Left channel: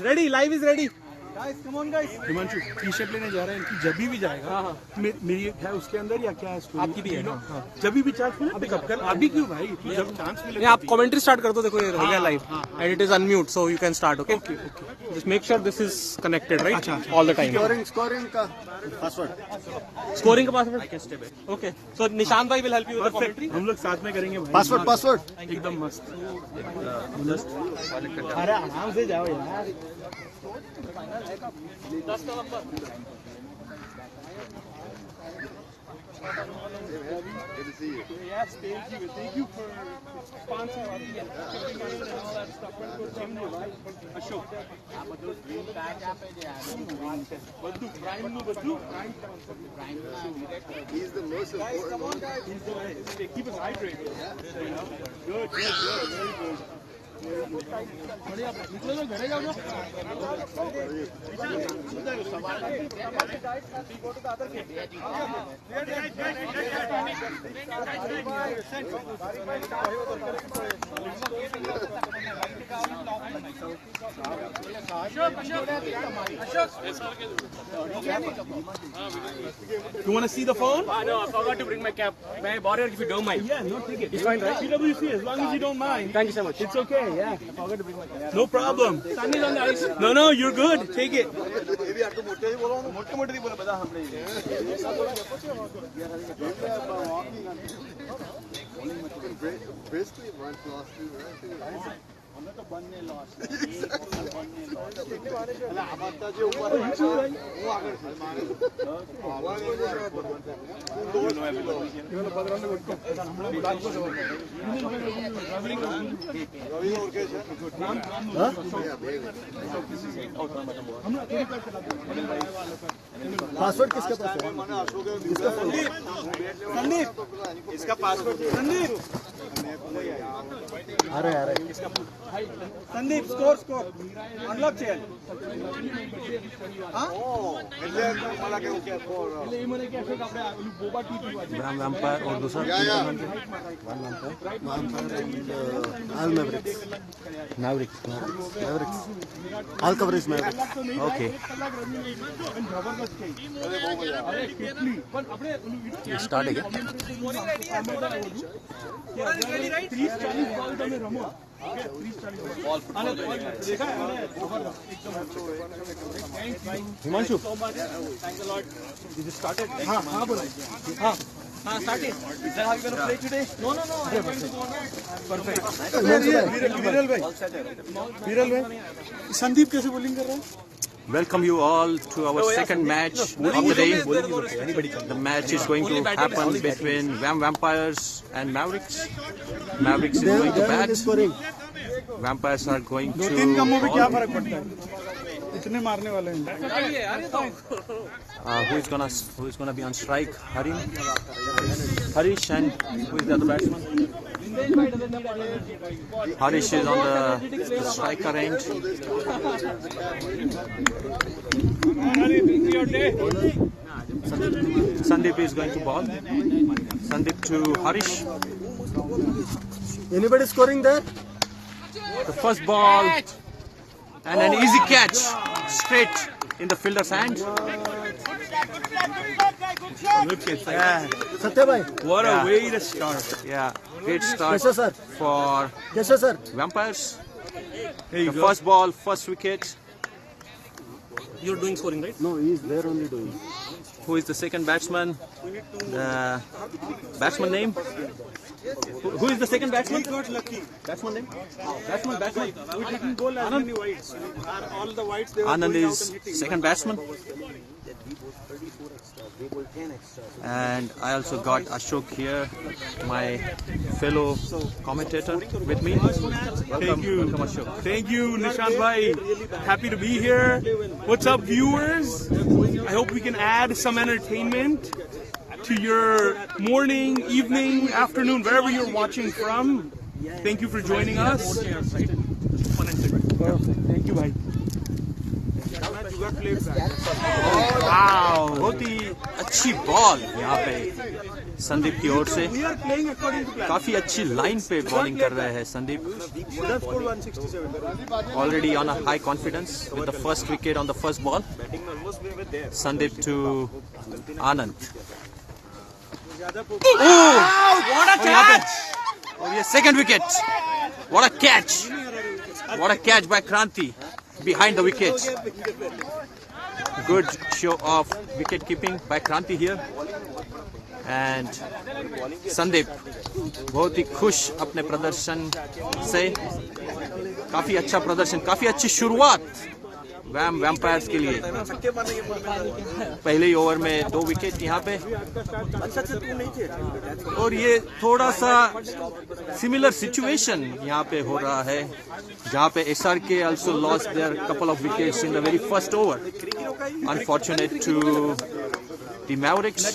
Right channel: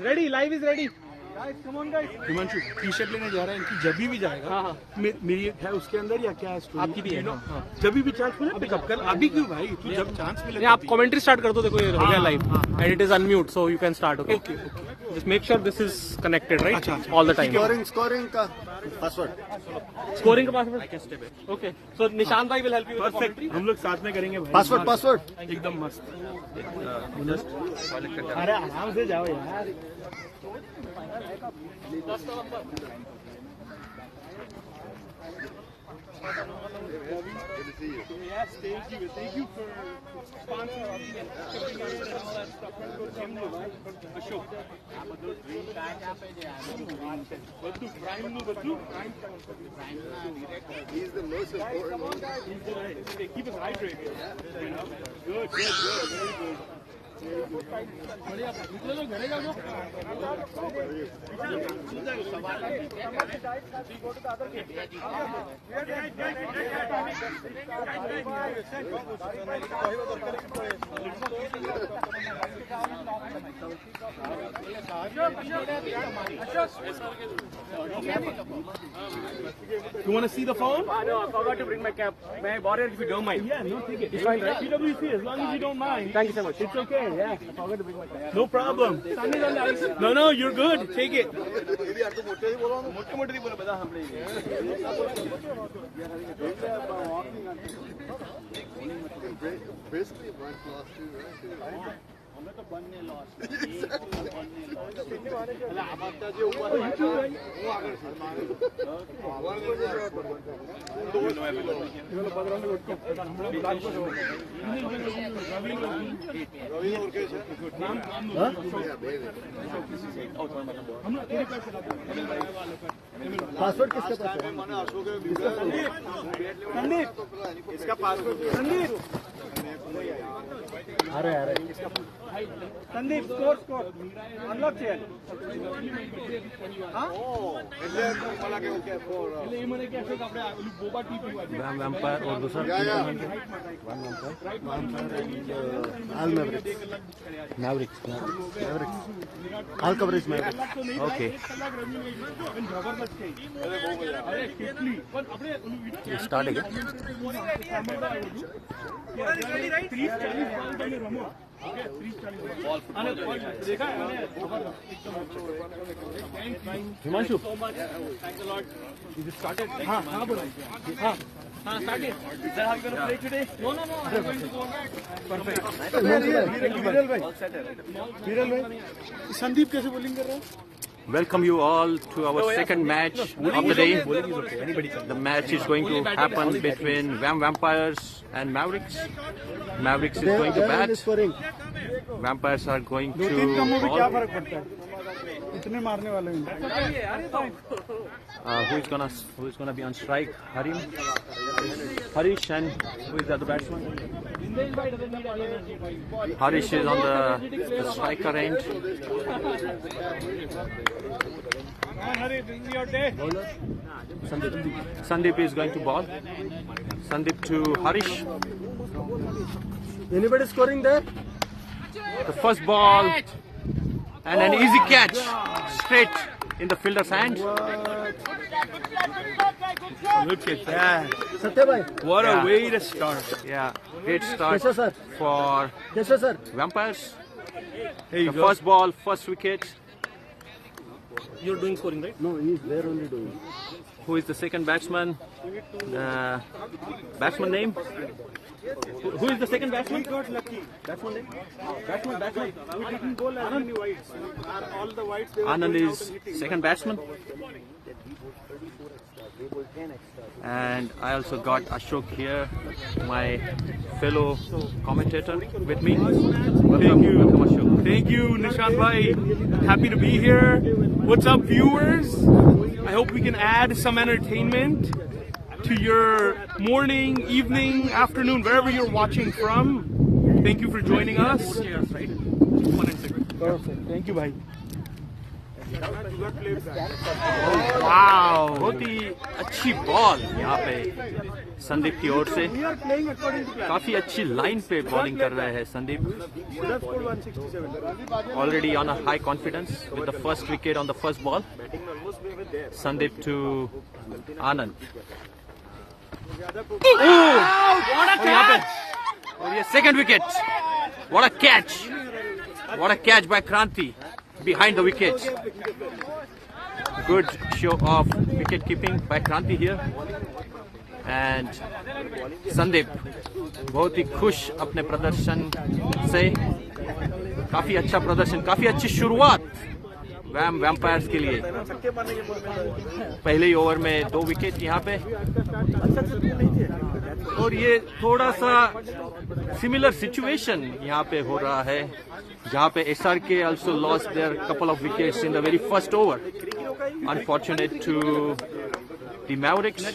ready, live is ready. Guys, come on guys. Himanshu T shirt लेने जा रहा है, इनकी जबी भी जाएगा। हाँ हाँ। मेरी है उसके अंदर या क्या है? आपकी भी है ना? जबी भी चार्ज में? अभी कब? अभी क्यों भाई? नहीं, आप कमेंट्री स्टार्ट कर दो, देखो ये हो गया live and it is unmute, so you can start, okay? Just make sure this is connected, right? All the time. Scoring का password. Scoring का password? Okay. So निशांत भाई will help you with the commentary. हम लोग साथ में करेंगे भाई. Password. एकदम मस्त. अरे आराम से जाओ यार. He's the most important one. Keep us hydrated. Good, very good. You want to see the phone? No, I forgot to bring my cap. May I borrow it if you don't mind? Yeah, no, take it. It's fine, right? PwC, as long as you don't mind. Thank you so much. It's okay, yeah. I forgot to bring my cap. No problem. Sun is on the ice. No, you're good. Take it. Basically, one class. हमने तो one ने loss अबत्ता जो ऊपर है वो आगे मारे password किसका पास है? संदीप इसका पासवर्ड संदीप अरे Sandeep score unlock chair VAM vampire और दूसरा VAM all Mavericks all coverage Mavericks okay ये स्टार्ट है क्या हिमांशु you just started हाँ बोला हाँ started sir I'm going to play today no perfect विरल भाई संदीप कैसे बॉलिंग कर रहा है? Welcome you all to our second match of the day. The match is going to happen between VAM Vampires and Mavericks. Mavericks is going to bat. Vampires are going to ball. इतने मारने वाले हैं. Who is gonna be on strike? Harish, and who is the other batsman? Harish is on the striker end. Sandeep is going to ball. Sandeep to Harish. Anybody scoring there? The first ball and an easy catch straight in the fielder's hand. Look at that. Satya bhai. What a way to start. Yeah, great start Yes, sir. for Yes, sir. Vampires. There you The go. first ball, first wicket. You're doing scoring, right? No, he's there only doing. Who is the second batsman? The batsman name? Who is the second batsman? Batsman name? Batsman. We didn't go last many whites. All the whites they were Anand is second batsman. And I also got Ashok here, my fellow commentator with me. Welcome Ashok. Thank you, Nishant bhai. Happy to be here. What's up, viewers? I hope we can add some entertainment to your morning, evening, afternoon, wherever you're watching from. Thank you for joining us. Perfect. Thank you, bhai. Wow, बहुत ही अच्छी ball यहाँ पे संदीप की ओर से। काफी अच्छी line पे bowling कर रहे हैं Sandeep. Already on a high confidence with the first wicket on the first ball. Sandeep to Anand. और यहाँ पे और ये second wicket. What a catch, what a catch by Kranti behind the wicket. Good show of wicket keeping by Kranti here. And Sandeep बहुत ही खुश अपने प्रदर्शन से। काफी अच्छा प्रदर्शन, काफी अच्छी शुरुआत वैम वैम्पायर्स के लिए। पहले ही ओवर में 2 विकेट यहाँ पे। और ये थोड़ा सा सिमिलर सिचुएशन यहाँ पे हो रहा है, जहाँ पे SRK also lost their couple of wickets in the very first over. Unfortunate to the Mavericks,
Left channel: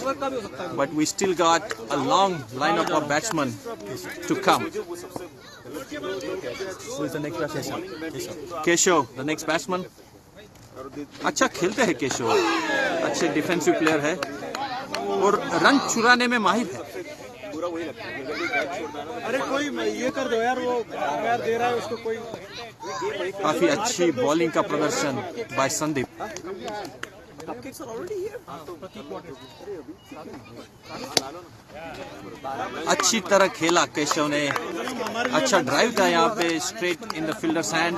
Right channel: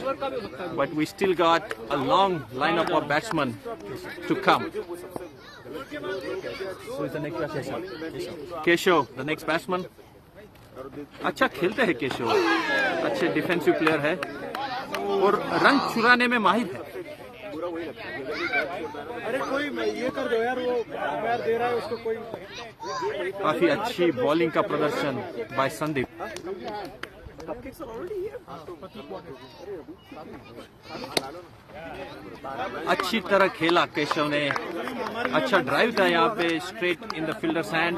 but we still got a long lineup of batsmen to come. Keshav, the next batsman. अच्छा खेलते हैं केशव, अच्छे defensive player है और run चुराने में माहिर है। अरे कोई ये कर दो यार, वो पैर दे रहा है उसको कोई। काफी अच्छी बॉलिंग का प्रदर्शन बाय संदीप। अच्छी तरह खेला केशव ने। अच्छा ड्राइव था यहाँ पे, straight in the fielders hand.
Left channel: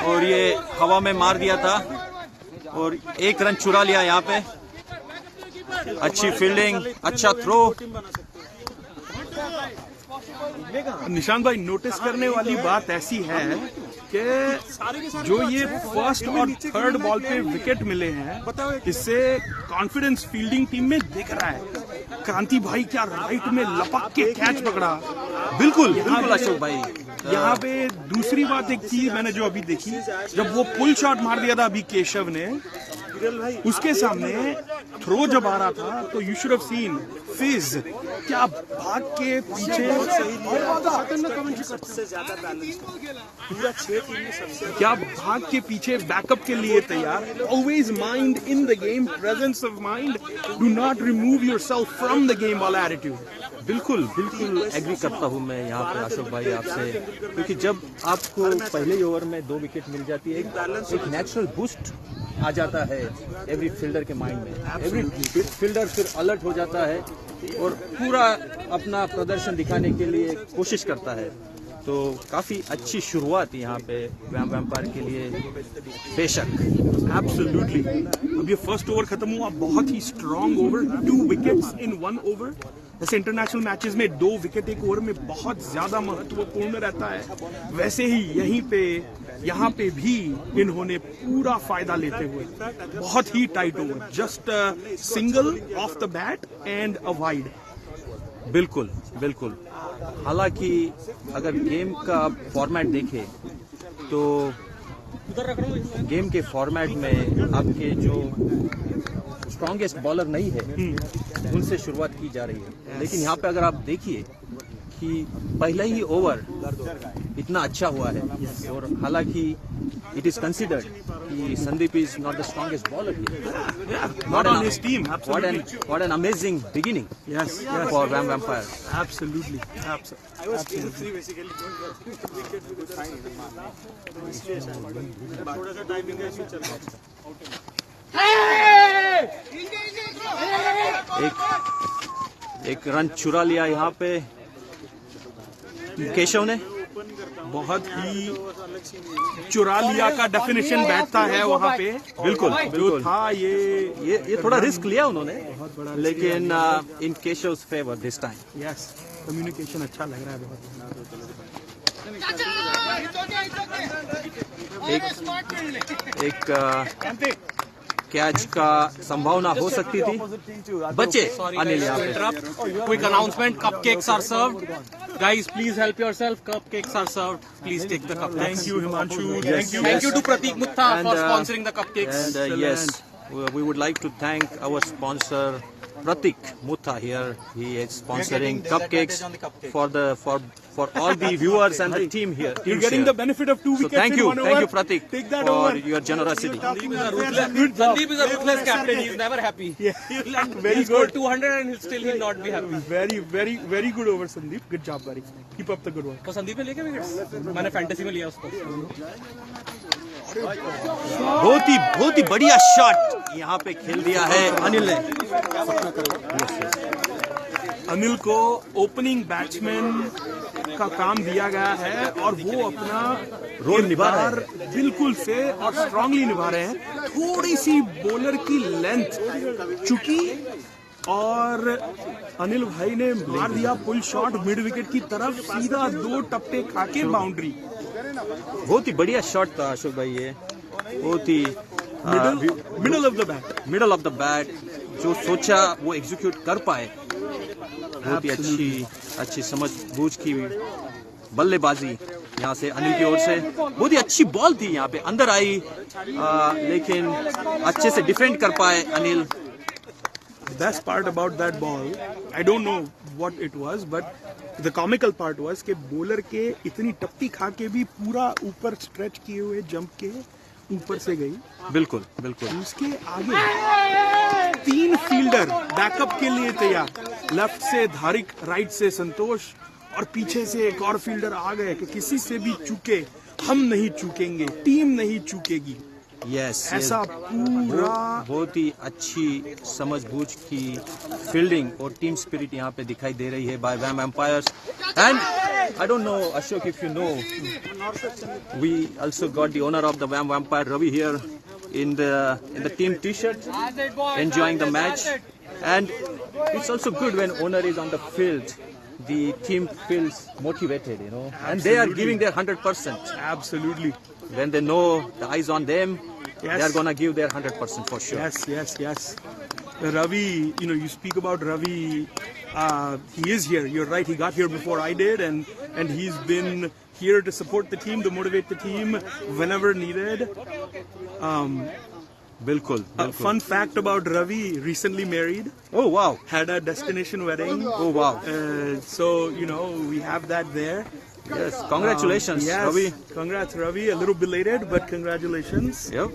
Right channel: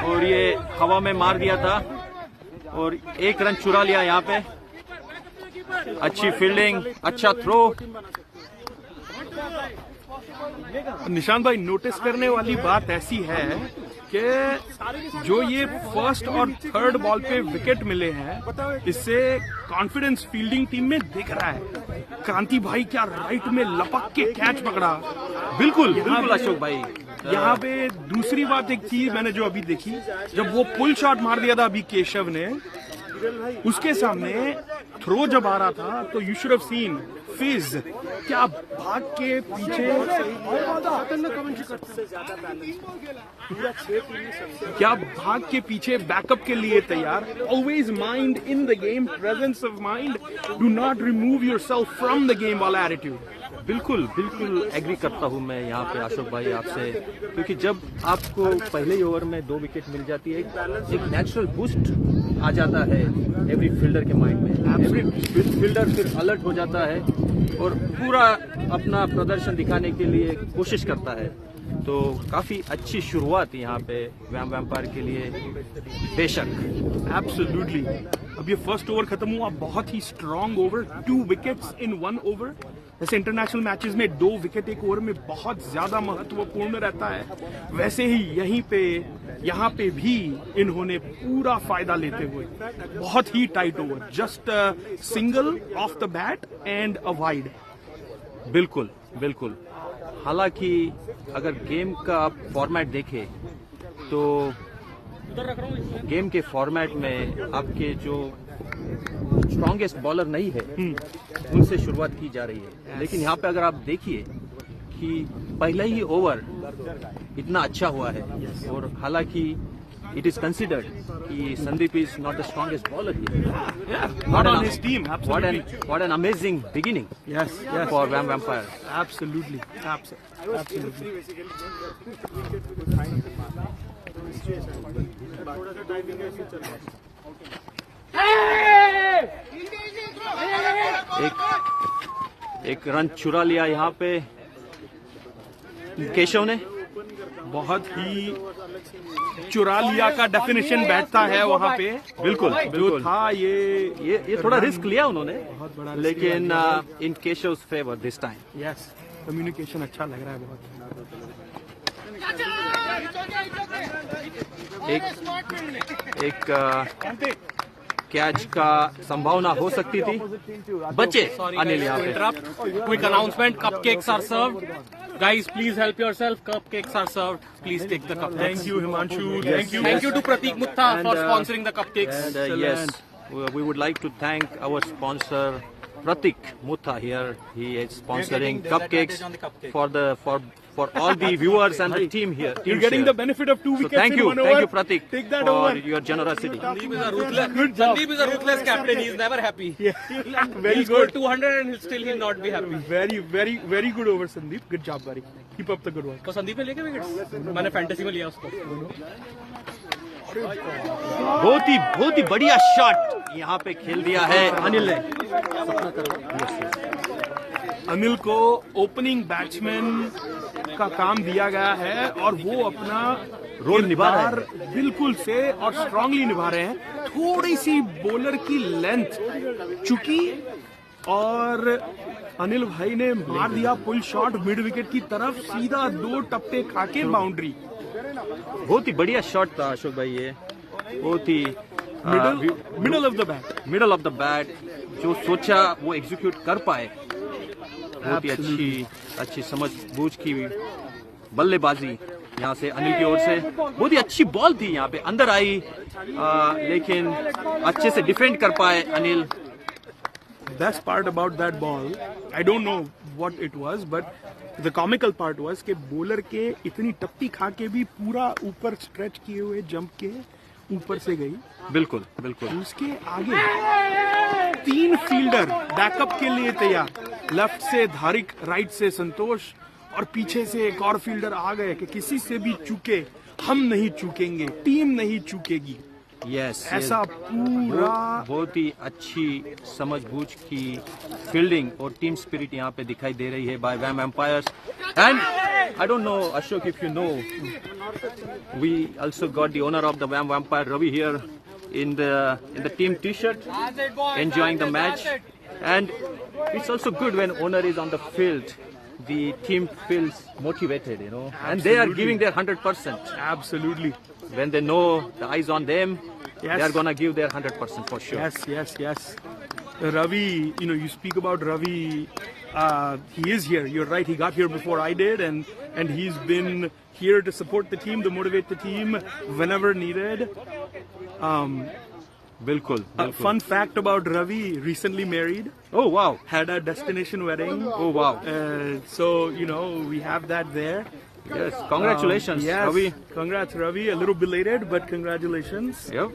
और ये हवा में मार दिया था और 1 रन चुरा लिया यहाँ पे। अच्छी फील्डिंग, अच्छा थ्रो। निशांत भाई, नोटिस करने वाली बात ऐसी है कि जो ये फर्स्ट और थर्ड बॉल पे विकेट मिले हैं, इससे कॉन्फिडेंस फील्डिंग टीम में दिख रहा है। क्रांति भाई क्या राइट में लपक के कैच पकड़ा। बिल्कुल बिल्कुल अशोक भाई। यहाँ पे दूसरी बात एक चीज मैंने जो अभी देखी, जब वो पुल शॉट मार दिया था अभी केशव ने, उसके सामने थ्रो जब आ रहा था तो यू शुड हैव सीन फिज क्या भाग के पीछे, क्या भाग के पीछे बैकअप के लिए तैयार। Always mind in the game, presence of mind, do not remove yourself from the game वाला एटीट्यूड। बिल्कुल बिल्कुल एग्री करता हूँ मैं यहाँ पे अशोक भाई आपसे, क्योंकि जब आपको पहले ही ओवर में 2 विकेट मिल जाती है, एक नेचुरल बूस्ट आ जाता है एवरी फील्डर के माइंड में। एवरी फील्डर फिर अलर्ट हो जाता है और पूरा अपना प्रदर्शन दिखाने के लिए कोशिश करता है। तो काफी अच्छी शुरुआत यहाँ पे वैम वैम्पायर के लिए बेशक। एब्सोल्युटली। अब ये फर्स्ट ओवर खत्म हुआ, बहुत ही strong over, 2 wickets in 1 over. जैसे इंटरनेशनल मैचेस में 2 विकेट एक ओवर में बहुत ज्यादा महत्वपूर्ण रहता है, वैसे ही यहाँ पे भी इन्होंने पूरा फायदा लेते हुए बहुत ही tight over, just single off the bat and a wide. बिल्कुल बिल्कुल। हालांकि अगर गेम का आप फॉर्मेट देखें तो गेम के फॉर्मेट में आपके जो स्ट्रॉन्गेस्ट बॉलर नहीं है उनसे शुरुआत की जा रही है, लेकिन यहाँ पे अगर आप देखिए कि पहला ही ओवर इतना अच्छा हुआ है और हालांकि इट इज कंसिडर्ड कि Sandeep is not the strongest bowler here. What an amazing beginning for VAM Vampire. Absolutely. एक रन चुरा लिया यहाँ पे केशव ने। बहुत ही चुरा लिया का डेफिनेशन बैठता है वहाँ पे। बिल्कुल बिल्कुल। था ये थोड़ा रिस्क लिया उन्होंने, लेकिन in Keshav's favour this time. Yes, communication अच्छा लग रहा है बहुत। एक कैच का संभावना हो सकती थी, बचे अनिल यहाँ पे। Quick announcement, cupcakes are served. Guys, please help yourself. Cupcakes are served. Please take the cupcakes. Thank you, Himanshu. Yes, Thank you to Pratik Mutha for sponsoring the cupcakes. And yes, we would like to thank our sponsor Pratik Mutha here. He is sponsoring cupcakes for all the viewers and the team here. You're getting the benefit of 2 So wickets. thank in you, 1 thank you, over. Pratik, Take that for over. your generosity. Good job. Sandeep is a ruthless captain. He's never happy. Yeah. Very He'll score good. 200 and still he'll not be happy. Very good over Sandeep. Good job, buddy. Keep up the good work. तो संदीप ने लेके wickets मैंने fantasy में लिया उसको बहुत ही बढ़िया shot यहाँ पे खेल दिया है अनिल ने। अनिल को ओपनिंग बैट्समैन का काम दिया गया है और वो अपना रोल निभा रहे हैं। किरदार बिल्कुल से और स्ट्रांगली निभा रहे हैं। थोड़ी सी बॉलर की लेंथ चुकी और अनिल भाई ने मार दिया पुल शॉट मिड विकेट की तरफ, सीधा 2 टप्पे खाके बाउंड्री। बहुत ही बढ़िया शॉट था अशोक भाई, ये बहुत ही मिडल ऑफ द बैट जो सोचा वो एग्जीक्यूट कर पाए। बहुत ही अच्छी समझ बूझ की बल्लेबाजी यहाँ से अनिल की ओर से। बहुत ही अच्छी बॉल थी यहाँ पे, अंदर आई लेकिन अच्छे से डिफेंड कर पाए Anil. Best part about that ball, I don't know what it was, but the comical part was कि बॉलर के इतनी टप्पी खा के भी पूरा ऊपर स्ट्रेच किए हुए जंप के ऊपर से गई। बिल्कुल। उसके आगे 3 फील्डर बैकअप के लिए तैयार, लेफ्ट से धारिक, राइट से संतोष और पीछे से एक और फील्डर आ गए कि किसी से भी चूके हम नहीं चूकेंगे, टीम नहीं चूकेगी। यस, ऐसा पूरा बहुत ही अच्छी समझ बूझ की फील्डिंग और टीम स्पिरिट यहाँ पे दिखाई दे रही है by vampires. And I don't know Ashok if you know, we also got the owner of the vampire Ravi here in the team t-shirt, enjoying the match. And it's also good when owner is on the field, the team feels motivated, you know. Absolutely. And they are giving their 100%. Absolutely. When they know the eyes on them, Yes. they are gonna give their 100% for sure. Yes. Ravi, you speak about Ravi. He is here. You're right. He got here before I did, and he's been here to support the team, to motivate the team whenever needed. बिल्कुल। Fun fact about Ravi: recently married, Oh wow. had a destination wedding. Oh wow. So we have that there. Yes. Congratulations, Yes. Ravi. Congrats, Ravi. A little belated, but congratulations. Yep.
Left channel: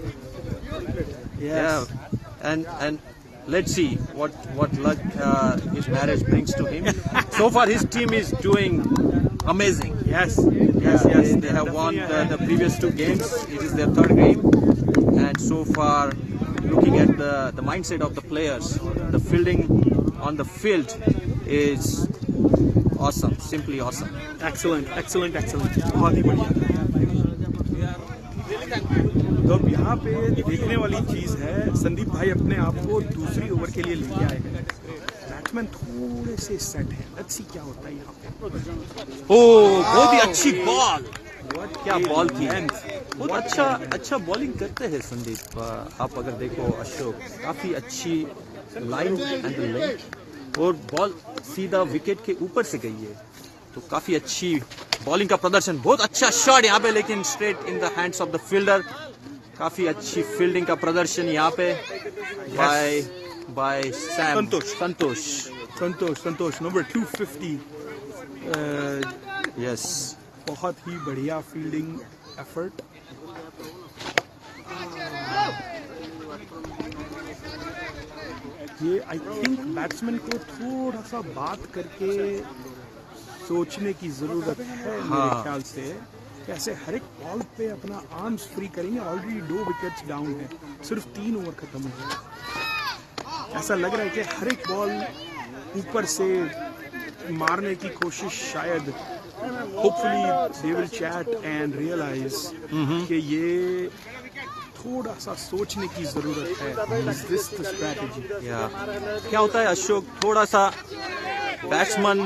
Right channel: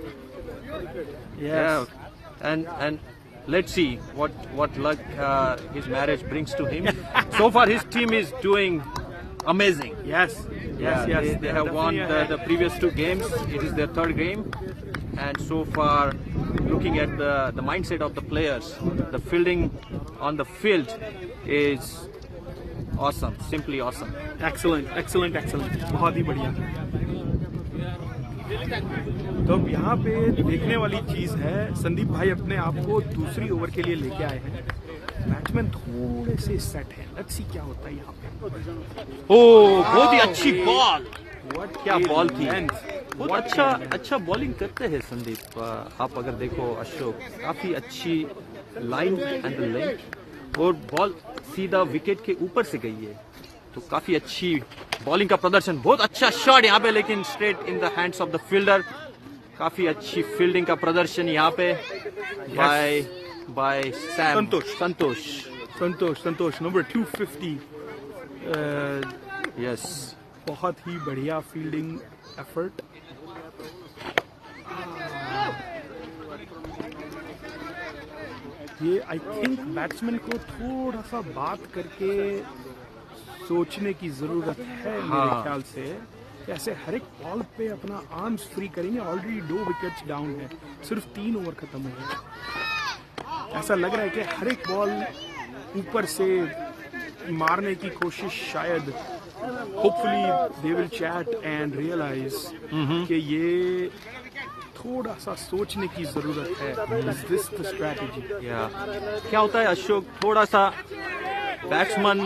Yes. Yeah. And let's see what luck his marriage brings to him. So far, his team is doing amazing. Yes. Yeah, they have won the previous 2 games. It is their 3rd game, and so far, looking at the mindset of the players, the fielding on the field is awesome, simply awesome. Excellent. बहुत ही बढ़िया। तो अब यहाँ पे देखने वाली चीज है, संदीप भाई अपने आप को दूसरी ओवर के लिए लेके आए हैं। बैट्समैन थोड़े से सेट है, लेट्स सी क्या होता है यहाँ पे। बहुत ही अच्छी बॉल, क्या बॉल थी। बहुत अच्छा बॉलिंग करते हैं संदीप। आप अगर देखो अशोक, काफी अच्छी लाइन एंड लेंथ और बॉल सीधा विकेट के ऊपर से गई है, तो काफी अच्छी बॉलिंग का प्रदर्शन। बहुत अच्छा शॉट यहाँ पे, लेकिन straight in the hands of the fielder. काफी अच्छी फील्डिंग का प्रदर्शन यहाँ पे by Sam Santosh number 250। Yes, बहुत ही बढ़िया फील्डिंग एफर्ट। ये आई थिंक बैट्समैन को थोड़ा सा बात करके सोचने की जरूरत है मेरे ख्याल से। ऐसे हर एक बॉल पे अपना आर्म्स फ्री करेंगे। ऑलरेडी 2 विकेट्स डाउन है, सिर्फ 3 ओवर खत्म हो गए। ऐसा लग रहा है कि हर एक बॉल ऊपर से मारने की कोशिश शायद, hopefully they will chat and realise कि ये थोड़ा सा सोचने की जरूरत है। Is this the strategy? क्या होता है अशोक, थोड़ा सा बैट्समैन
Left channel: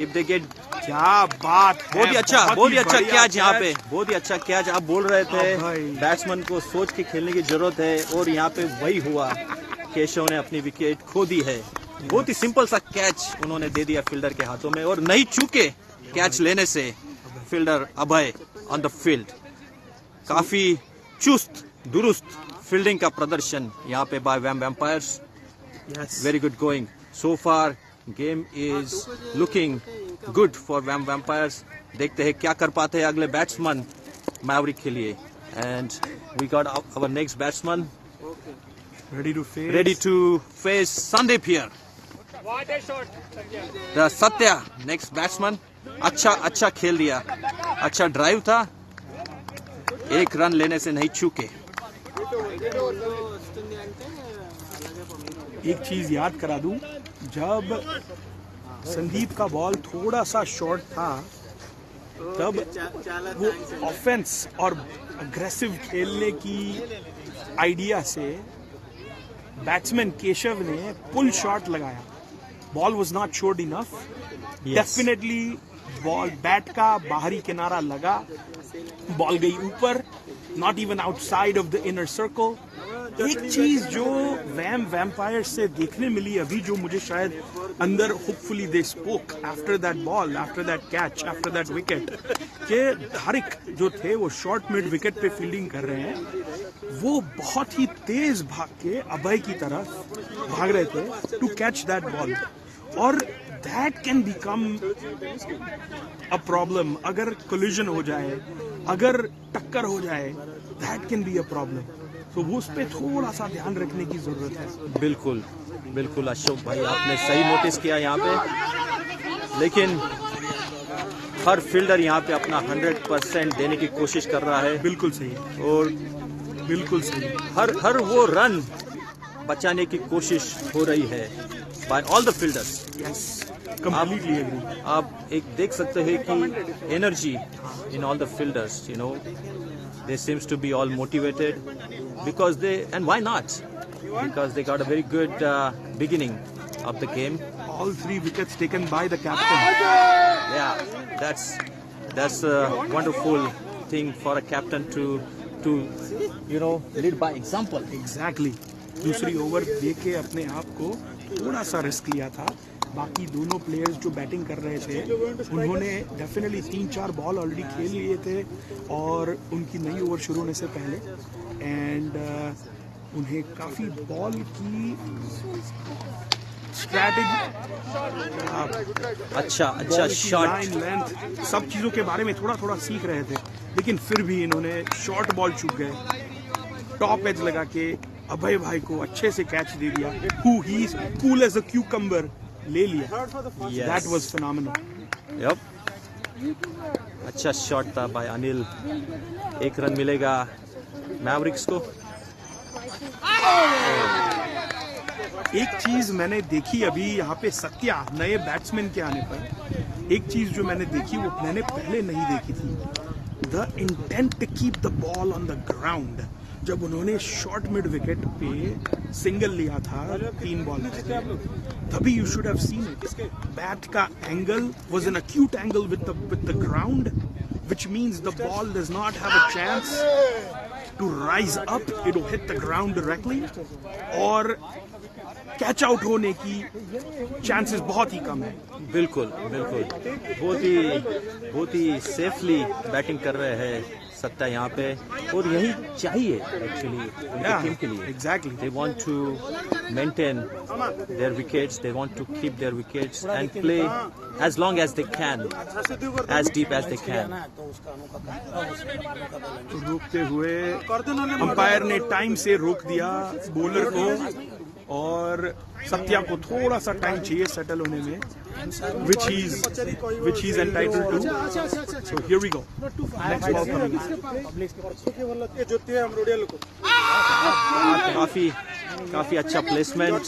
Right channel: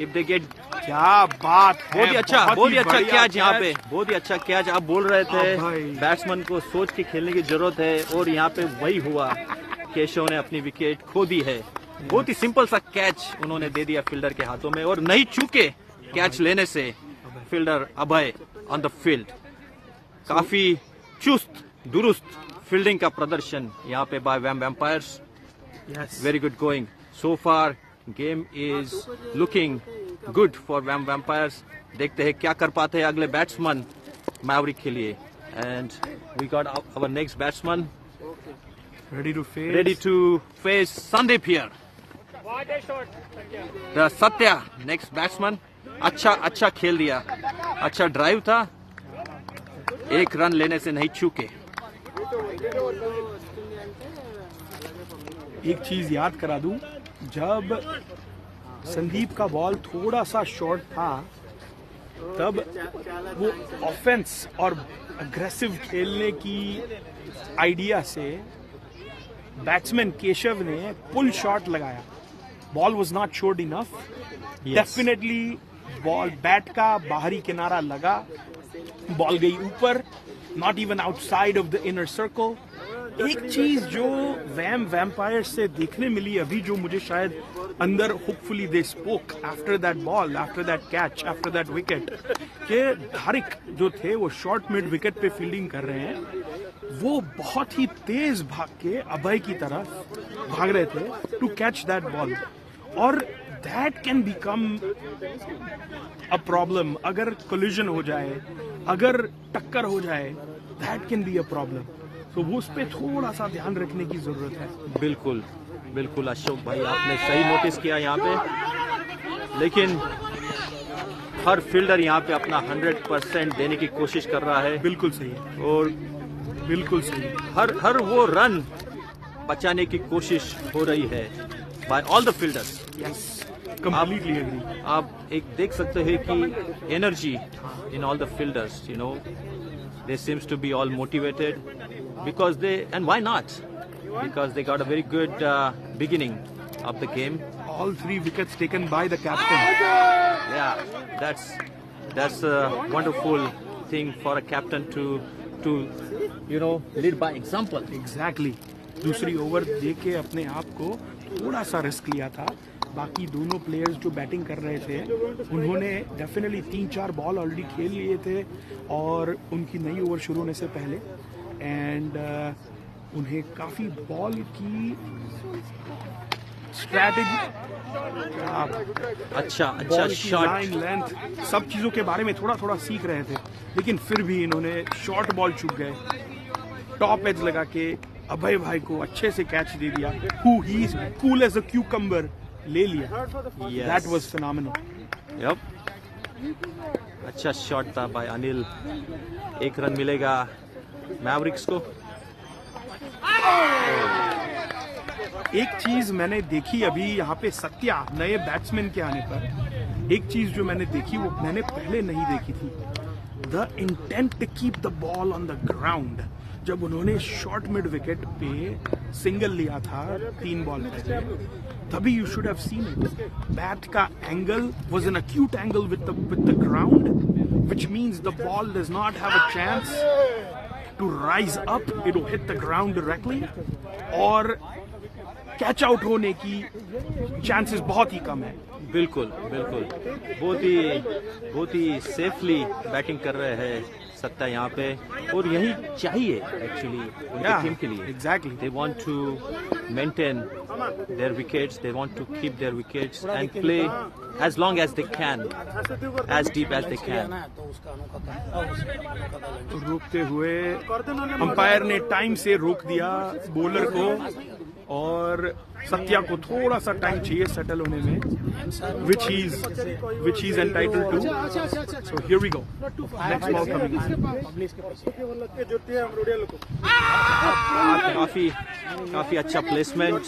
इफ दे गेट। क्या बात, बहुत ही अच्छा कैच यहाँ पे, बहुत ही अच्छा कैच। आप बोल रहे थे बैट्समैन को सोच के खेलने की जरूरत है, और यहाँ पे वही हुआ। केशव ने अपनी विकेट खो दी है। बहुत ही सिंपल सा कैच उन्होंने दे दिया फील्डर के हाथों में, और नहीं चूके कैच लेने से fielder Abhay on the field. काफी चुस्त दुरुस्त फील्डिंग का प्रदर्शन यहाँ पे by vampires. Yes. Very good going. So far, game is looking good for VAM Vampires. देखते हैं क्या कर पाते हैं अगले बैट्समैन मैवरिक के लिए. And we got our next batsman ready to face Sandeep here. The Satya, next batsman. अच्छा खेल दिया. अच्छा ड्राइव था. एक रन लेने से नहीं चूके. एक चीज याद करा दूं, जब संदीप का बॉल थोड़ा सा शॉर्ट था तब वो ऑफेंस और अग्रेसिव खेलने की आइडिया से बैट्समैन केशव ने पुल शॉट लगाया. Ball was not short enough. Definitely ball bat का बाहरी किनारा लगा, बॉल गई ऊपर, not even outside of the inner circle. एक चीज जो वैम वैम्पायर्स से देखने मिली अभी, जो मुझे शायद अंदर hopefully they spoke after that ball, after that catch, after that wicket, के धारिक जो थे वो शॉर्ट मिड विकेट पे फील्डिंग कर रहे हैं. वो बहुत ही तेज भाग के अभय की तरफ भाग रहे थे टू कैच दैट बॉल. और that can become a problem. अगर कोलिजन हो जाए, अगर टक्कर हो जाए, that can be a problem. तो वो उस पर थोड़ा सा ध्यान रखने की जरूरत है. बिल्कुल बिल्कुल अशोक भाई, आपने सही नोटिस किया यहाँ पे. लेकिन हर फील्डर यहाँ पे अपना 100% देने की कोशिश कर रहा है. बिल्कुल सही. और बिल्कुल सही. हर वो रन बचाने की कोशिश हो रही है by all the fielders. Completely agree. आप एक देख सकते हैं कि energy in all the fielders, you know, they seems to be all motivated because they, and why not, because they got a very good beginning of the game. All 3 wickets taken by the captain. Yeah, that's a wonderful thing for a captain to you know, lead by example. Exactly. दूसरी over दे के अपने आप को थोड़ा सा risk लिया था. बाकी दोनों प्लेयर्स जो बैटिंग कर रहे थे उन्होंने डेफिनेटली 3-4 बॉल ऑलरेडी खेल लिए थे और उनकी नई ओवर शुरू होने से पहले. एंड उन्हें काफ़ी बॉल की स्ट्रैटेजी, अच्छा शॉट, लेंथ, सब चीज़ों के बारे में थोड़ा सीख रहे थे. लेकिन फिर भी इन्होंने शॉर्ट बॉल चुक गए. टॉप एज लगा के अभय भाई को अच्छे से कैच दे दिया. Who he is cool as a cucumber ले लिया. That was phenomenal. Yep. अच्छा शॉट था बाय अनिल. 1 रन मिलेगा मैवरिक्स को. एक चीज मैंने देखी अभी यहाँ पे सत्या नए बैट्समैन के आने पर, एक चीज जो मैंने देखी वो मैंने पहले नहीं देखी थी. The intent to keep the ball on the ground. जब उन्होंने शॉर्ट मिड विकेट पे सिंगल लिया था 3 बॉल पर, तभी you should have seen it. Bat का angle was an acute angle with the ground, which means the ball does not have a chance to rise up. It will hit the ground directly और catch out होने की chances बहुत ही कम है. बिल्कुल बहुत ही safely batting कर रहे हैं सत्ता यहाँ पे. और यही चाहिए एक्चुअली उनकी टीम के लिए. Exactly. They want to maintain their wickets, they want to keep their wickets and play as long as they can, as deep as they can. रोकते हुए अंपायर ने टाइम से रोक दिया बॉलर को और सत्या को थोड़ा सा टाइम चाहिए सेटल होने में, which he is entitled to. So here we go. Next ball coming. काफी अच्छा placement.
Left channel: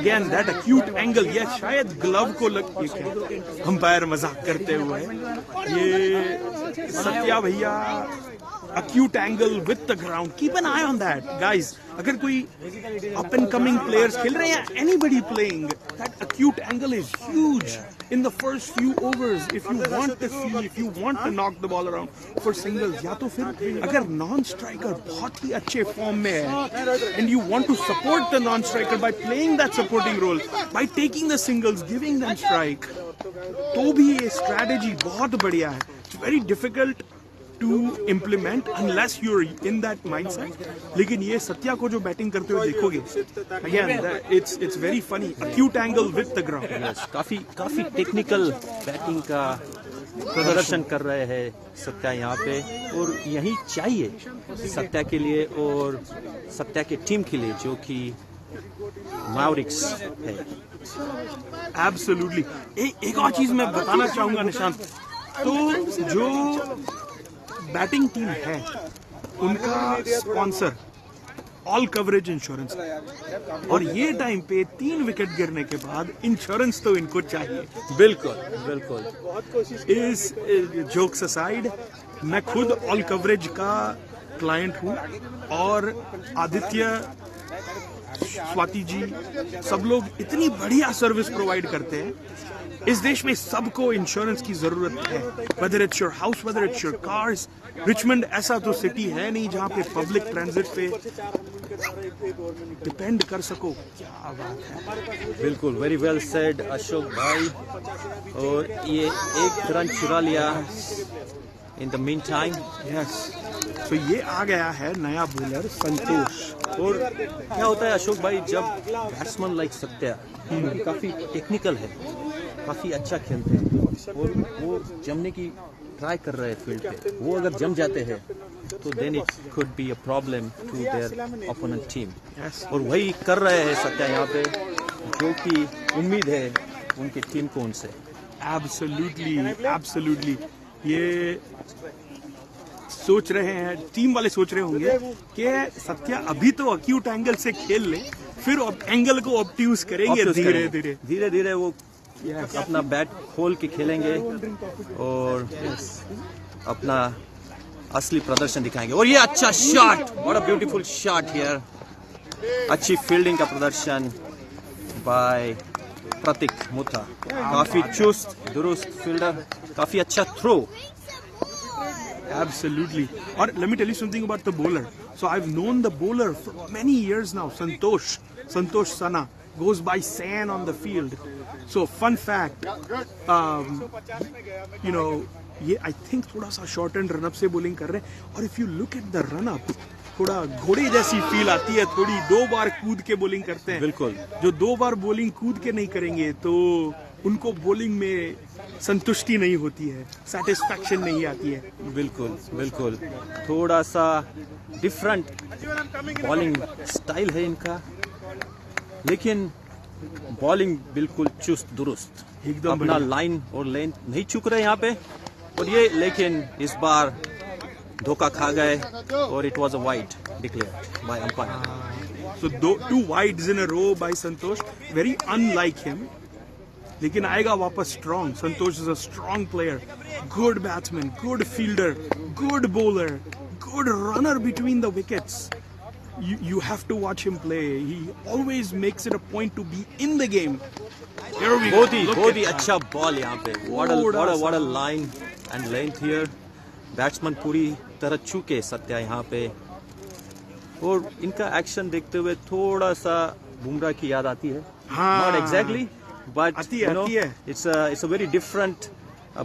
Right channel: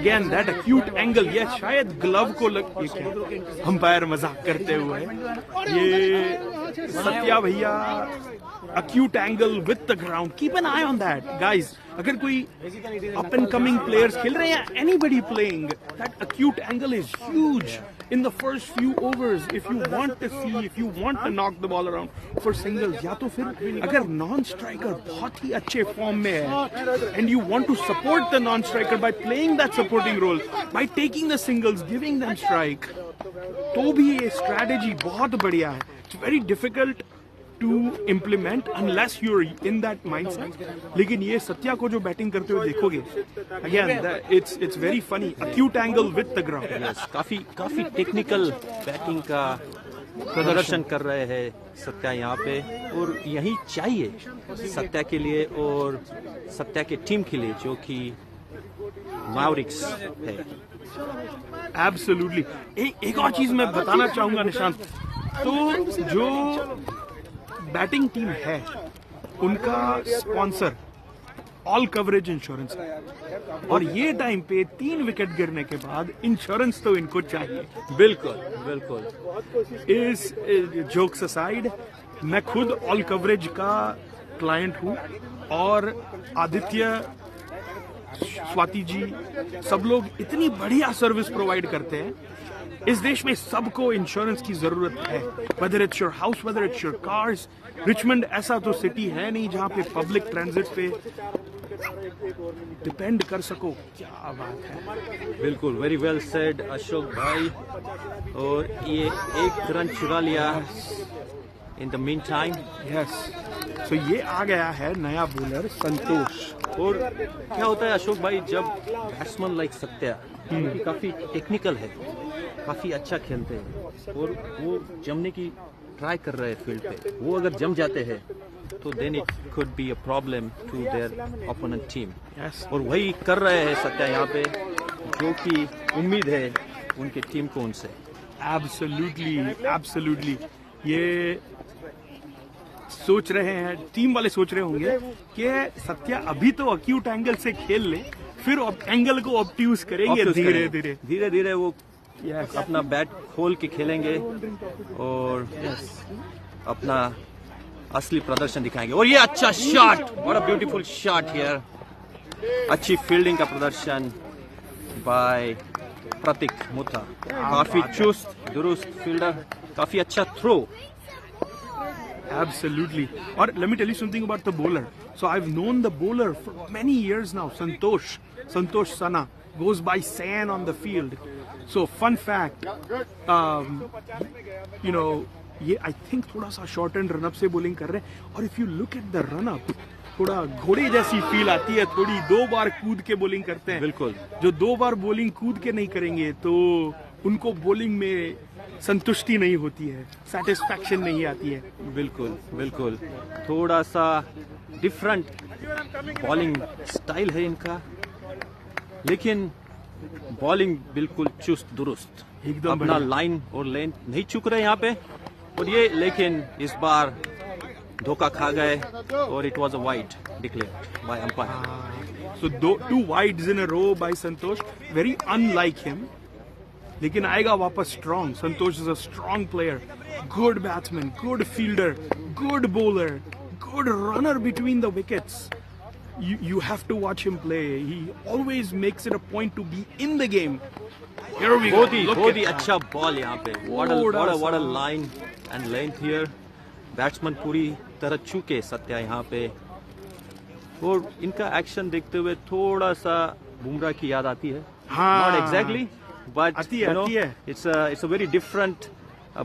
Again that acute angle. Yes, शायद ग्लव को लग अंपायर मजाक करते हुए. ये सत्या भैया acute angle with the ground. Keep an eye on that, guys. अगर कोई up and coming players खेल रहे हैं, anybody playing, that acute angle is huge in the first few overs. If you want to see, if you want to knock the ball around for singles, या तो फिर अगर non-striker बहुत ही अच्छे form में है, and you want to support the non-striker by playing that supporting role, by taking the singles, giving them strike, तो भी ये strategy बहुत बढ़िया है. It's very difficult to implement unless you're in that mindset. लेकिन ये सत्या को जो बैटिंग करते हुए देखोगे, again it's very funny, acute angle with the ground. Yes, काफी टेक्निकल बैटिंग का प्रदर्शन कर रहे हैं सत्या यहाँ पे, और यही चाहिए सत्या के लिए और सत्या के टीम के लिए जो कि मैवरिक्स है. एब्सोल्युटली. एक और चीज मैं बताना चाहूंगा निशांत, तो जो बैटिंग टीम है उनका स्पॉन्सर ऑल कवरेज इंश्योरेंस है, और ये टाइम पे 3 विकेट गिरने के बाद इंश्योरेंस तो इनको चाहिए. बिल्कुल. इस जोक्स असाइड, मैं खुद ऑल कवरेज का क्लाइंट हूँ, और आदित्य, स्वाति जी, सब लोग इतनी बढ़िया सर्विस प्रोवाइड करते हैं. इस देश में सबको इंश्योरेंस की जरूरत है, whether it's your house, whether it's your cars. Richmond ऐसा तो सिटी है नहीं जहाँ पे पब्लिक ट्रांजिट पे डिपेंड कर सको. क्या बात है. बिल्कुल, वेरी वेल सेड अशोक भाई. और ये एक रन चुरा लिया in the mean time. Yes, तो ये आ गया है नया बॉलर संतोष. और क्या होता है अशोक भाई, जब बैट्समैन लाइक सत्या काफी टेक्निकल है, काफी अच्छा खेलते हैं, और वो जमने की ट्राई कर रहे हैं फील्ड पे, वो अगर जम जाते हैं तो then it could be a problem to their opponent team. और वही कर रहे हैं सत्या यहाँ पे, जो कि उम्मीद है उनकी टीम को उनसे. एब्सोल्युटली. ये सोच रहे हैं, टीम वाले सोच रहे होंगे कि सत्या अभी तो अक्यूट एंगल से खेल ले, फिर एंगल को ऑब्ट्यूज करेंगे धीरे धीरे वो अपना बैट खोल के खेलेंगे और अपना असली प्रदर्शन दिखाएंगे. और ये अच्छा shot, what a beautiful shot here. अच्छी फील्डिंग का प्रदर्शन बाय प्रतीक मुथा. काफी चुस्त दुरुस्त फील्डर, काफी अच्छा throw. Absolutely. Or let me tell you something about the bowler. So I've known the bowler for many years now. Santosh Sana goes by San on the field. So fun fact, ये I think थोड़ा सा short and run up से bowling कर रहे हैं. और if you look at the run up, थोड़ा घोड़े जैसी फील आती है, थोड़ी 2 बार कूद के bowling करते हैं. बिल्कुल. जो 2 बार bowling कूद के नहीं करेंगे तो उनको bowling में संतुष्टि नहीं होती है, सेटिस्फैक्शन नहीं आती है. बिल्कुल. थोड़ा सा डिफरेंट बॉलिंग स्टाइल है इनका, लेकिन बॉलिंग बिल्कुल चुस्त दुरुस्त, अपना लाइन और लेंथ नहीं चूक रहे यहाँ पे. और ये लेकिन इस बार धोखा खा गए, और it was a wide declared by umpire. So 2 wides in a row by Santosh, very unlike him. लेकिन आएगा वापस strong. Santosh is a strong player, good batsman, good fielder, good bowler, good runner between the wickets. You have to watch him play. He always makes it a point to be in the game. बहुत ही अच्छा ball यहाँ पे. What a line and length here. Batsman पूरी तरह चूके सत्या यहाँ पे, और इनका एक्शन देखते हुए थोड़ा सा बुमराह की याद आती है. Not exactly, but you know, it's a very different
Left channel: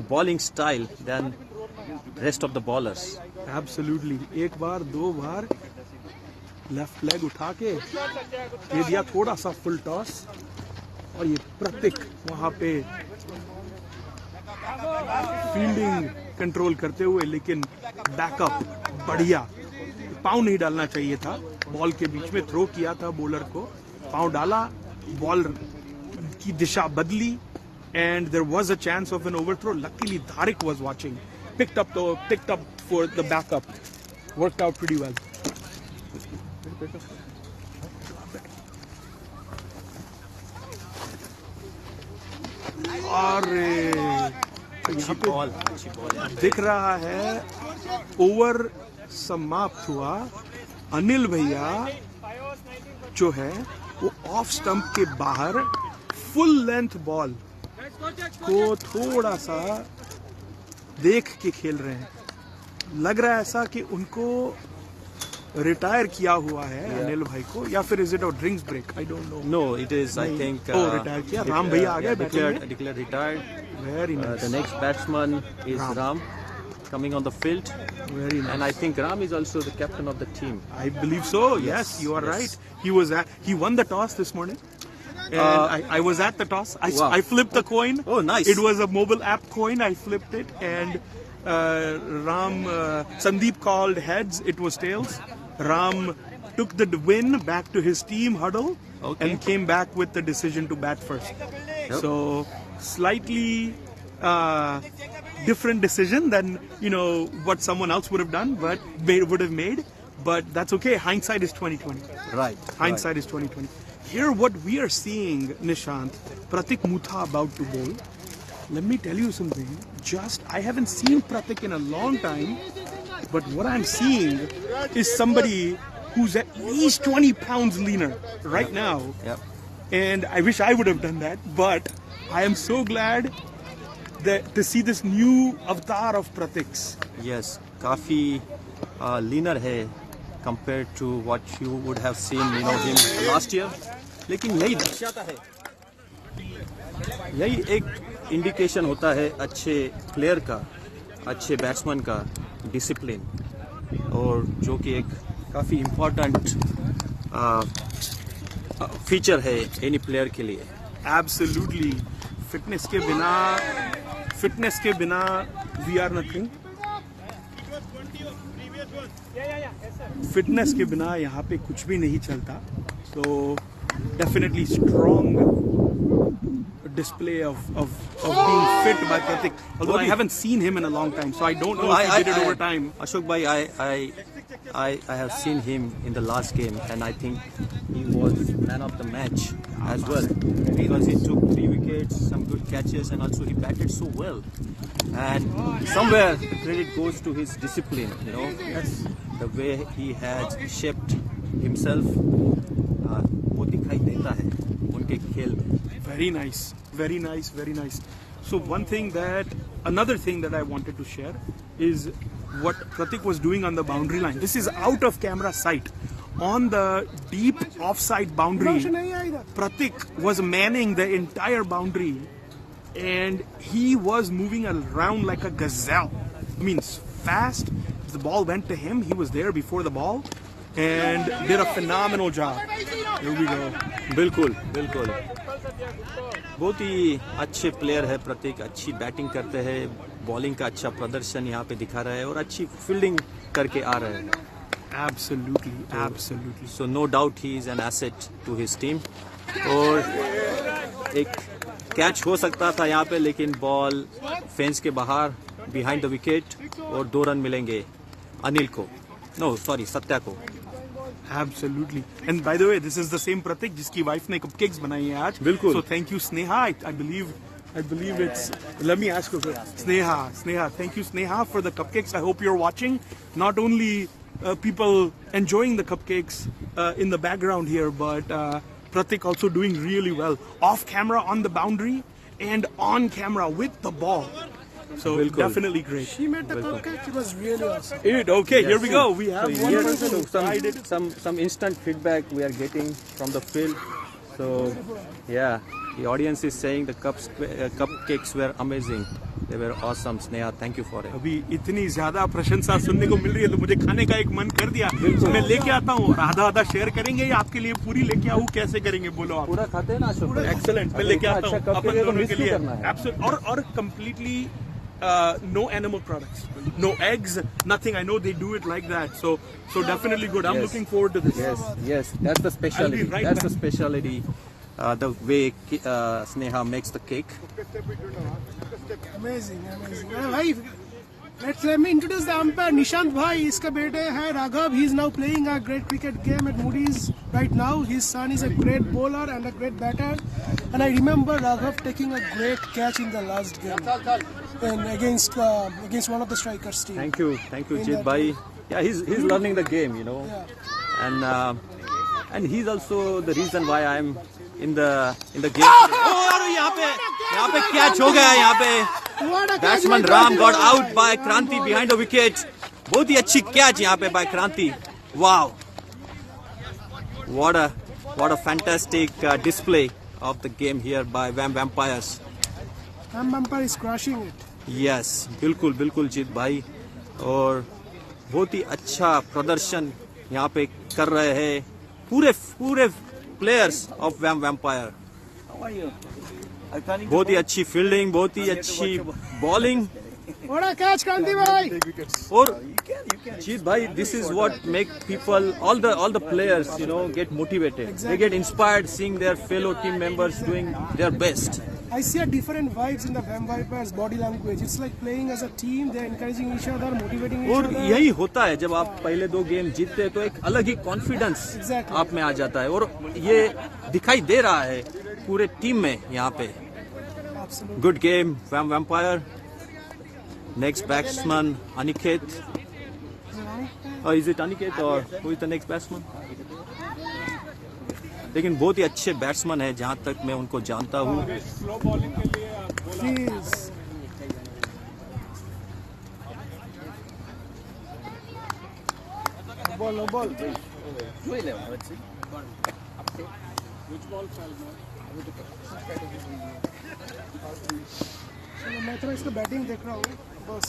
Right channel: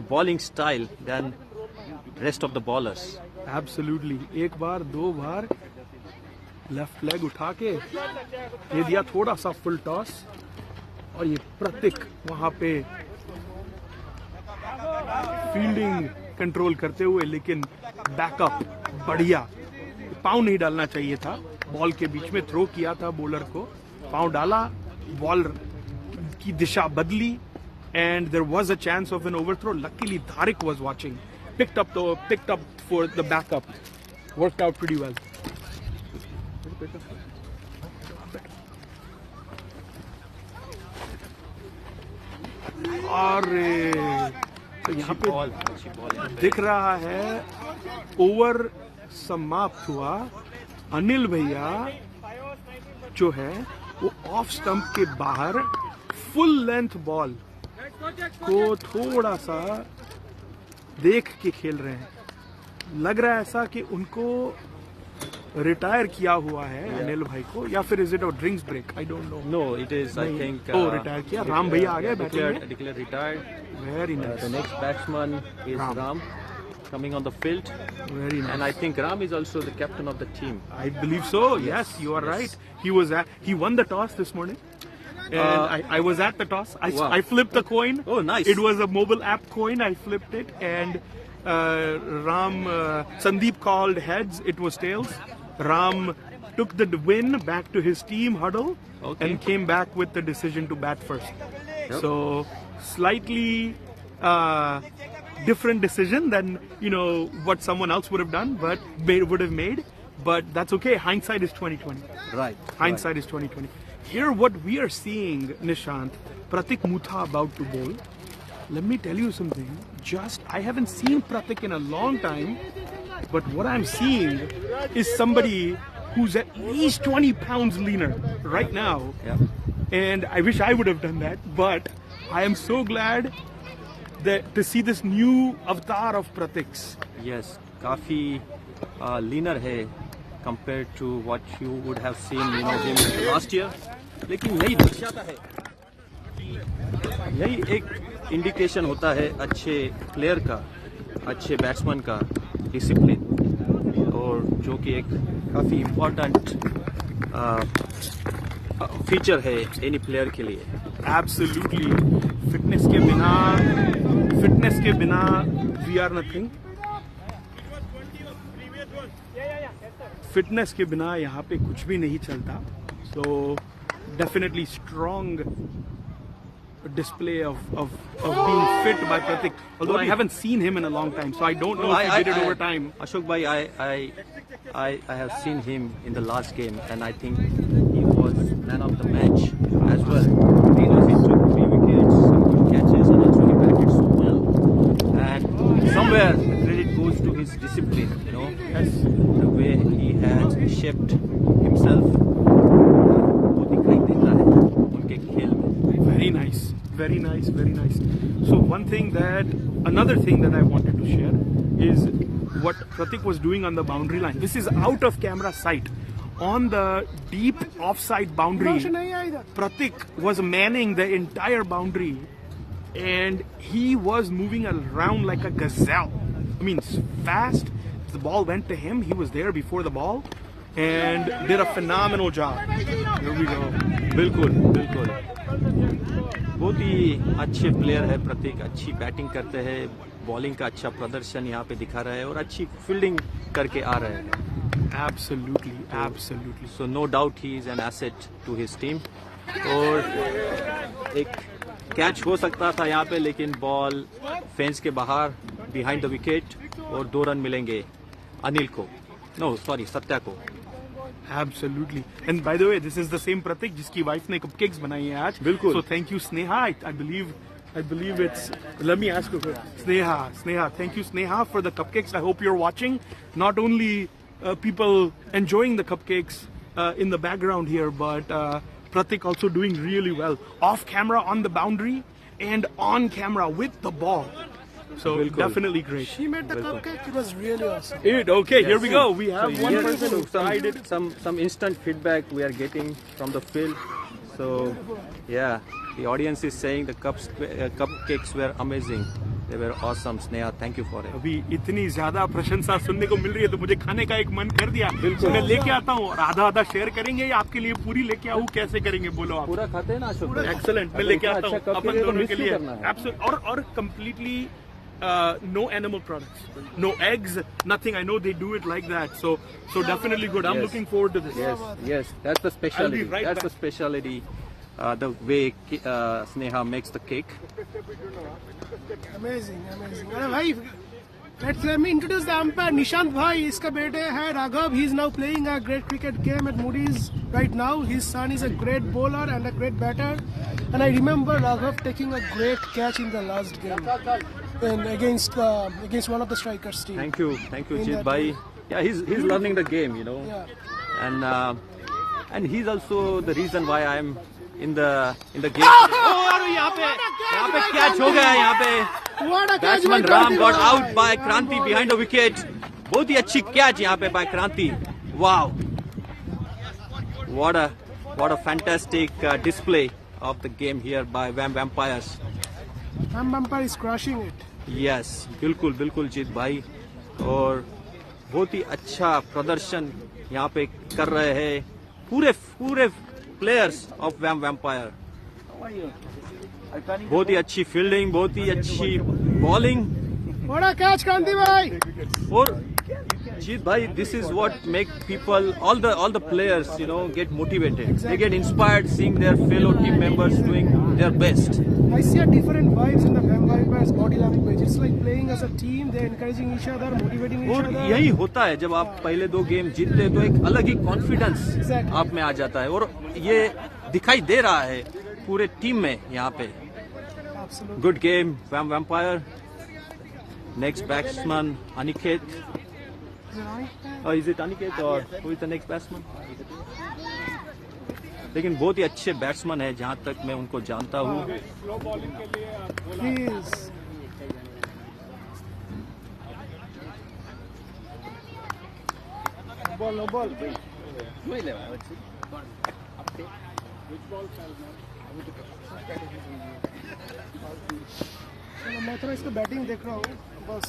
bowling style than rest of the bowlers. Absolutely. एक बार 2 बार लेफ्ट लेग उठा के दे दिया थोड़ा सा फुल टॉस, और ये प्रतीक वहां पे फील्डिंग कंट्रोल करते हुए, लेकिन बैकअप बढ़िया. पाँव नहीं डालना चाहिए था, बॉल के बीच में थ्रो किया था बॉलर को, पाँव डाला, बॉल की दिशा बदली, and there was a chance of an overthrow. Luckily Dharik was watching, picked up for the backup, worked out pretty well. और यहाँ पे दिख रहा है ओवर समाप्त हुआ. अनिल भैया जो है वो ऑफ स्टंप के बाहर फुल लेंथ बॉल को थोड़ा सा देख के खेल रहे हैं. लग रहा है ऐसा कि उनको रिटायर किया हुआ है अनिल भाई को, या फिर is it a drinks break, I don't know. No, it is, I think. Retire किया. राम भैया आ गए, declared retired. Very nice. The next batsman is Ram. coming on the field. Very nice. And I think Ram is also the captain of the team. I believe so. Yes, you are right. He won the toss this morning. And I was at the toss. Wow. I flipped the coin. Oh, nice. It was a mobile app coin. I flipped it, and Sandeep called heads. It was tails. Ram took the win back to his team huddle and came back with the decision to bat first. So slightly different decision than what someone else would have done, but they would have made. But that's okay. Hindsight is 2020. Right. Hindsight is 2020. Here, what we are seeing, Nishant, Pratik Mutha about to bowl. Let me tell you something. I haven't seen Pratik in a long time, but what I'm seeing is somebody who's at least 20 pounds leaner right now. Yeah. And I wish I would have done that, but I am so glad to see this new avatar of Pratik's. Yes, काफी leaner है compared to what you would have seen him last year. लेकिन यही दर्शाता है, यही एक indication होता है अच्छे प्लेयर का, अच्छे बैट्समैन का डिसिप्लिन, और जो कि एक काफ़ी इम्पोर्टेंट फीचर है एनी प्लेयर के लिए. Absolutely. फिटनेस के बिना we are nothing. फिटनेस के बिना यहाँ पे कुछ भी नहीं चलता. So definitely strong display of being fit by Pratik. Although I haven't seen him in a long time, so I don't know if he did it over time. Ashok bhai, I have seen him in the last game, and I think he was man of the match as well. Because he took 3 wickets, some good catches, and also he batted so well. And somewhere the credit goes to his discipline, the way he has shaped himself. वो दिखाई देता है उनके खेल में. Very nice, very nice, very nice. So another thing that I wanted to share is what Pratik was doing on the boundary line. This is out of camera sight. On the deep offside boundary, Pratik was manning the entire boundary, and he was moving around like a gazelle. I mean, fast. The ball went to him. He was there before the ball and did a phenomenal job. Here we go. बिल्कुल बिल्कुल, बहुत ही अच्छे player है प्रतीक. अच्छी batting करते हैं, bowling का अच्छा प्रदर्शन यहाँ पे दिखा रहा है और अच्छी फील्डिंग करके आ रहा है. Absolutely, absolutely. So no doubt he is an asset to his team. और एक कैच हो सकता था यहाँ पे, लेकिन बॉल फेंस के बाहर बिहाइंड द विकेट और 2 रन मिलेंगे अनिल को, सत्या को. Absolutely. And by the way, this is the same Pratik जिसकी वाइफ ने cupcakes बनाई हैं आज. बिल्कुल. So thank you Sneha. I believe it's. Let me ask you a question. Sneha. Thank you Sneha for the cupcakes. I hope you're watching. Not only people enjoying the cupcakes in the background here, but Pratik also doing really well off camera on the boundary and on camera with the ball. So definitely great. She made the cupcake. It was really awesome. Okay, yes, here we go. We have one person who tried it. Some instant feedback we are getting from the field. So yeah, the audience is saying the cupcakes were amazing. They were awesome. Sneha, thank you for it. अभी इतनी ज़्यादा प्रशंसा सुनने को मिल रही है तो मुझे खाने का एक मन कर दिया. मैं लेके आता हूँ और आधा शेयर करेंगे या आपके लिए पूरी लेके आऊँ, कैसे करेंगे बोलो आप? पूरा खाते हैं ना अशोक भाई? Excellent. मैं लेके आता हूँ अपन दोनों के लिए. Absolutely. और completely no animal products, no eggs, nothing. I know they do it like that. So definitely good. I'm looking forward to this. Yes. That's the specialty. That's the specialty. The way Sneha makes the cake. Amazing. भाई, let me introduce the umpire. Nishant भाई, इसका बेटे है Raghav. He is now playing a great cricket game at Moody's right now. His son is a great bowler and a great batter. And I remember Raghav taking a great catch in the last game against one of the strikers' team. Thank you, Jit bhai. Yeah, he's learning the game, Yeah. And he's also the reason why I'm in the game. और यहाँ पे catch हो गया यहाँ पे. Batsman Ram got out by Kranti behind the wicket. बहुत ही अच्छी catch यहाँ पे by Kranti. Wow. What a fantastic display of the game here by VAM Vampires. VAM Vampire is crushing it. Yes, बिल्कुल Jit bhai. और बहुत ही अच्छा प्रदर्शन यहाँ पे कर रहे हैं पूरे प्लेयर्स ऑफ वैम्पायर। बहुत ही अच्छी फील्डिंग, बहुत ही अच्छी बॉलिंग। बड़ा कैच क्रांति भाई। और जीत भाई, this is what make people, all the players, get motivated. They get inspired seeing their fellow team members doing their best. I see a different vibes in the Mavericks body language. It's like playing as a team. They're encouraging each other, motivating each और other. यही होता है जब आप पहले 2 game जीतते हैं तो एक अलग ही कॉन्फिडेंस आप में आ जाता है, और ये दिखाई दे रहा है पूरे टीम में यहाँ पे। Good game vampire. Next batsman Aniket. Is it Aniket और who is the next batsman? लेकिन बहुत ही अच्छे बैट्समैन है जहां तक मैं उनको जानता हूँ। मैं थोड़ा इसका बैटिंग देख रहा हूँ बस।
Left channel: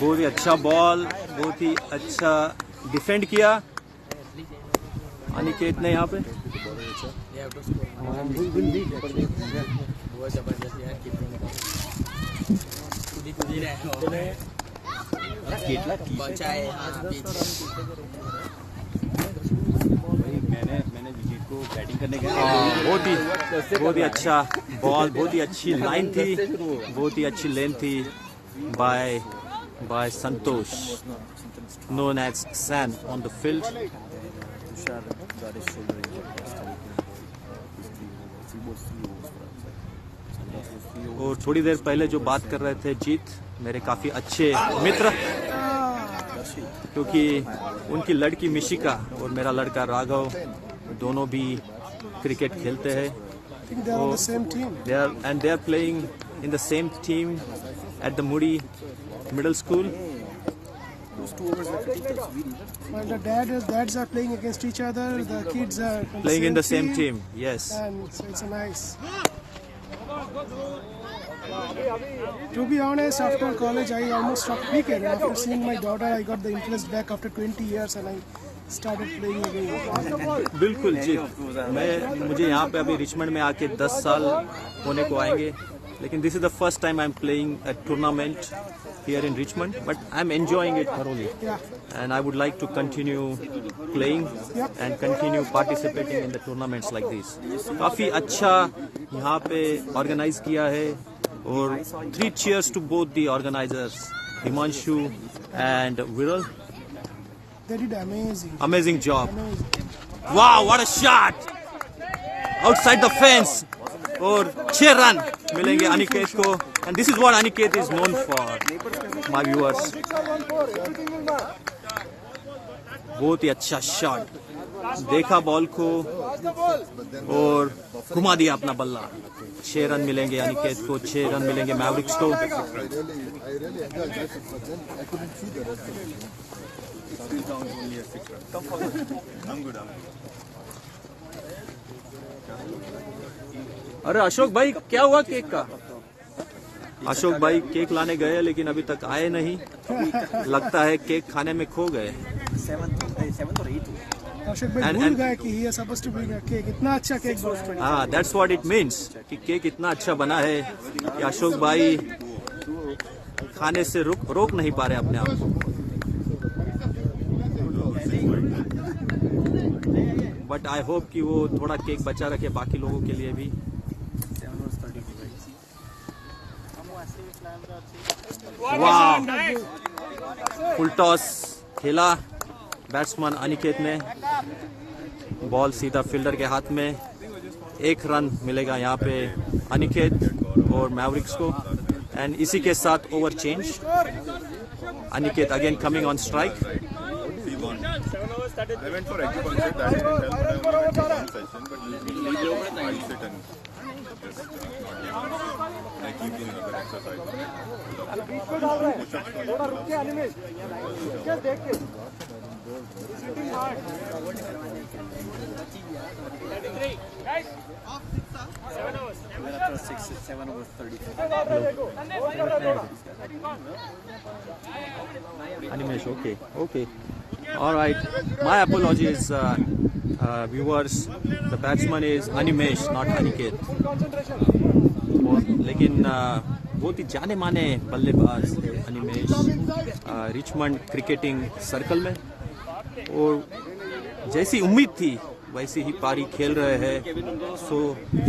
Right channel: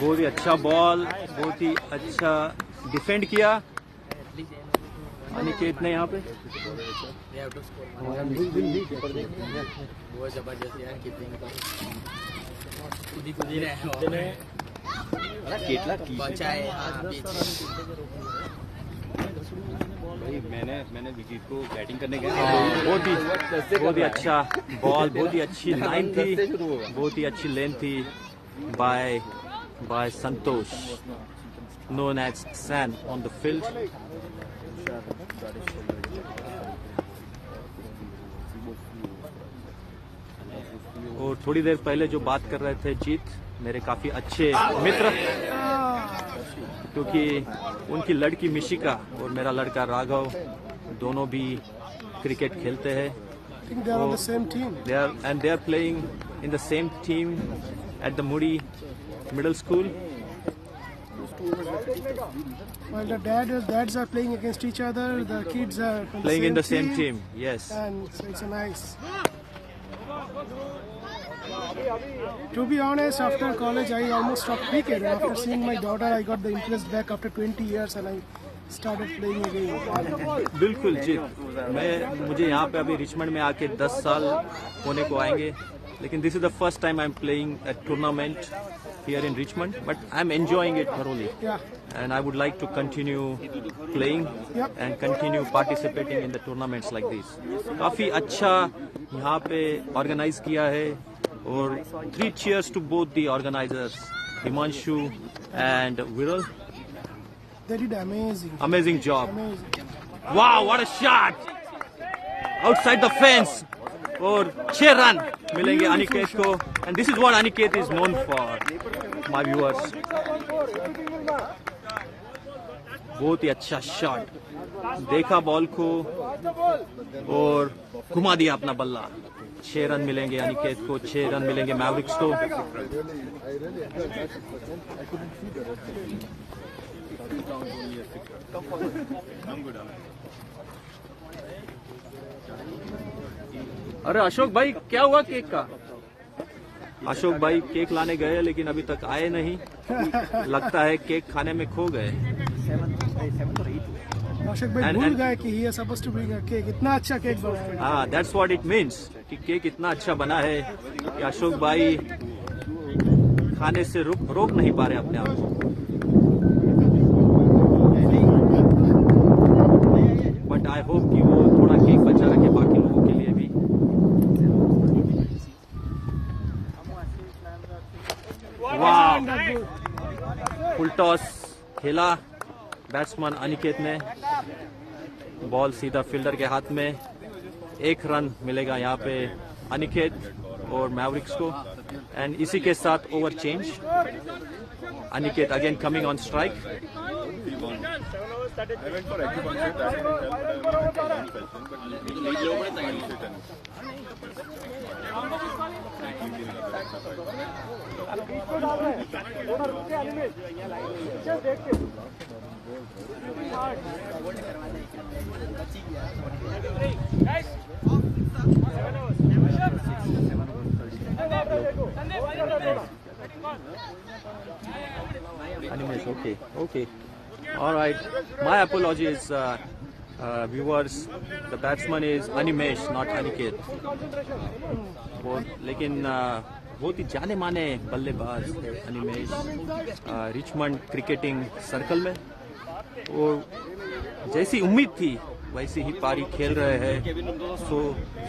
बहुत ही अच्छा बॉल, बहुत ही अच्छा डिफेंड किया अनिकेत ने यहाँ पे। मैंने विकेट को बैटिंग करने गया। बहुत ही अच्छा बॉल, बहुत ही अच्छी लाइन थी, बहुत ही अच्छी लेन थी by Santosh, known as San on the field. और थोड़ी देर पहले जो बात कर रहे थे जीत, मेरे काफी अच्छे मित्र, क्योंकि उनकी लड़की मिशिका और मेरा लड़का राघव दोनों भी क्रिकेट खेलते हैं। They are playing in the same team at the Moody Middle School. Well, the dads are playing against each other. The kids are Playing in the same team. Yes. And so it's a nice. To be honest, after college, I almost stopped cricket. And after seeing my daughter, I got the interest back after 20 years, and I started playing again. बिल्कुल जी, मुझे यहाँ पे अभी Richmond में आके 10 साल होने को आएंगे, लेकिन this is the first time I'm playing a tournament here in Richmond, but I'm enjoying it thoroughly. Yeah. And I would like to continue playing Yep. and continue participating in the tournaments like this. काफी अच्छा यहाँ पे organize किया है, और 3 cheers to both the organizers, Himanshu and Viral. They did amazing. Amazing job. Amazing. Wow, what a shot! Outside the fence. और 6 run मिलेंगे अनिकेत को, and this is what Aniket is known for, my viewers. बहुत ही अच्छा shot, देखा ball को और घुमा दिया अपना बल्ला। 6 रन मिलेंगे अनिकेत को, 6 रन मिलेंगे मैवरिक्स को। अरे अशोक भाई, क्या हुआ केक का? अशोक भाई केक लाने गए लेकिन अभी तक आए नहीं, लगता है केक खाने में खो गए। अशोक भाई भूल गए कि he is supposed to bring a cake. इतना अच्छा केक बना। हाँ, that's what it means कि केक इतना अच्छा बना है कि अशोक भाई खाने से रोक नहीं पा रहे अपने आप को। बट आई होप कि वो थोड़ा केक बचा रखे बाकी लोगों के लिए भी। वाह, फुल टॉस खेला बैट्समैन अनिकेत ने, बॉल सीधा फील्डर के हाथ में। 1 रन मिलेगा यहाँ पे अनिकेत और मैवरिक्स को, एंड इसी के साथ over change. Aniket again coming on strike. I went for acupuncture that session, but later my mindset and I keep doing other exercise. Okay. All right. My apologies, viewers. The batsman is Animesh, not Aniket. लेकिन बहुत ही जाने माने बल्लेबाज है Animesh Richmond cricketing circle में और जैसी उम्मीद थी वैसी ही पारी खेल रहे हैं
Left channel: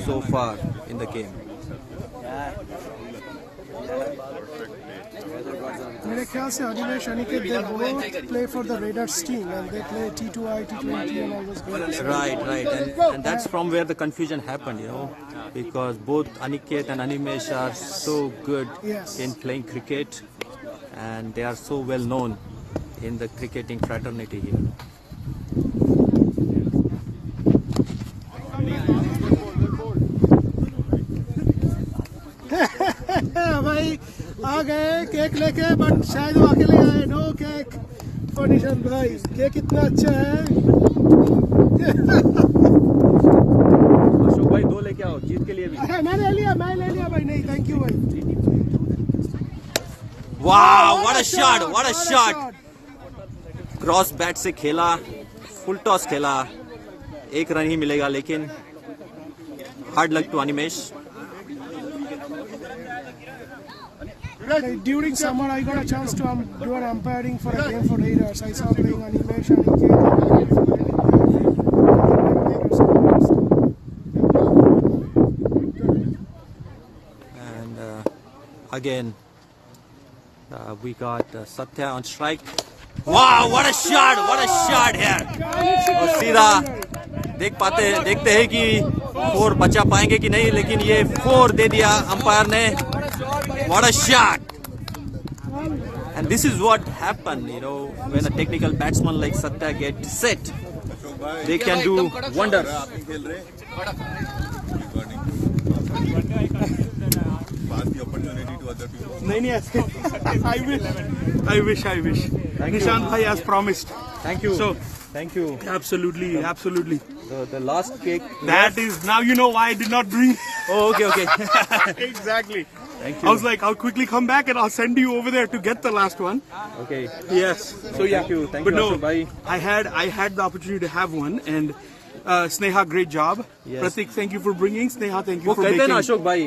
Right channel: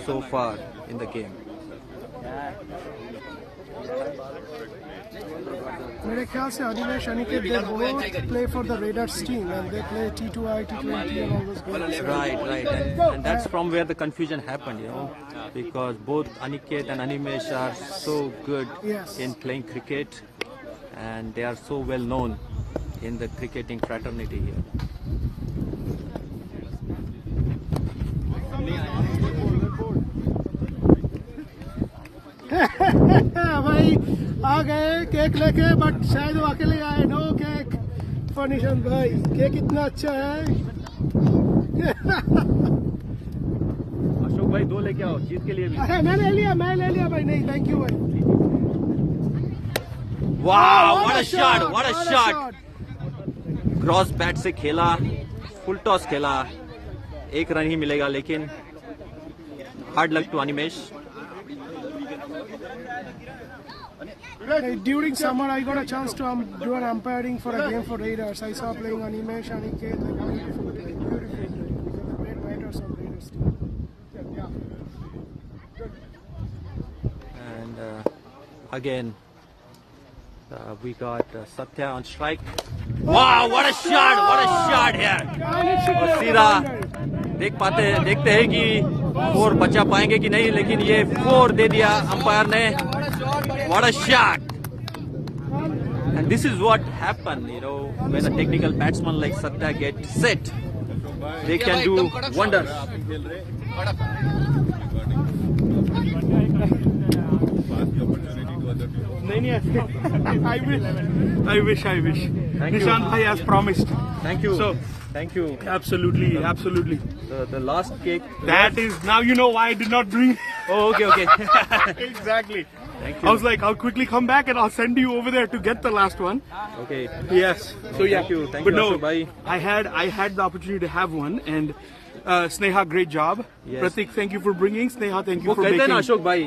so far in the game. मेरे ख्याल से Animesh Aniket they both play for the Raiders team and they play T2I, T20 and all those games. Right. And that's from where the confusion happened, because both Aniket and Animesh are so good in playing cricket and they are so well known in the cricketing fraternity here. भाई आ गए cake लेके but शायद वो अकेले आए. No cake for Nishant भाई. Cake इतना अच्छा है. अशोक भाई 2 लेके आओ जीत के लिए भी. मैं ले लिया भाई. नहीं थैंक यू भाई. वाह what a shot. Cross bat से खेला, फुल टॉस खेला, 1 रन ही मिलेगा लेकिन hard luck to Animesh. During summer, I got a chance to do an umpiring for a game for Raiders. I saw playing Animesh and again we got Satya on strike. Wow, what a shot here. और सीधा देखते हैं कि 4 बचा पाएंगे कि नहीं, लेकिन ये 4 दे दिया अंपायर ने. What a shot! And this is what happened, when a technical batsman like Satya gets set, they can do wonders. I wish. Nishant bhai as promised. Thank you. Thank you. Absolutely. The last cake. That is, now you know why I did not bring. Oh, okay. Exactly. Thank I you. was like, I'll quickly come back and I'll send you over there to get the last one. Okay. Yes. Thank you, But Ashok bhai. I had the opportunity to have one, and Sneha, great job. Yes. Pratik, thank you for bringing. Sneha, thank you वो for कहते हैं making. ना अशोक भाई,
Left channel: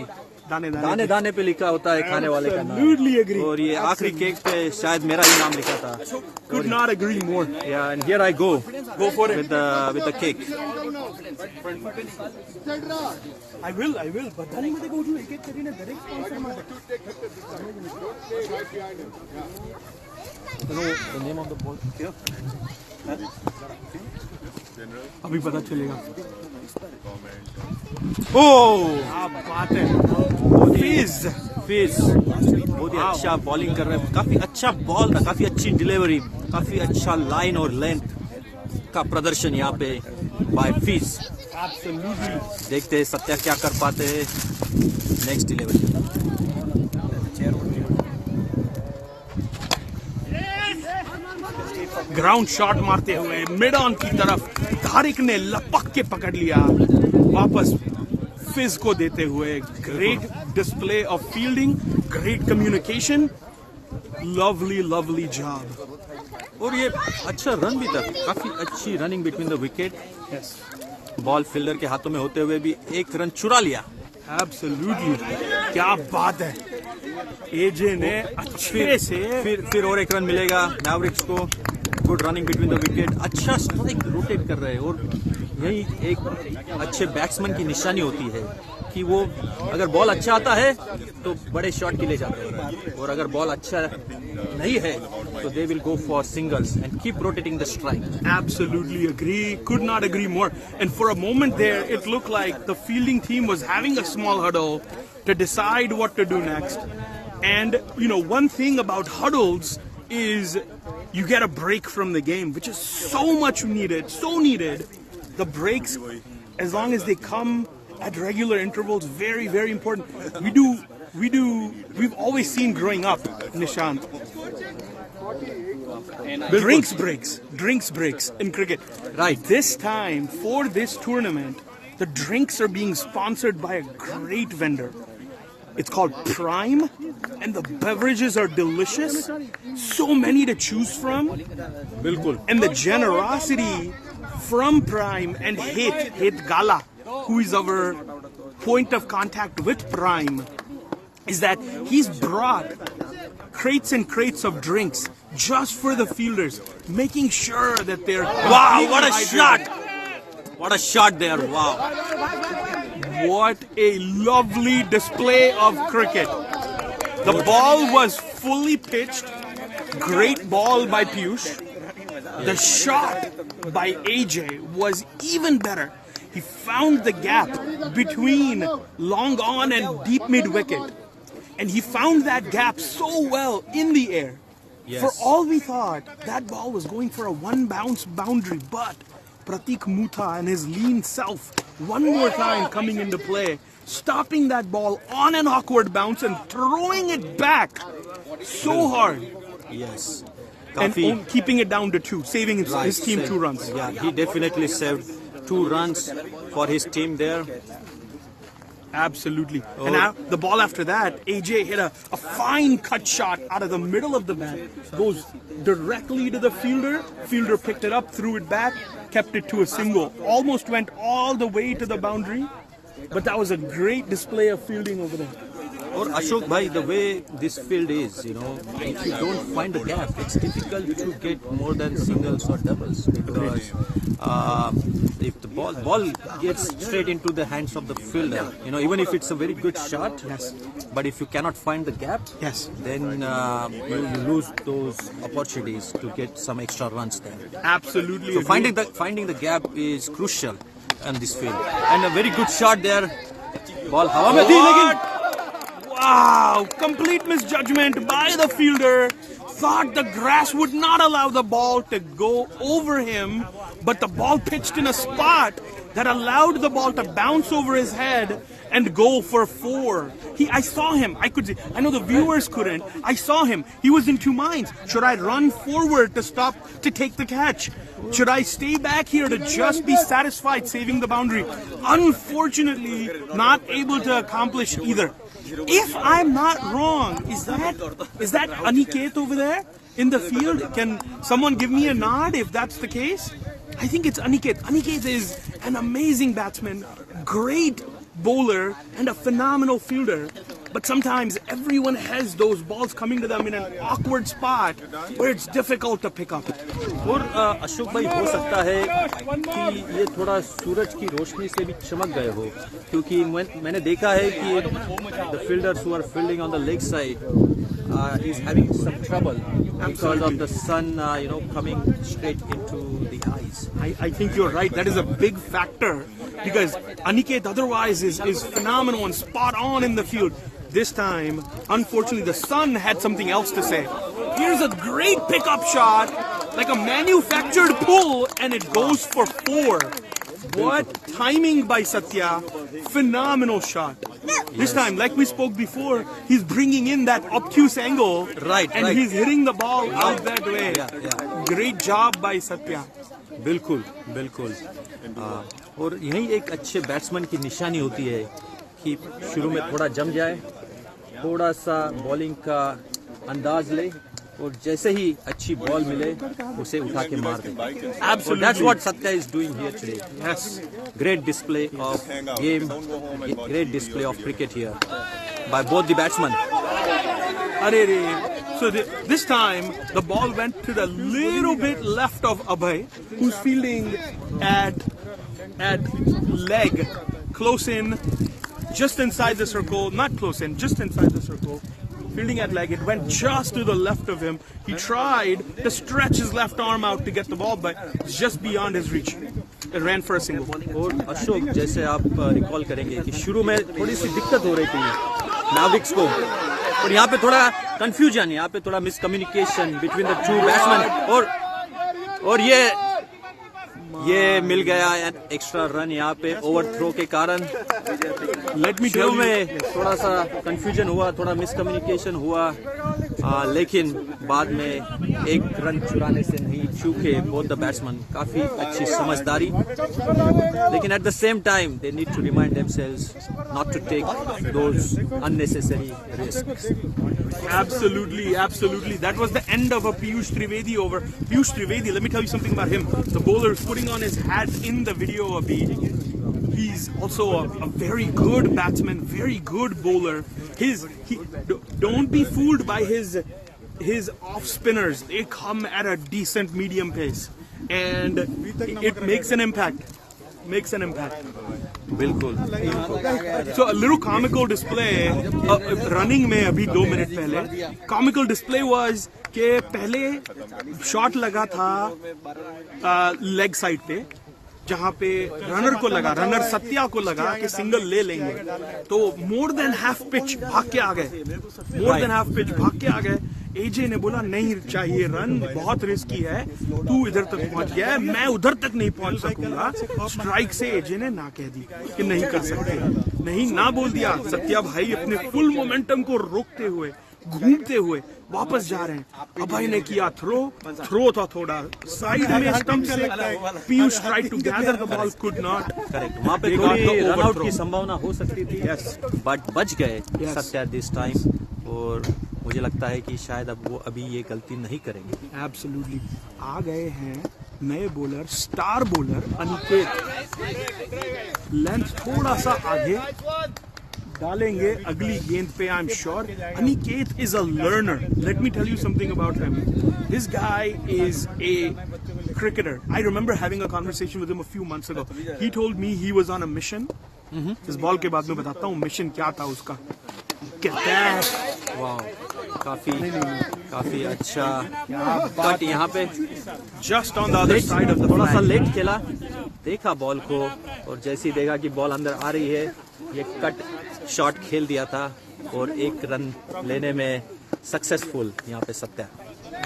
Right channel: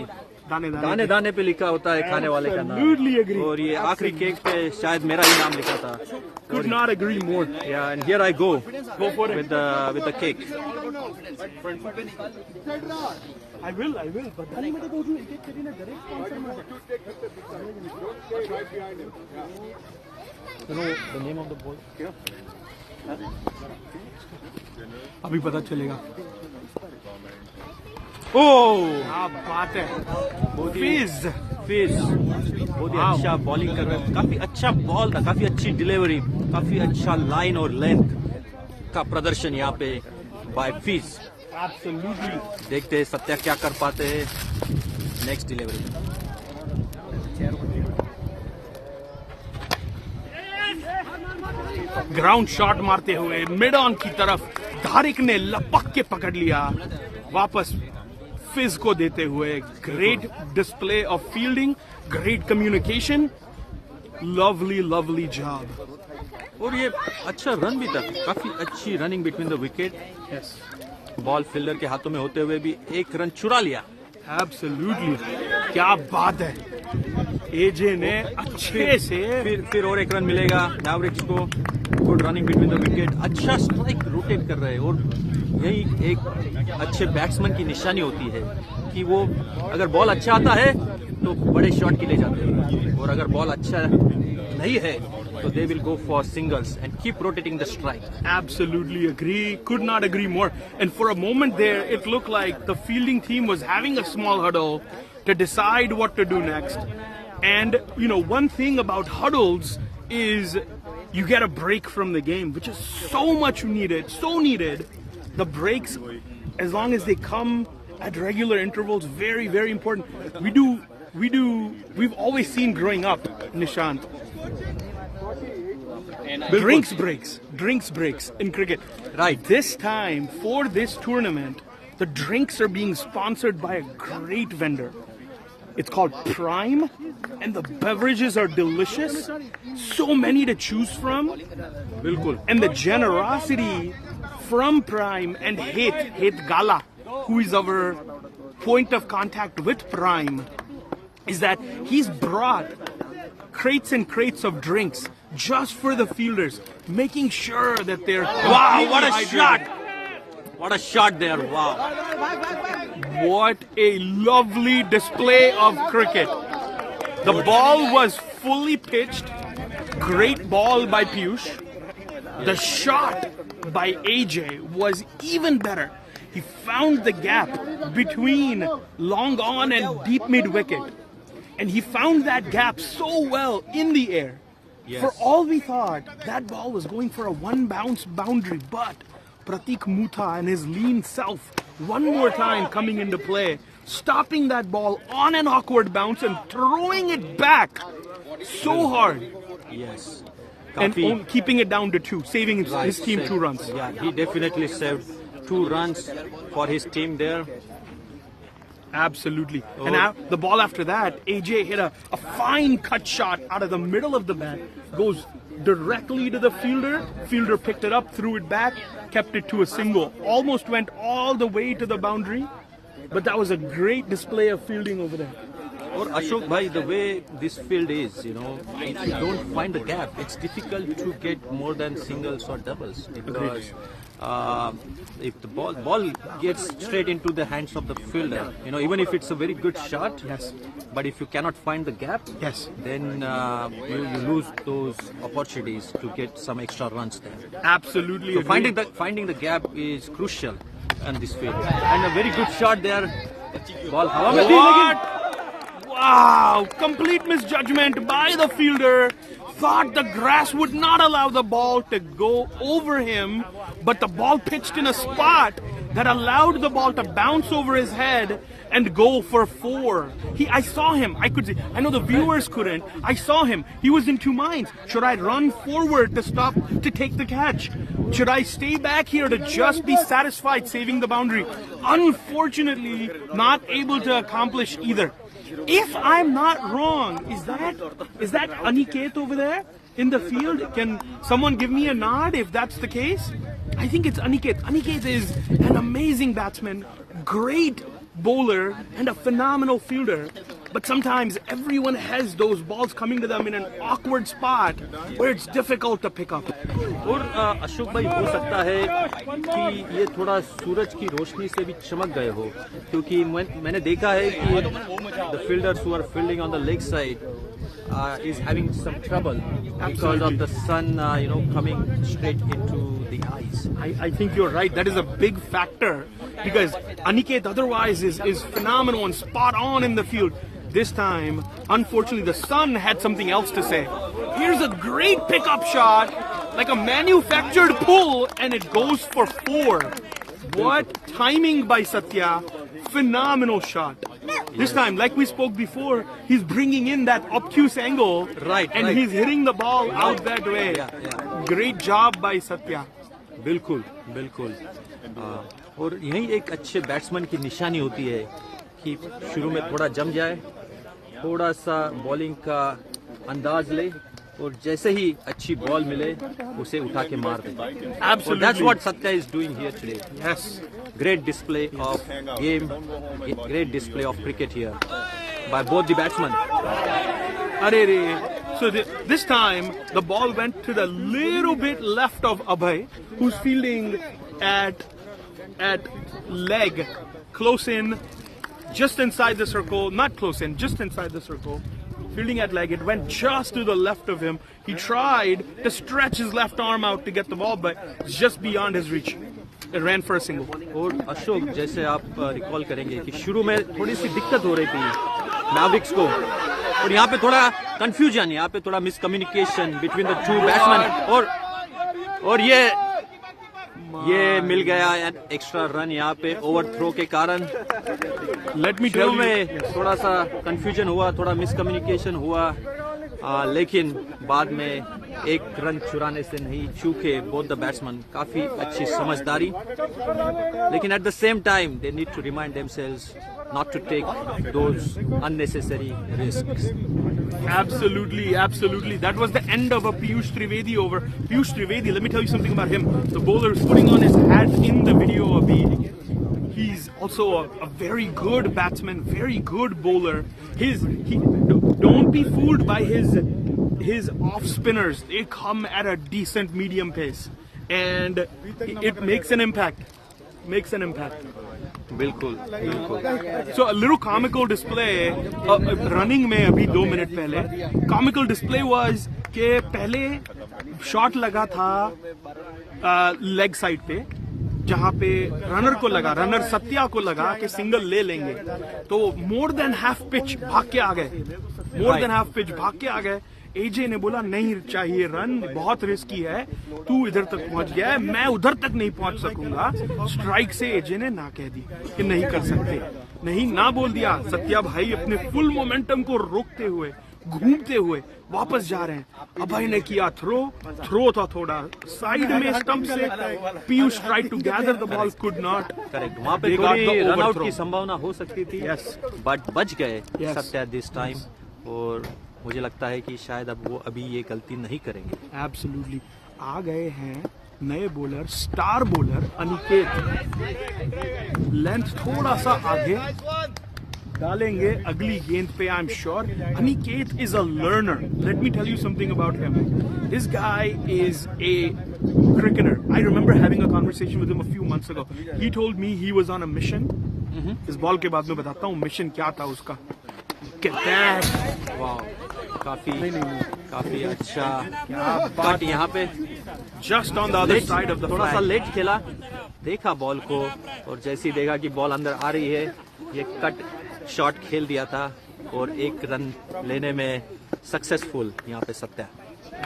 दाने दाने पे लिखा होता है खाने वाले का नाम. Absolutely agree. और ये आखिरी केक पे शायद मेरा ही नाम लिखा था. Could not agree more. Yeah, and here I go for it. with the cake. I will. But then मैं देखो जो एक करीने direct. Don't stay right behind him. Yeah. You know the name of the ball? अभी पता चलेगा. Oh, क्या बात है. Fizz. बहुत ही अच्छा बॉलिंग कर रहे हैं. काफी अच्छा बॉल था, काफी अच्छी डिलीवरी, काफी अच्छा लाइन और लेंथ का प्रदर्शन यहाँ पे बाय Fizz. Absolutely. देखते हैं सत्या क्या कर पाते हैं नेक्स्ट डिलीवरी. ग्राउंड शॉट मारते हुए मिड ऑन की तरफ तारिक ने लपक के पकड़ लिया. वापस फिज को देते हुए great display of fielding, great communication, lovely job. और ये अच्छा रन भी था, काफी अच्छी running between the wicket. Ball fielder के हाथों में होते हुए भी 1 रन चुरा लिया. एब्सोल्युटली, क्या बात है. एजे ने अच्छे से फिर और 1 रन मिलेगा मैवरिक्स को. Good running between the wicket, अच्छा स्ट्राइक रोटेट कर रहे हैं. और यही एक अच्छे बैट्समैन की निशानी होती है कि वो अगर बॉल अच्छा आता है तो बड़े शॉट के लिए जाते हैं, और अगर बॉल अच्छा नहीं है so they will go for singles and keep rotating the strike. Absolutely agree. Could not agree more. And for a moment there, it looked like the fielding team was having a small huddle to decide what to do next. And, one thing about huddles is you get a break from the game, which is so much needed, so needed. The breaks, as long as they come at regular intervals, very, very important. We've always seen growing up, Nishant, drinks breaks in cricket. Right. This time, for this tournament, the drinks are being sponsored by a great vendor. It's called Prime, and the beverages are delicious. So many to choose from. बिल्कुल. And the generosity from Prime and Hit Gala, who is our point of contact with Prime, is that he's brought crates and crates of drinks just for the fielders, making sure that they're Wow, what a hydrated. shot! What a shot there! Wow. What a lovely display of cricket. The ball was fully pitched. Great ball by Piyush. The shot by AJ was even better. He found the gap between long on and deep mid wicket. And he found that gap so well in the air. Yes. For all we thought, that ball was going for a one bounce boundary, but Pratik Mutha and his lean self one more time coming into play, stopping that ball on an awkward bounce and throwing it back so hard. Yes. And keeping it down to 2, saving his team 2 runs. Yeah, he definitely saved 2 runs for his team there. Absolutely. And now the ball after that, AJ hit a fine cut shot out of the middle of the bat, goes directly to the fielder. Fielder picked it up, threw it back, kept it to a single. Almost went all the way to the boundary, but that was a great display of fielding over there. Or Ashok bhai, the way this field is, you know, if you don't find the gap, it's difficult to get more than singles or doubles, because if the ball gets straight into the hands of the fielder, you know, even if it's a very good shot, Yes. but if you cannot find the gap, Yes. then you lose those opportunities to get some extra runs there. Absolutely. So agree. finding the gap is crucial on this field. And a very good shot there. Ball hawa mein thi, lekin Wow! Complete misjudgment by the fielder. Thought the grass would not allow the ball to go over him, but the ball pitched in a spot that allowed the ball to bounce over his head and go for 4. I saw him. I could see. I know the viewers couldn't. I saw him. He was in 2 minds. Should I run forward to stop to take the catch? Should I stay back here to just be satisfied saving the boundary? Unfortunately, not able to accomplish either. If I'm not wrong, is that Aniket over there in the field? Can someone give me a nod if that's the case? I think it's Aniket. Aniket is an amazing batsman, great bowler, and a phenomenal fielder. But sometimes everyone has those balls coming to them in an awkward spot where it's difficult to pick up. और अशोक भाई हो सकता है कि ये थोड़ा सूरज की रोशनी से भी चमक गए हो, क्योंकि मैंने देखा है कि the fielders who are fielding on the leg side is having some trouble because of the sun coming straight into the eyes. I think you're right. That is a big factor because Aniket otherwise is phenomenal and spot on in the field. This time, unfortunately, the sun had something else to say. Here's a great pickup shot, like a manufactured pull, and it goes for 4. What timing by Satya. Phenomenal shot. This time, like we spoke before, he's bringing in that obtuse angle. Right, and right. he's hitting the ball out that way. Yeah. Great job by Satya. बिल्कुल बिल्कुल और यही एक अच्छे batsman की निशानी होती है कि शुरू में थोड़ा जम जाए, थोड़ा सा बॉलिंग का अंदाज ले, और जैसे ही अच्छी बॉल मिले उसे उठा के मार दे. और that's what Satya is doing here today. Yes. Great display of game, great display of cricket here by both the batsmen. So this time the ball went to the little bit left of Abhay, who's fielding at leg, close in, just inside the circle, not close in, just inside the circle. Fielding at leg, it went just to the left of him. He tried to stretch his left arm out to get the ball, but it's just beyond his reach. It ran for a single. और अशोक, जैसे आप recall करेंगे कि शुरू में थोड़ी सी दिक्कत हो रही थी मैवरिक्स को, और यहाँ पे थोड़ा कंफ्यूजन, यहाँ पे थोड़ा मिसकम्युनिकेशन बिटवीन द 2 बैट्समैन, और ये मिल गया एक्स्ट्रा रन यहाँ पे ओवर थ्रो के कारण. शुरू में थोड़ा सा कंफ्यूजन हुआ, थोड़ा मिसकम्युनिकेशन हुआ, लेकिन बाद में 1 रन चुराने से नहीं चूके बोथ द बैट्समैन. काफी अच्छी समझदारी, लेकिन at the same time they need to remind themselves not to take those unnecessary risks. Absolutely, absolutely. That was the end of a Piyush Trivedi over. Piyush Trivedi, let me tell you something about him. The bowler is putting on his hat in the video of the. He's also a very good batsman, very good bowler. Don't be fooled by his off spinners. They come at a decent medium pace, and it makes an impact. Makes an impact. बिल्कुल बिल्कुल. So a little comical display running में अभी 2 minute पहले comical display was कि पहले shot लगा था leg side पे जहाँ पे रनर को लगा, रनर सत्या को लगा कि सिंगल ले लेंगे, तो मोर देन हाफ पिच भाग के आ गए, मोर देन हाफ पिच भाग के आ गए. एजे ने बोला नहीं चाहिए रन, बहुत रिस्की है, तू इधर तक पहुंच गया है, मैं उधर तक नहीं पहुंच सकूंगा. स्ट्राइक से एजे ने ना कह दी कि नहीं कर सकते, नहीं ना बोल दिया. सत्या भाई अपने फुल मोमेंटम को रोकते हुए घूमते हुए वापस जा रहे हैं. अभय ने किया थ्रो था थोड़ा साइड में स्टंप से. Piyush tried to gather the ball, could not. Correct, वहाँ पे थोड़ी रन आउट की संभावना हो सकती थी, बट बच गए सत्या दिस टाइम. और मुझे लगता है कि शायद अब वो अभी ये गलती नहीं करेंगे. एब्सोल्युटली. आ गए हैं नए bowler, star bowler Aniket. Length थोड़ा सा आगे डालेंगे अगली गेंद पे. I am sure Aniket is a learner. Let me tell you something about him. This guy is a cricketer. I remember having a conversation with him a few months ago. He told me he was on a mission. इस ball के बाद में बताता हूँ mission क्या था उसका. वाह, काफी अच्छा कट यहाँ पे. Just on the other side of the. थोड़ा सा लेट खेला, देखा बॉल को, और जैसे ही देखा कि बॉल अंदर आ रही है, ये कट शॉट खेल दिया था और 1 रन लेने में सक्सेसफुल यहाँ पे सत्या.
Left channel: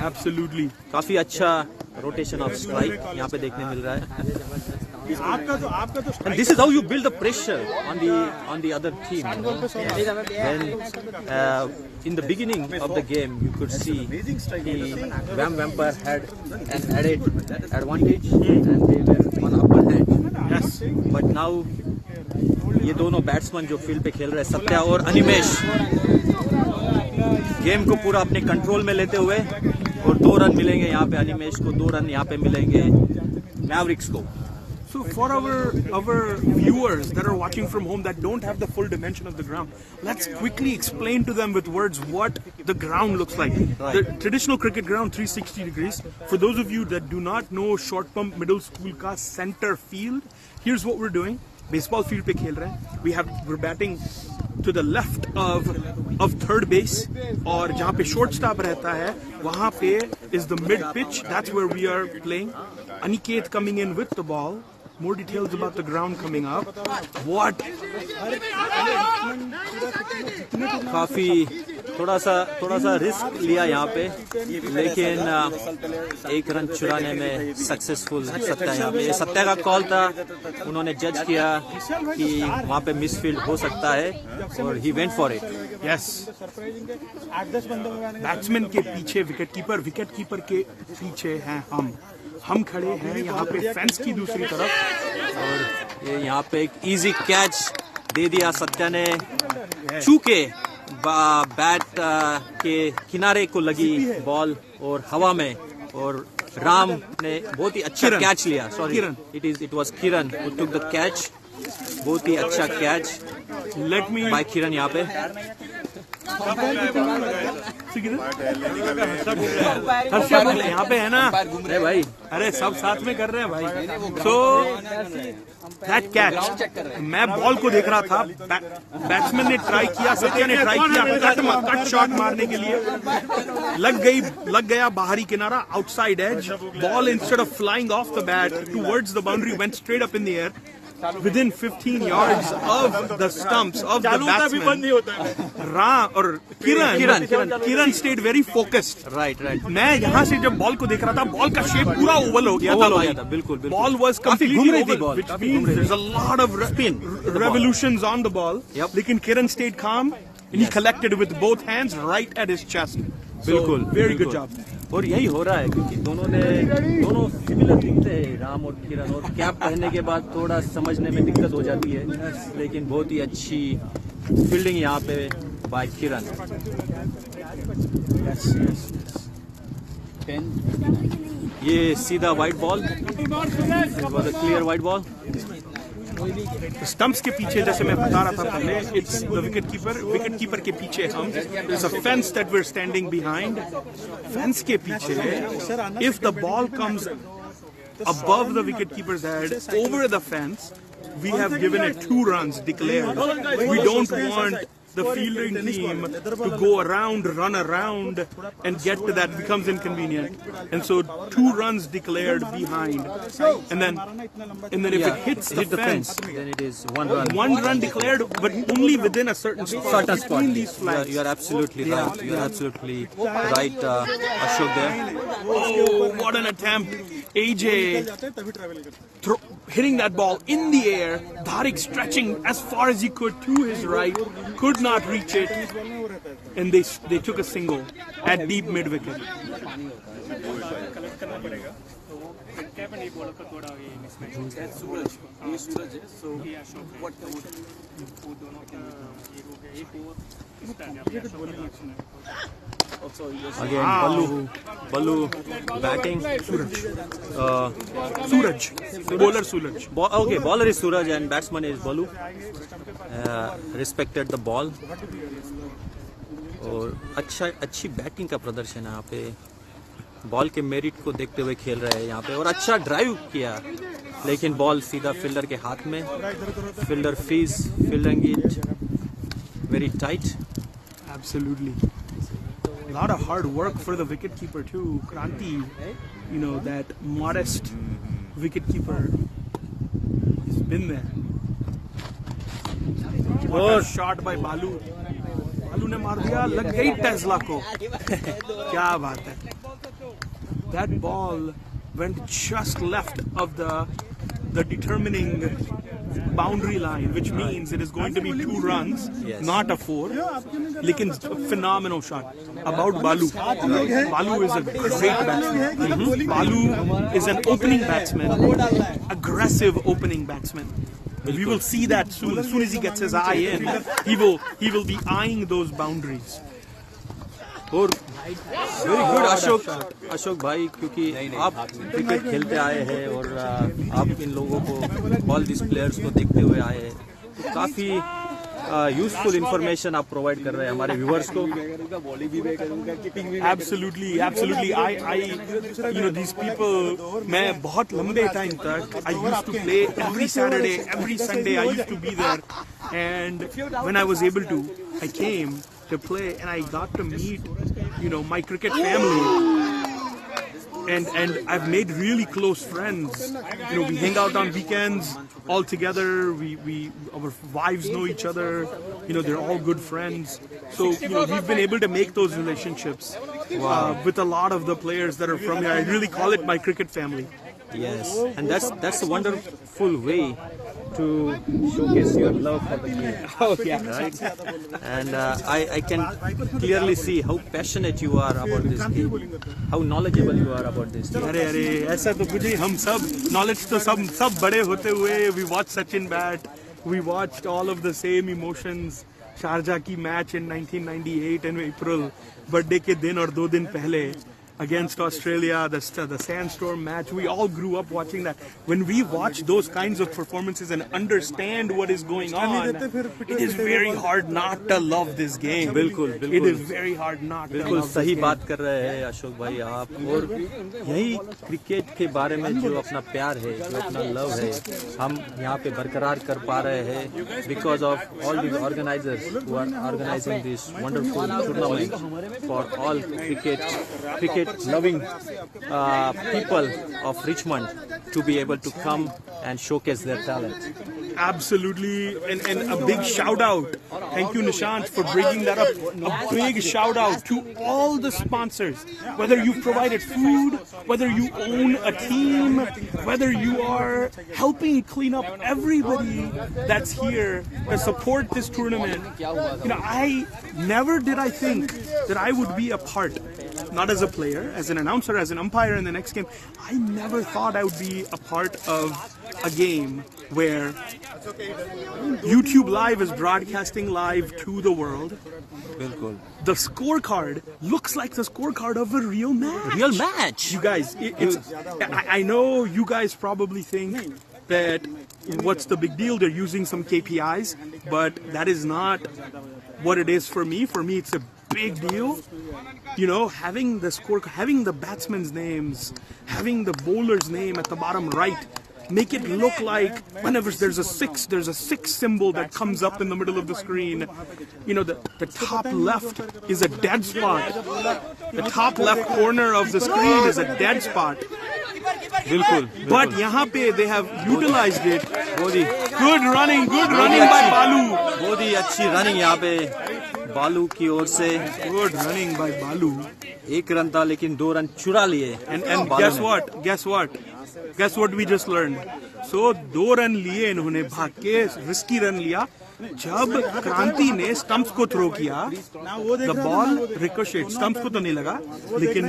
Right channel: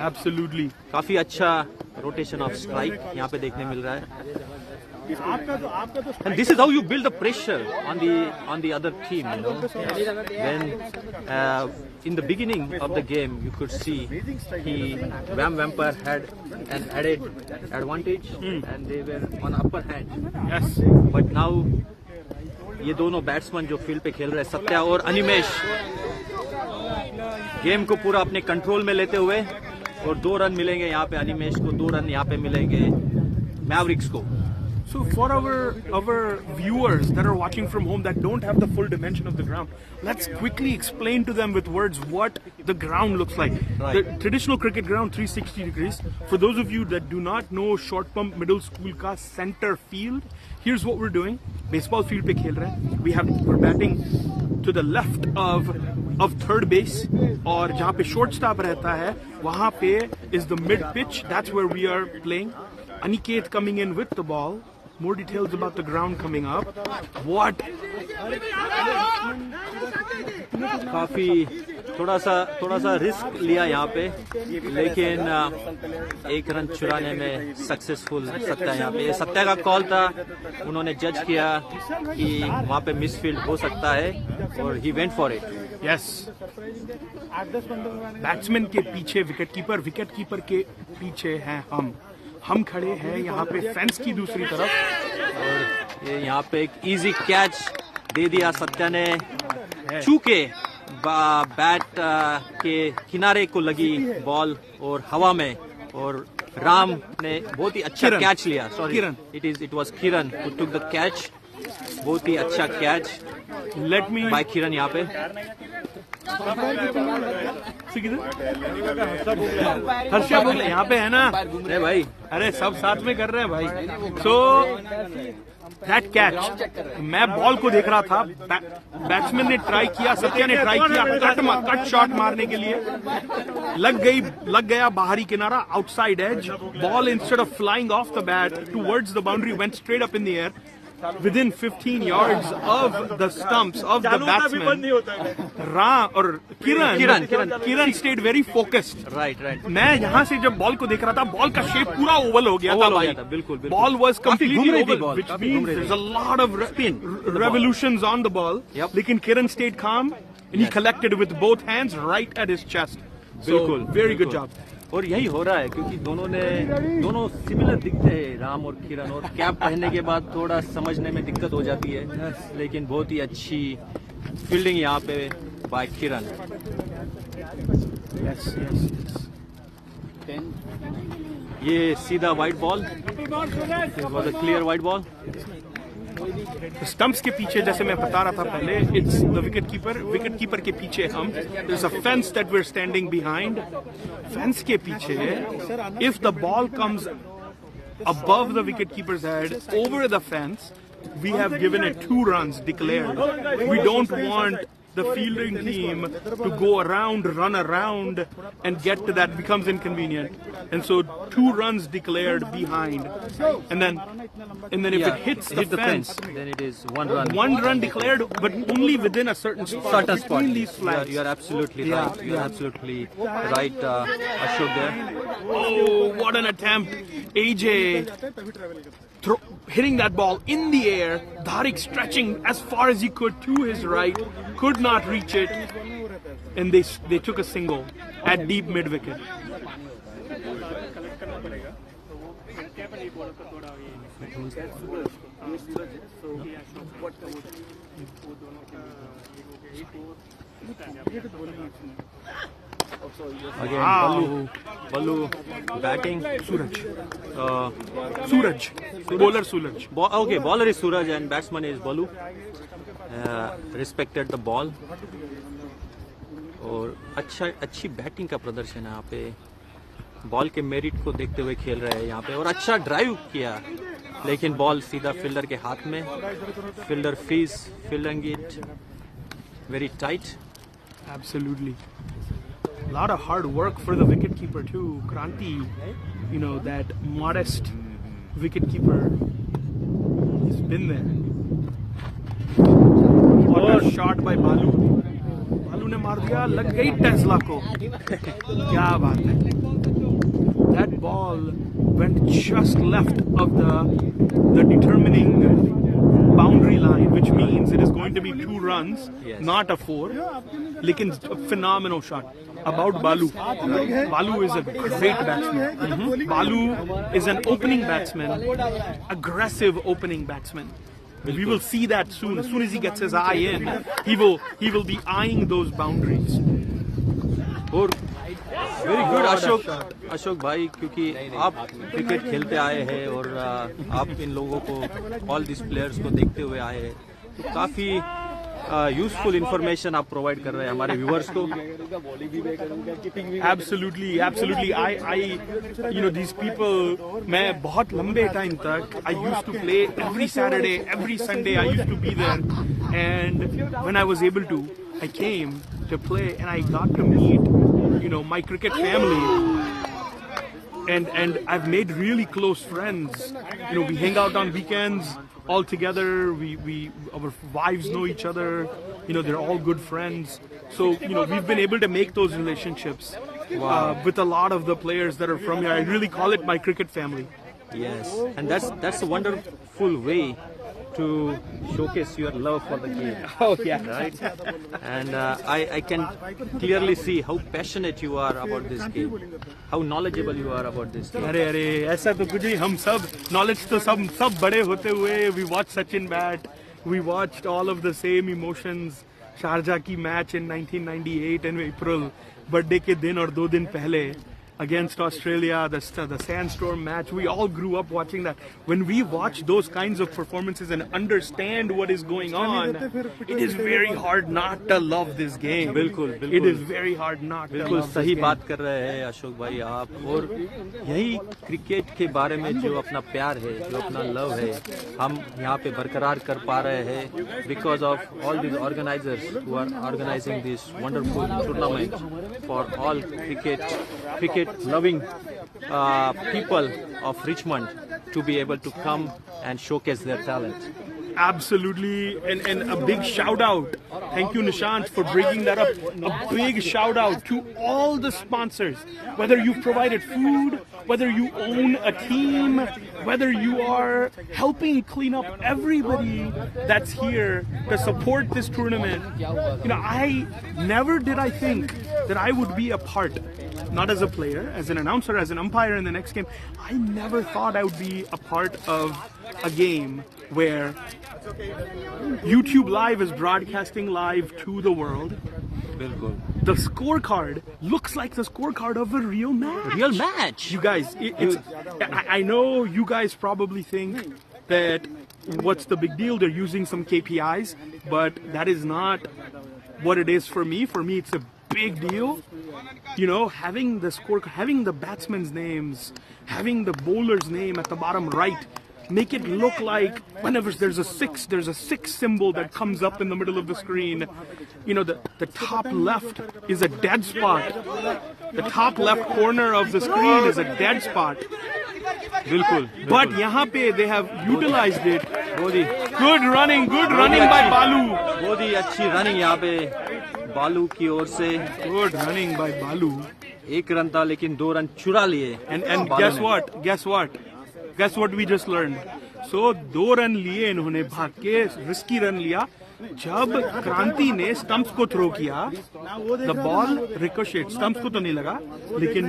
एब्सोल्युटली. काफी अच्छा रोटेशन ऑफ स्ट्राइक यहाँ पे देखने मिल रहा है. And this is how you build the pressure on the other team, you know. When in the beginning of the game you could see VAM Vampire had an added advantage and they were on upper hand. Yes. But now ये दोनों batsman जो field पे खेल रहे हैं, सत्या और Animesh, game को पूरा अपने कंट्रोल में लेते हुए, और 2 रन मिलेंगे यहाँ पे अनिमेश को, 2 रन यहाँ पे मिलेंगे मैवरिक्स को. So for our viewers that are watching from home that don't have the full dimension of the ground, let's quickly explain to them with words what the ground looks like. Right. The traditional cricket ground, 360 degrees. For those of you that do not know Short Pump Middle School ka center field, here's what we're doing. Baseball field पे खेल रहे हैं. We're batting to the left of third base, और जहाँ पे shortstop रहता है वहाँ पे is the mid pitch. That's where we are playing. Aniket coming in with the ball. More details about the ground coming up. What? काफी थोड़ा सा रिस्क लिया यहाँ पे, लेकिन 1 रन चुराने में सक्सेसफुल सत्या. यहाँ पे सत्या का कॉल था, उन्होंने जज किया कि वहाँ पे मिसफील्ड हो सकता है और he went for it. Yes. Batsman के पीछे विकेट कीपर के पीछे हैं हम खड़े हैं यहाँ पे फेंस की दूसरी तरफ, और ये यहाँ पे एक इजी कैच दे दिया सत्या ने. चूके बैट के किनारे को लगी बॉल और हवा में, और राम ने बहुत ही अच्छा कैच लिया. Sorry, it was Kiran who took the catch. बहुत ही अच्छा कैच बाय किरण यहाँ पे. हर्षा यहाँ पे है ना. अरे भाई, अरे सब साथ में कर रहे हैं भाई. सो दैट कैच, मैं बॉल को देख रहा था, बैट्समैन ने ट्राई किया, सत्या ने ट्राई किया कट शॉट मारने के लिए, लग गया बाहरी किनारा, outside edge. Ball instead of flying off the bat towards the boundary went straight up in the air within 15 yards of the stumps of the batsman. और किरण stayed very focused. Right. मैं यहाँ से जब बॉल को देख रहा था, ball का शेप पूरा ओवल हो गया था. बिल्कुल. Ball was completely oval, which काफी घूम रही means थी. there's a lot of revolutions on the ball. Yep. लेकिन किरण stayed calm and he collected with both hands right at his chest. बिल्कुल. Very good job. और यही हो रहा है क्योंकि दोनों सिमिलर दिखते हैं, राम और किरण, और कैप पहनने के बाद थोड़ा समझने में दिक्कत हो जाती है, लेकिन बहुत ही अच्छी फील्डिंग यहाँ पे बाय किरण. Yes, yes. ये सीधा wide ball. It was a clear white ball. Stumps के पीछे जैसे मैं बता रहा था पहले, इट्स द विकेट कीपर के पीछे हम, there's a fence that we're standing behind. Fence के पीछे, if the ball comes above the wicket keeper's head over the fence, we have given it 2 runs declared. We don't want the fielding team to go around, run around, and get to that becomes inconvenient. And so 2 runs declared behind. And then if it hits the fence, then it is 1 run. 1 run declared, but only within a certain spot. Certain spot. Between these flags. You are absolutely right. You are absolutely right, Ashok there. Oh, what an attempt. AJ hitting that ball in the air. Dharik stretching as far as he could to his right. Could not reach it. And they took a single at deep mid wicket. Again, Ballu batting. Suraj. Bowler Suraj. Okay, bowler is Suraj and batsman is Ballu. Respected the ball. और अच्छी batting का प्रदर्शन है यहाँ पे. Ball के merit को देखते हुए खेल रहे हैं यहाँ पे, और अच्छा ड्राइव किया, लेकिन बॉल सीधा फील्डर के हाथ में. Fielder fielding it very tight. Absolutely. A lot of hard work for the wicketkeeper too. Kranti, that modest wicketkeeper, he's been there. Oh, shot by Balu. Balu ने मार दिया, लग गई टेस्ला को. क्या बात है. That ball went just left of the determining boundary line, which means it is going to be 2 runs, not a 4. Lekin phenomenal shot. About Balu. Balu is a great batsman. Balu is an opening batsman, aggressive opening batsman. We will see that soon. As soon as he gets his eye in, he will be eyeing those boundaries. और very good Ashok भाई, क्योंकि आप cricket खेलते आए हैं और आप इन लोगों को, ऑल दिस प्लेयर्स को देखते हुए आए हैं, तो काफ़ी यूजफुल इंफॉर्मेशन आप प्रोवाइड कर रहे हैं हमारे व्यूअर्स को. Absolutely. I these people, मैं बहुत लंबे टाइम तक, I used to play every Saturday, every Sunday I used to be there, and when I was able to, I came to play and I got to meet, my cricket family. And I've made really close friends. We hang out on weekends all together. Our wives know each other. They're all good friends. So we've been able to make those relationships with a lot of the players that are from here. I really call it my cricket family. Yes, and that's a wonderful way to showcase your love for the game. Oh yeah, right. And I can clearly see how passionate you are about this game, how knowledgeable you are about this game. अरे ऐसा तो कुछ नहीं. हम सब knowledge तो सब बड़े होते हुए, we watched Sachin bat, we watched all of the same emotions. Sharjah की match in 1998 in April, birthday के दिन और 2 दिन पहले against Australia, the sandstorm match. We all grew up watching that. When we watch those kinds of performances and understand what is going on, it is very hard not to love this game. बिल्कुल. It is very hard not to बिल्कुल love सही this बात कर रहे हैं अशोक भाई आप. और यही क्रिकेट के बारे में जो अपना प्यार है, जो अपना लव है, हम यहाँ पे बरकरार कर पा रहे हैं because of all these organizers who are organizing this wonderful tournament for all cricket loving people of Richmond to be able to come and showcase their talent. Absolutely, and a big shout out. Thank you, Nishant, for bringing that up. A big shout out to all the sponsors. Whether you've provided food, whether you own a team, whether you are helping clean up, everybody that's here to support this tournament. I never did I think that I would be a part, not as a player, as an announcer, as an umpire in the next game. I never thought I would be a part of a game where YouTube Live is broadcasting live to the world. बिल्कुल. The scorecard looks like the scorecard of a real match. Real match. You guys, I know you guys probably think that what's the big deal? They're using some KPIs, but that is not what it is for me. For me, it's a big deal. You know, having the score, having the batsmen's names, having the bowler's name at the bottom right, make it look like whenever there's a six symbol that comes up in the middle of the screen. You know, the top left is a dead spot. The top left corner of the screen is a dead spot. बिल्कुल. But यहाँ पे they have utilized it. Good running by Balu. बहुत ही अच्छी running यहाँ पे बालू की ओर से. Good running by Balu. एक रन था लेकिन 2 रन चुरा लिए. And बालू guess what? Guess what we just learned? So 2 run लिए इन्होंने भाग के रिस्की रन लिया. जब क्रांति ने स्टंप्स को थ्रो किया, द बॉल रिकोशेट, स्टंप्स को तो नहीं लगा लेकिन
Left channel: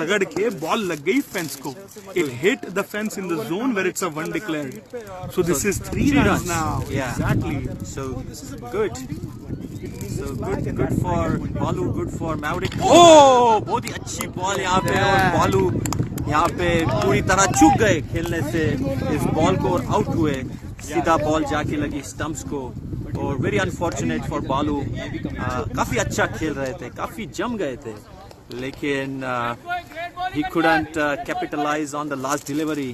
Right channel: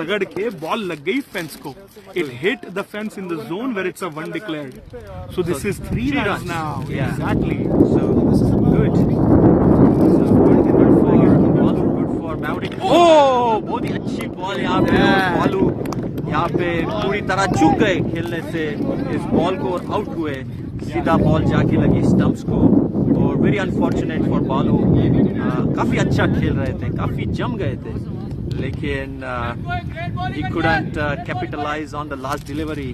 रगड़ के बॉल लग गई फेंस को. It hit the fence in the zone where it's a one declared. So this is 3 runs now. Yeah. Exactly. So good. So good for Balu, good for Mavericks. Oh, बहुत ही अच्छी ball यहाँ पे और बालू यहाँ पे पूरी तरह चूक गए खेलने से इस बॉल को और आउट हुए. सीधा बॉल जाके लगी स्टंप्स को और वेरी अनफॉर्चुनेट फॉर बालू. काफी अच्छा खेल रहे थे, काफी जम गए थे लेकिन he couldn't capitalize on the last delivery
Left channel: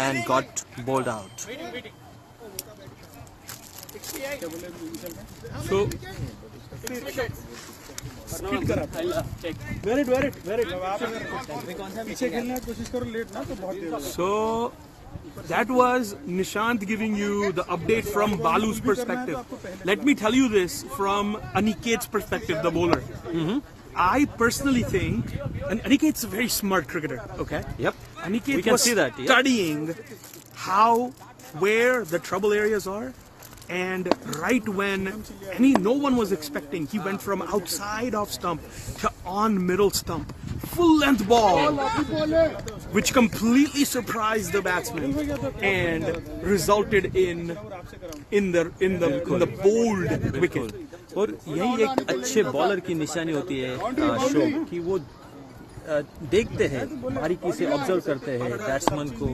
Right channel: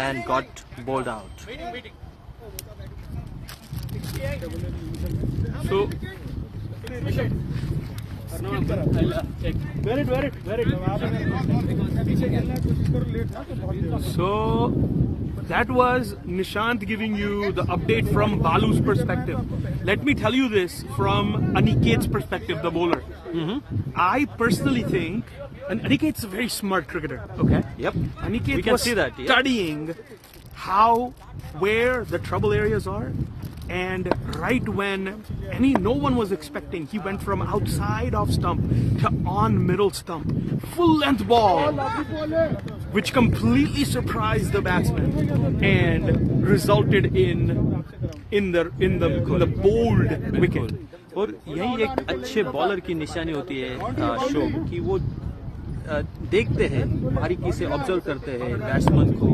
and got bowled out. So So that was Nishant giving you the update from Balu's perspective. Let me tell you this from Aniket's perspective, the bowler. I personally think, and Aniket's a very smart cricketer, okay? Yep. Aniket We can was see that, yeah. studying where the trouble areas are. And right when no one was expecting, he went from outside off stump to on middle stump, full length ball, which completely surprised the batsman and resulted in the bold wicket. और यही एक अच्छे bowler की निशानी होती है show कि वो देखते हैं, बारीकी से ऑब्जर्व करते हैं बैट्समैन को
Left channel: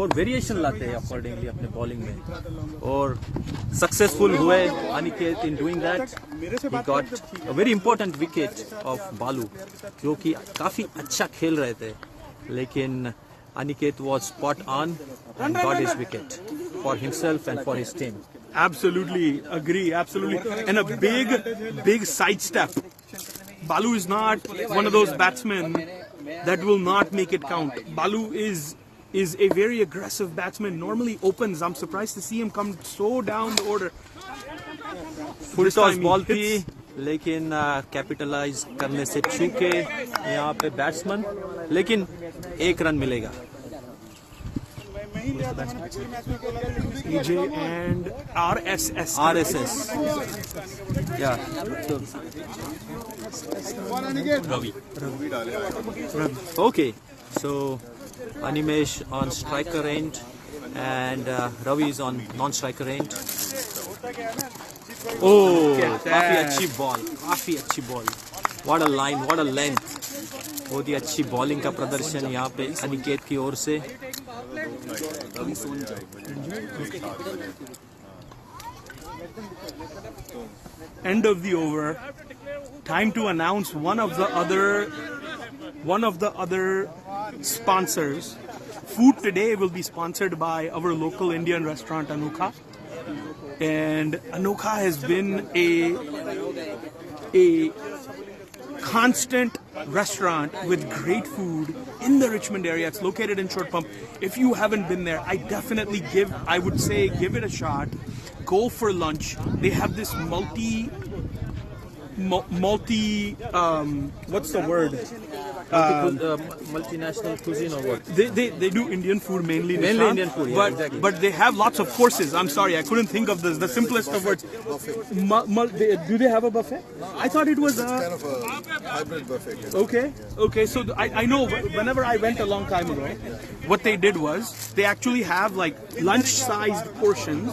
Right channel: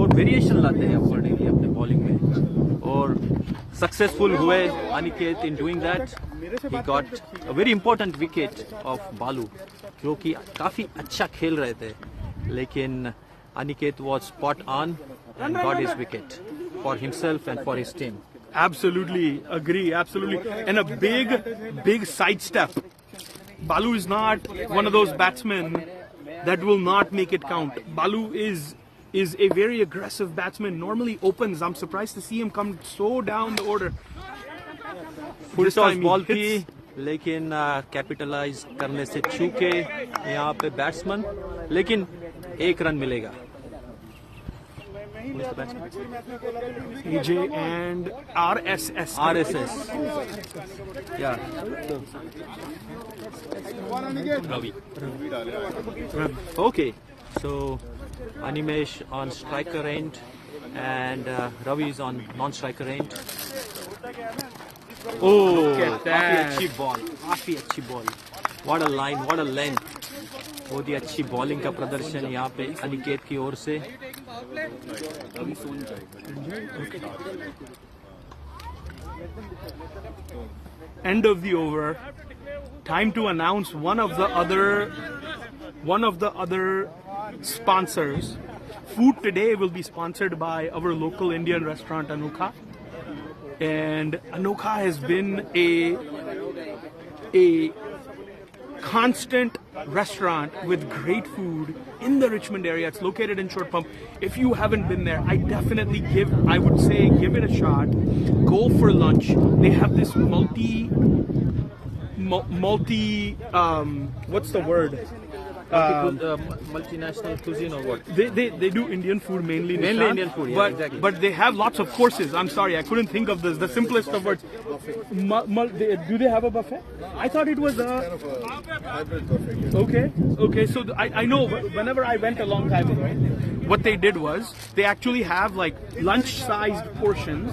और वेरिएशन लाते हैं अकॉर्डिंगली अपने बॉलिंग में. और सक्सेसफुल हुए Aniket in doing that. He got a very important wicket of बालू जो कि काफी अच्छा खेल रहे थे लेकिन Aniket was spot on and got his wicket for himself and for his team. Absolutely agree, absolutely. And a big sidestep. Balu is not one of those batsmen that will not make it count. Balu is a very aggressive batsman, normally opens. I'm surprised to see him come so down the order. Full toss ball थी लेकिन capitalise करने से चूके यहाँ पे batsman, लेकिन 1 run मिलेगा. EJ and RSS. Yeah. Okay. So Animesh on striker end and Ravi is on non-striker end. Oh, काफी अच्छी ball. What a line, what a length. बहुत ही अच्छी बॉलिंग का प्रदर्शन यहाँ पे अनिकेत की ओर से. End of the over. Time to announce one of the other sponsors. Food today will be sponsored by our local Indian restaurant Anokha, and Anokha has been a constant restaurant with great food in the Richmond area. It's located in Short Pump. If you haven't been there, I would say give it a shot. Go for lunch. They have this multi what's the word? Multinational cuisine or what? They do Indian food mainly. Mainly Nishant, Indian food, yeah, but exactly. but they have lots of courses. I'm sorry, I couldn't think of the simplest of words. Do they have a buffet? I thought it was a hybrid buffet. okay. So I know whenever I went a long time ago, what they did was they actually have like lunch-sized portions,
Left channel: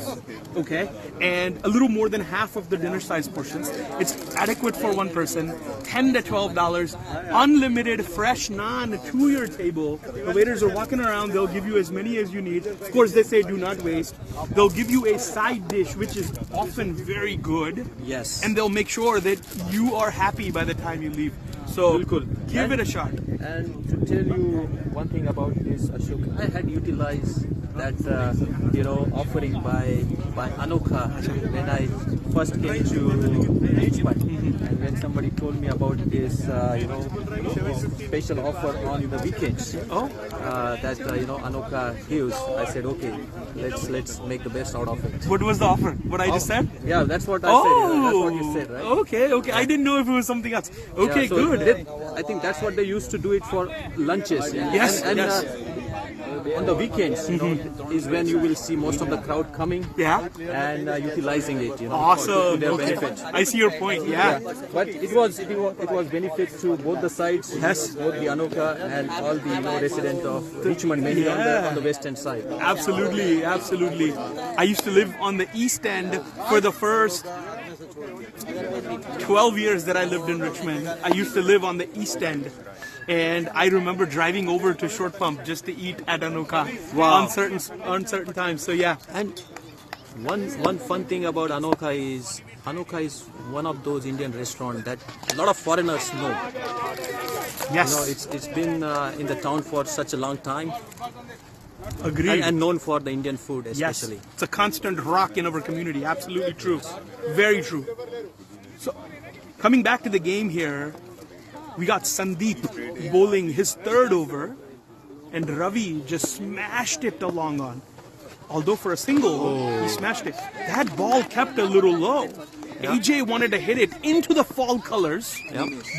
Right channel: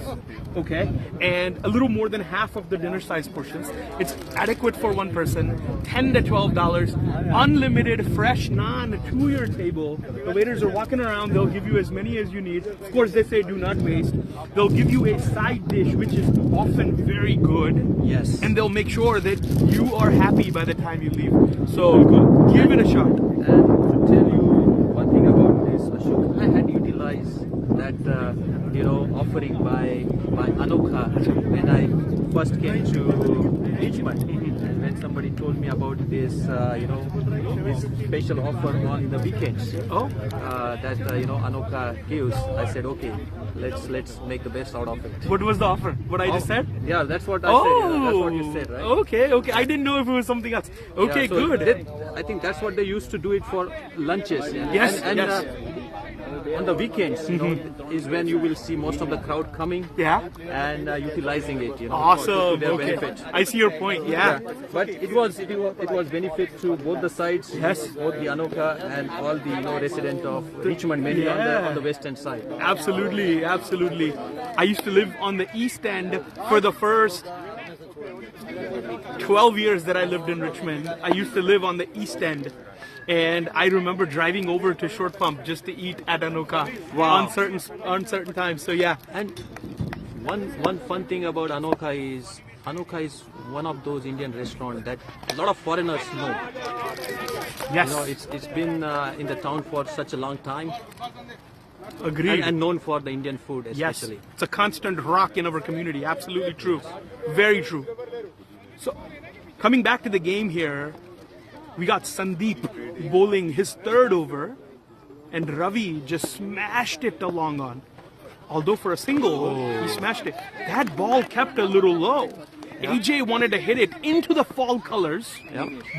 okay, and a little more than half of the dinner-sized portions. It's adequate for one person. $10 to $12, unlimited fresh naan to your table. The waiters are walking around. They'll give you as many as you need. Of course, they say do not waste. They'll give you a side dish, which is often very good. Yes. And they'll make sure that you are happy by the time you leave. So give it a shot. And to tell you one thing about this, Ashok, I had utilized that offering by Anokha when I first came to Richmond, and when somebody told me about this this special offer on the weekends that Anokha gives, I said okay, let's make the best out of it. What was the offer? What I just said? Yeah, that's what I said. Yeah, that's what you said, right? Okay. I didn't know if it was something else. Okay, Yeah, so good. I think that's what they used to do it for lunches. Yes, and yes. On the weekends, is when you will see most of the crowd coming and utilizing it, Awesome. to their Okay. benefit. I see your point. Yeah. But it was benefit to both the sides, Yes. both the Anokha and all the residents of Richmond, mainly on the western side. Absolutely. I used to live on the East End for the first 12 years that I lived in Richmond. I used to live on the East End. And I remember driving over to Short Pump just to eat at Anokha on certain times. So yeah. And one fun thing about Anokha is one of those Indian restaurants that a lot of foreigners know. Yes. It's been in the town for such a long time. Agreed. And known for the Indian food Yes. especially. It's a constant rock in our community. Absolutely true. Very true. So coming back to the game here, we got Sandeep bowling his third over, and Ravi just smashed it the long on. Although for a single, he smashed it. That ball kept a little low. AJ wanted to hit it into the fall colors,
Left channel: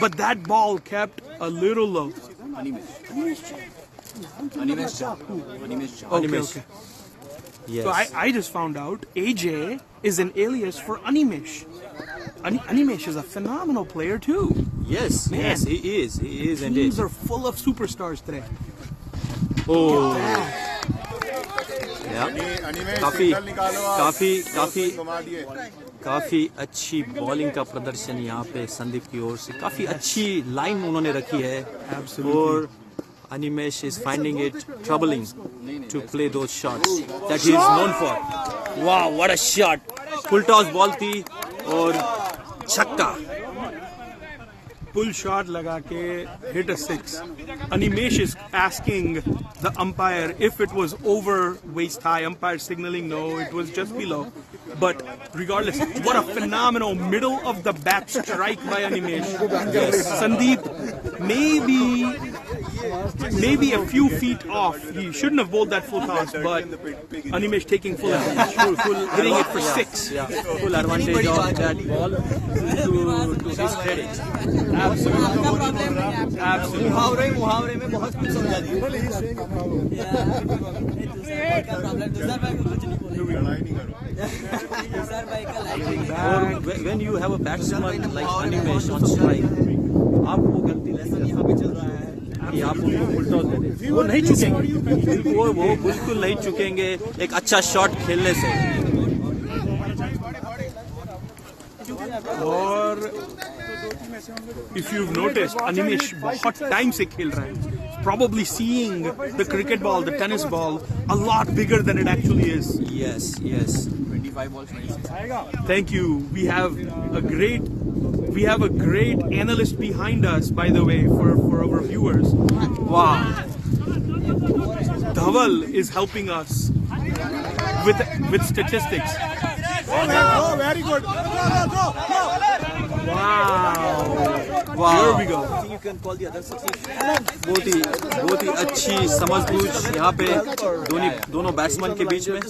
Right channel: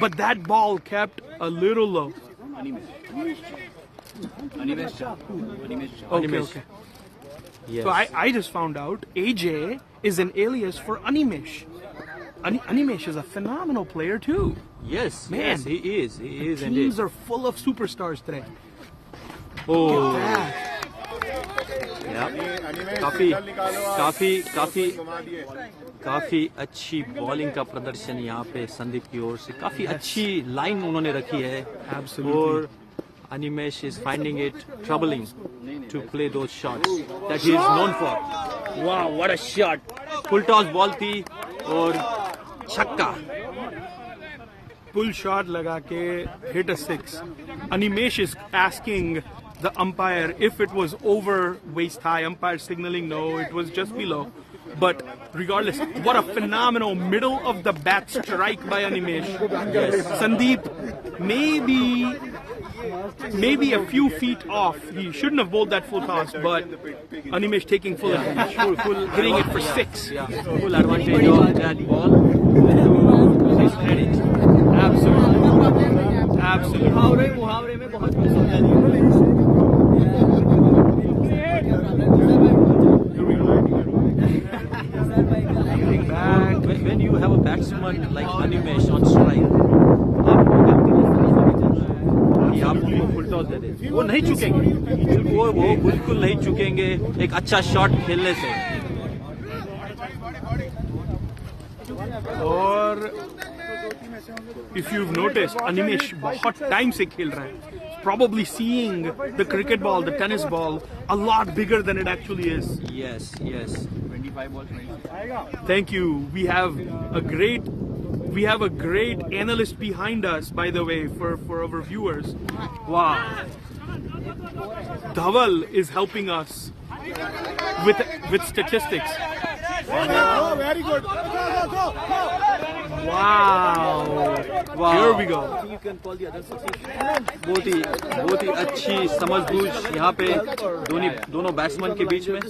but that ball kept a little low. Okay. Yes. So I just found out AJ is an alias for Animesh. Animesh is a phenomenal player too. Yes, he is Teams indeed. are full of superstars today. Oh, Yeah. काफी अच्छी bowling का प्रदर्शन यहाँ पे संदीप की ओर से काफी अच्छी लाइन उन्होंने रखी है और Animesh is finding it troubling to play those shots that he is known for. Wow, what a shot! Full toss ball थी और छक्का. Pull shot laga ke hit a six. Animesh is asking the umpire if it was over waist high. Umpire signaling no, it was just below. But regardless, what a phenomenal middle of the bat strike by Animesh. Sandeep, maybe a few feet off. He shouldn't have bowled that full toss, but Animesh taking full advantage. Full Hitting it for six. Yeah, full advantage of that ball to his credit. Absolutely. मुहावरे में बहुत कुछ समझा दिया. और when you have a batsman like Animesh on strike, आपको गलती कि आप उनको फुल टॉस दे दें. वो नहीं चुकेंगे, वो बिल्कुल नहीं चुकेंगे एक अच्छा शॉट खेलने से. और if you've noticed, Animesh बहुत टाइम से खेल रहा है. Probably seeing the cricket ball, the tennis ball, a lot bigger than it actually is. Yes, yes. Thank you. We have a great analyst behind us, by the way, for our viewers. Wow. Dhaval is helping us with statistics. Very good. Wow. Wow. Here we go. बहुत ही अच्छी समझबूझ यहाँ पे दोनों batsman के बीच में.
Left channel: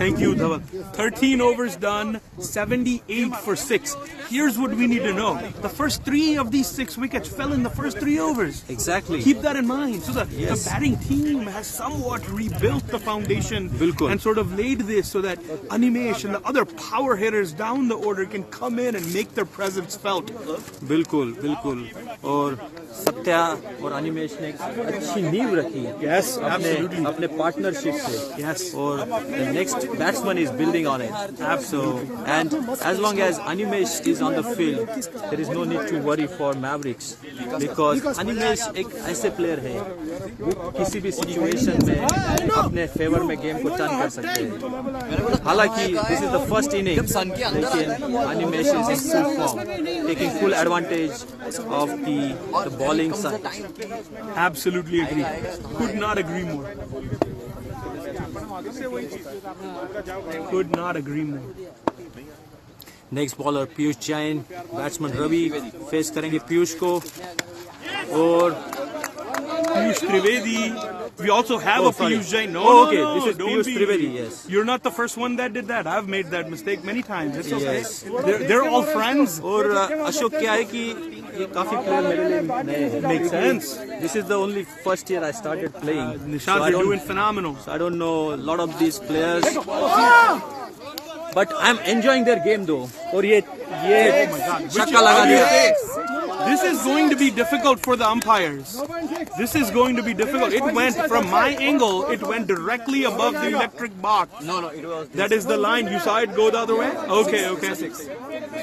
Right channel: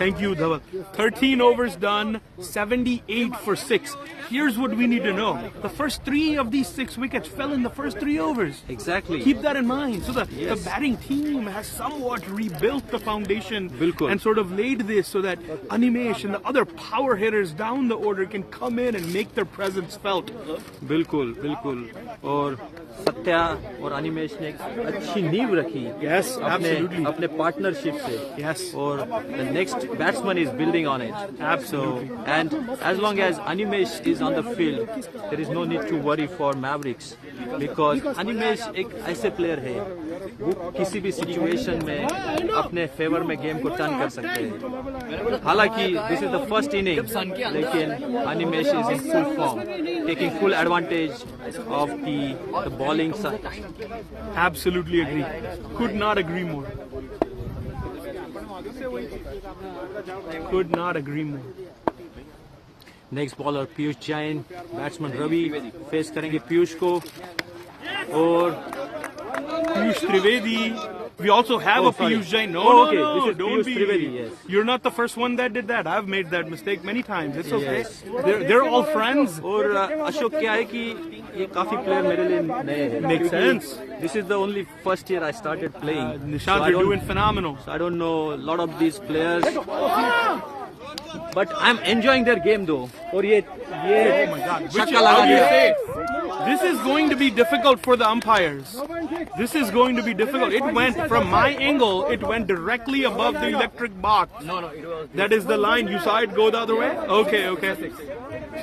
Thank you, Dhaval. 13 overs done, 78 for 6. Here's what we need to know. The first 3 of these 6 wickets fell in the first 3 overs. Exactly. Keep that in mind. So the Yes. batting team has somewhat rebuilt the foundation Bilkul. and sort of laid this so that Animesh and the other power hitters down the order can come come in and make their presence felt. बिल्कुल बिल्कुल और सत्या और अनिमेश ने एक अच्छी नींव रखी Yes, अपने absolutely. अपने पार्टनरशिप से Yes. और the next batsman is building on it. So and as long as Animesh is on the field, there is no need to worry for Mavericks because Animesh एक ऐसे player है वो किसी भी situation में अपने फेवर में गेम को टर्न कर सकते हैं. हालांकि this is the first inning लेकिन Animesh is in full form, taking full advantage of the bowling side. Absolutely agree. Could not agree more. Could not agree more. Next bowler Piyush Jain, batsman Ravi face करेंगे पीयूष को और Piyush Trivedi. We also have a sorry. Piyush Jain. No, Oh, no, okay. no, This is don't Piyush be- Trivedi, yes. You're not the first one that did that. I've made that mistake many times. It's okay. Yes. They're all friends. और अशोक क्या है कि ये काफी player मेरे लिए नए हैं. Makes sense. This is the only first year I started playing. Nishant, you're doing phenomenal. So I don't know a lot of these players. But I'm enjoying their game though. और ये छक्का लगा दिया. This is going to be difficult for the umpires. This is going to be difficult. It went, from my angle, it went directly above the electric box. No, it was. That is the line. You saw it go the other way? Okay, okay.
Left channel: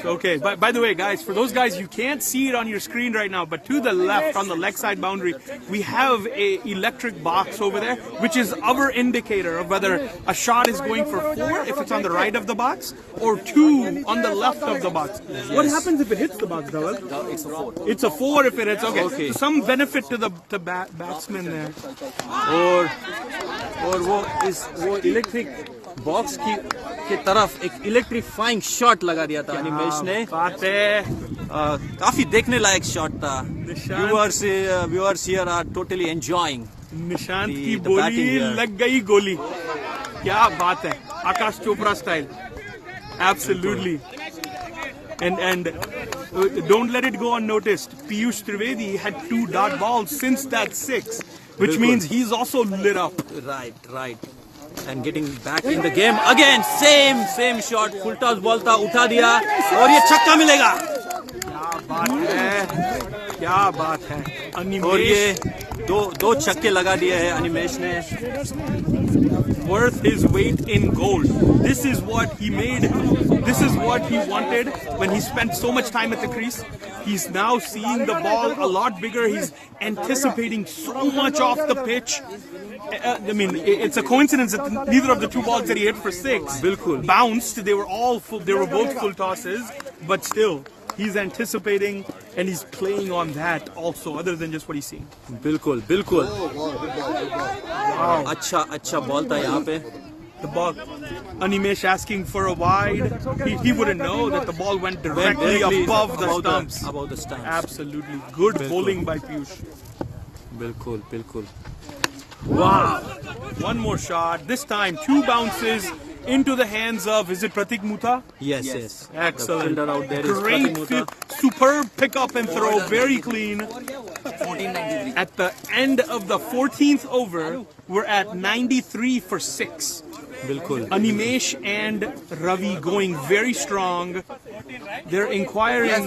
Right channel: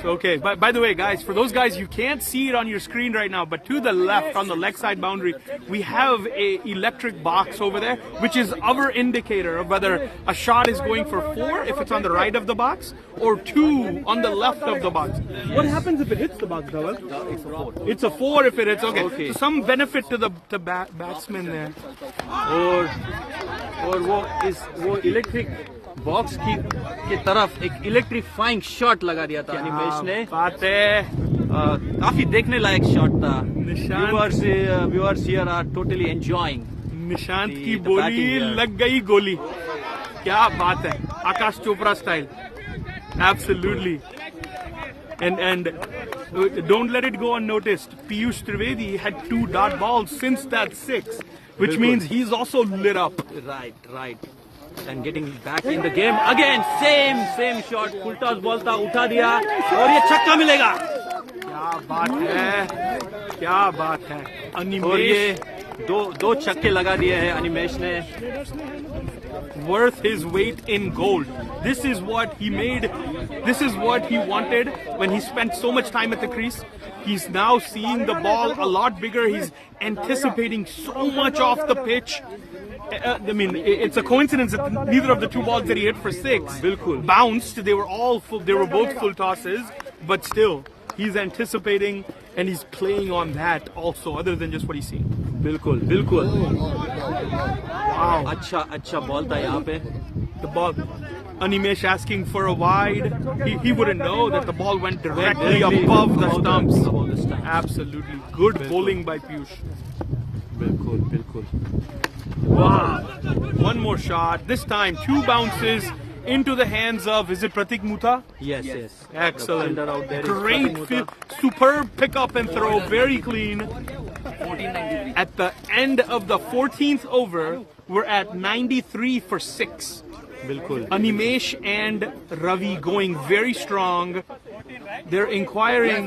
So, okay. But by the way, guys, for those guys, you can't see it on your screen right now, but to the left, on the leg side boundary, we have a electric box over there, which is our indicator of whether a shot is going for 4 if it's on the right of the box, or 2 on the left of the box. What happens if it hits the box, Dhawal? It's a 4. It's a 4 if it hits. Okay. Okay. So some benefit to the batsman there. और वो electric box की तरफ एक electrifying shot लगा दिया था अनिमेश ने. बात है. काफी देखने लायक शॉट था. Viewers here are totally enjoying. Nishant The- की the batting बोली here. लग गई गोली. क्या बात है. Aakash Chopra style. Absolutely. And don't let it go unnoticed. Piyush Trivedi had 2 dot balls since that 6, which Bilkul. means he's also lit up. Right. And getting back in the game again. Same shot. Full toss ball था, उठा दिया और ये छक्का मिलेगा. क्या बात है. क्या बात है. और अनिमेश ये दो छक्के लगा दिए हैं अनिमेश ने. worth his weight in gold. This is what he made. This is what he wanted when he spent so much time at the crease. He's now seeing the ball a lot bigger. He's anticipating so much off the pitch. I mean, it's a coincidence that neither of the 2 balls that he hit for 6 Bilkul. bounced. They were all full. They were both full tosses, but still, he's anticipating and he's playing on that also, other than just what he's seeing. बिल्कुल. Wow. अच्छा ball था यहाँ पे. The ball. Animesh asking for a wide. He wouldn't know that the ball went directly above the stumps. Above the stumps. Absolutely. Good bowling by Piyush. बिल्कुल. Wow. One more shot. This time 2 bounces into the hands of, is it Pratik Mutha? Yes. Excellent. The fielder out there is Great, Pratik Mutha. superb pick up and throw, very clean. 1493. At the end of the 14th over, we're at 93 for 6. बिल्कुल. Animesh and Ravi going very strong. They're inquiring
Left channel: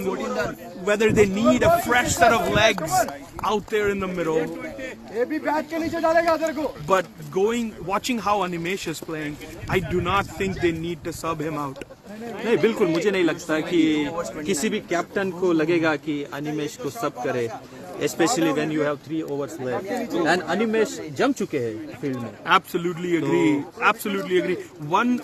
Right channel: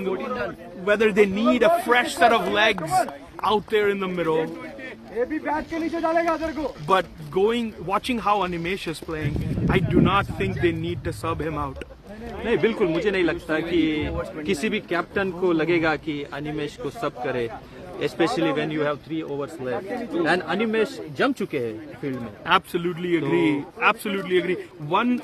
whether they need a fresh set of legs out there in the middle. But watching how Animesh is playing, I do not think they need to sub him out. नहीं बिल्कुल मुझे नहीं लगता कि किसी भी captain को लगेगा कि अनिमेश को सब करे. Especially when you have 3 overs left. And Animesh jump चुके हैं फील्ड में. Absolutely agree. Absolutely agree.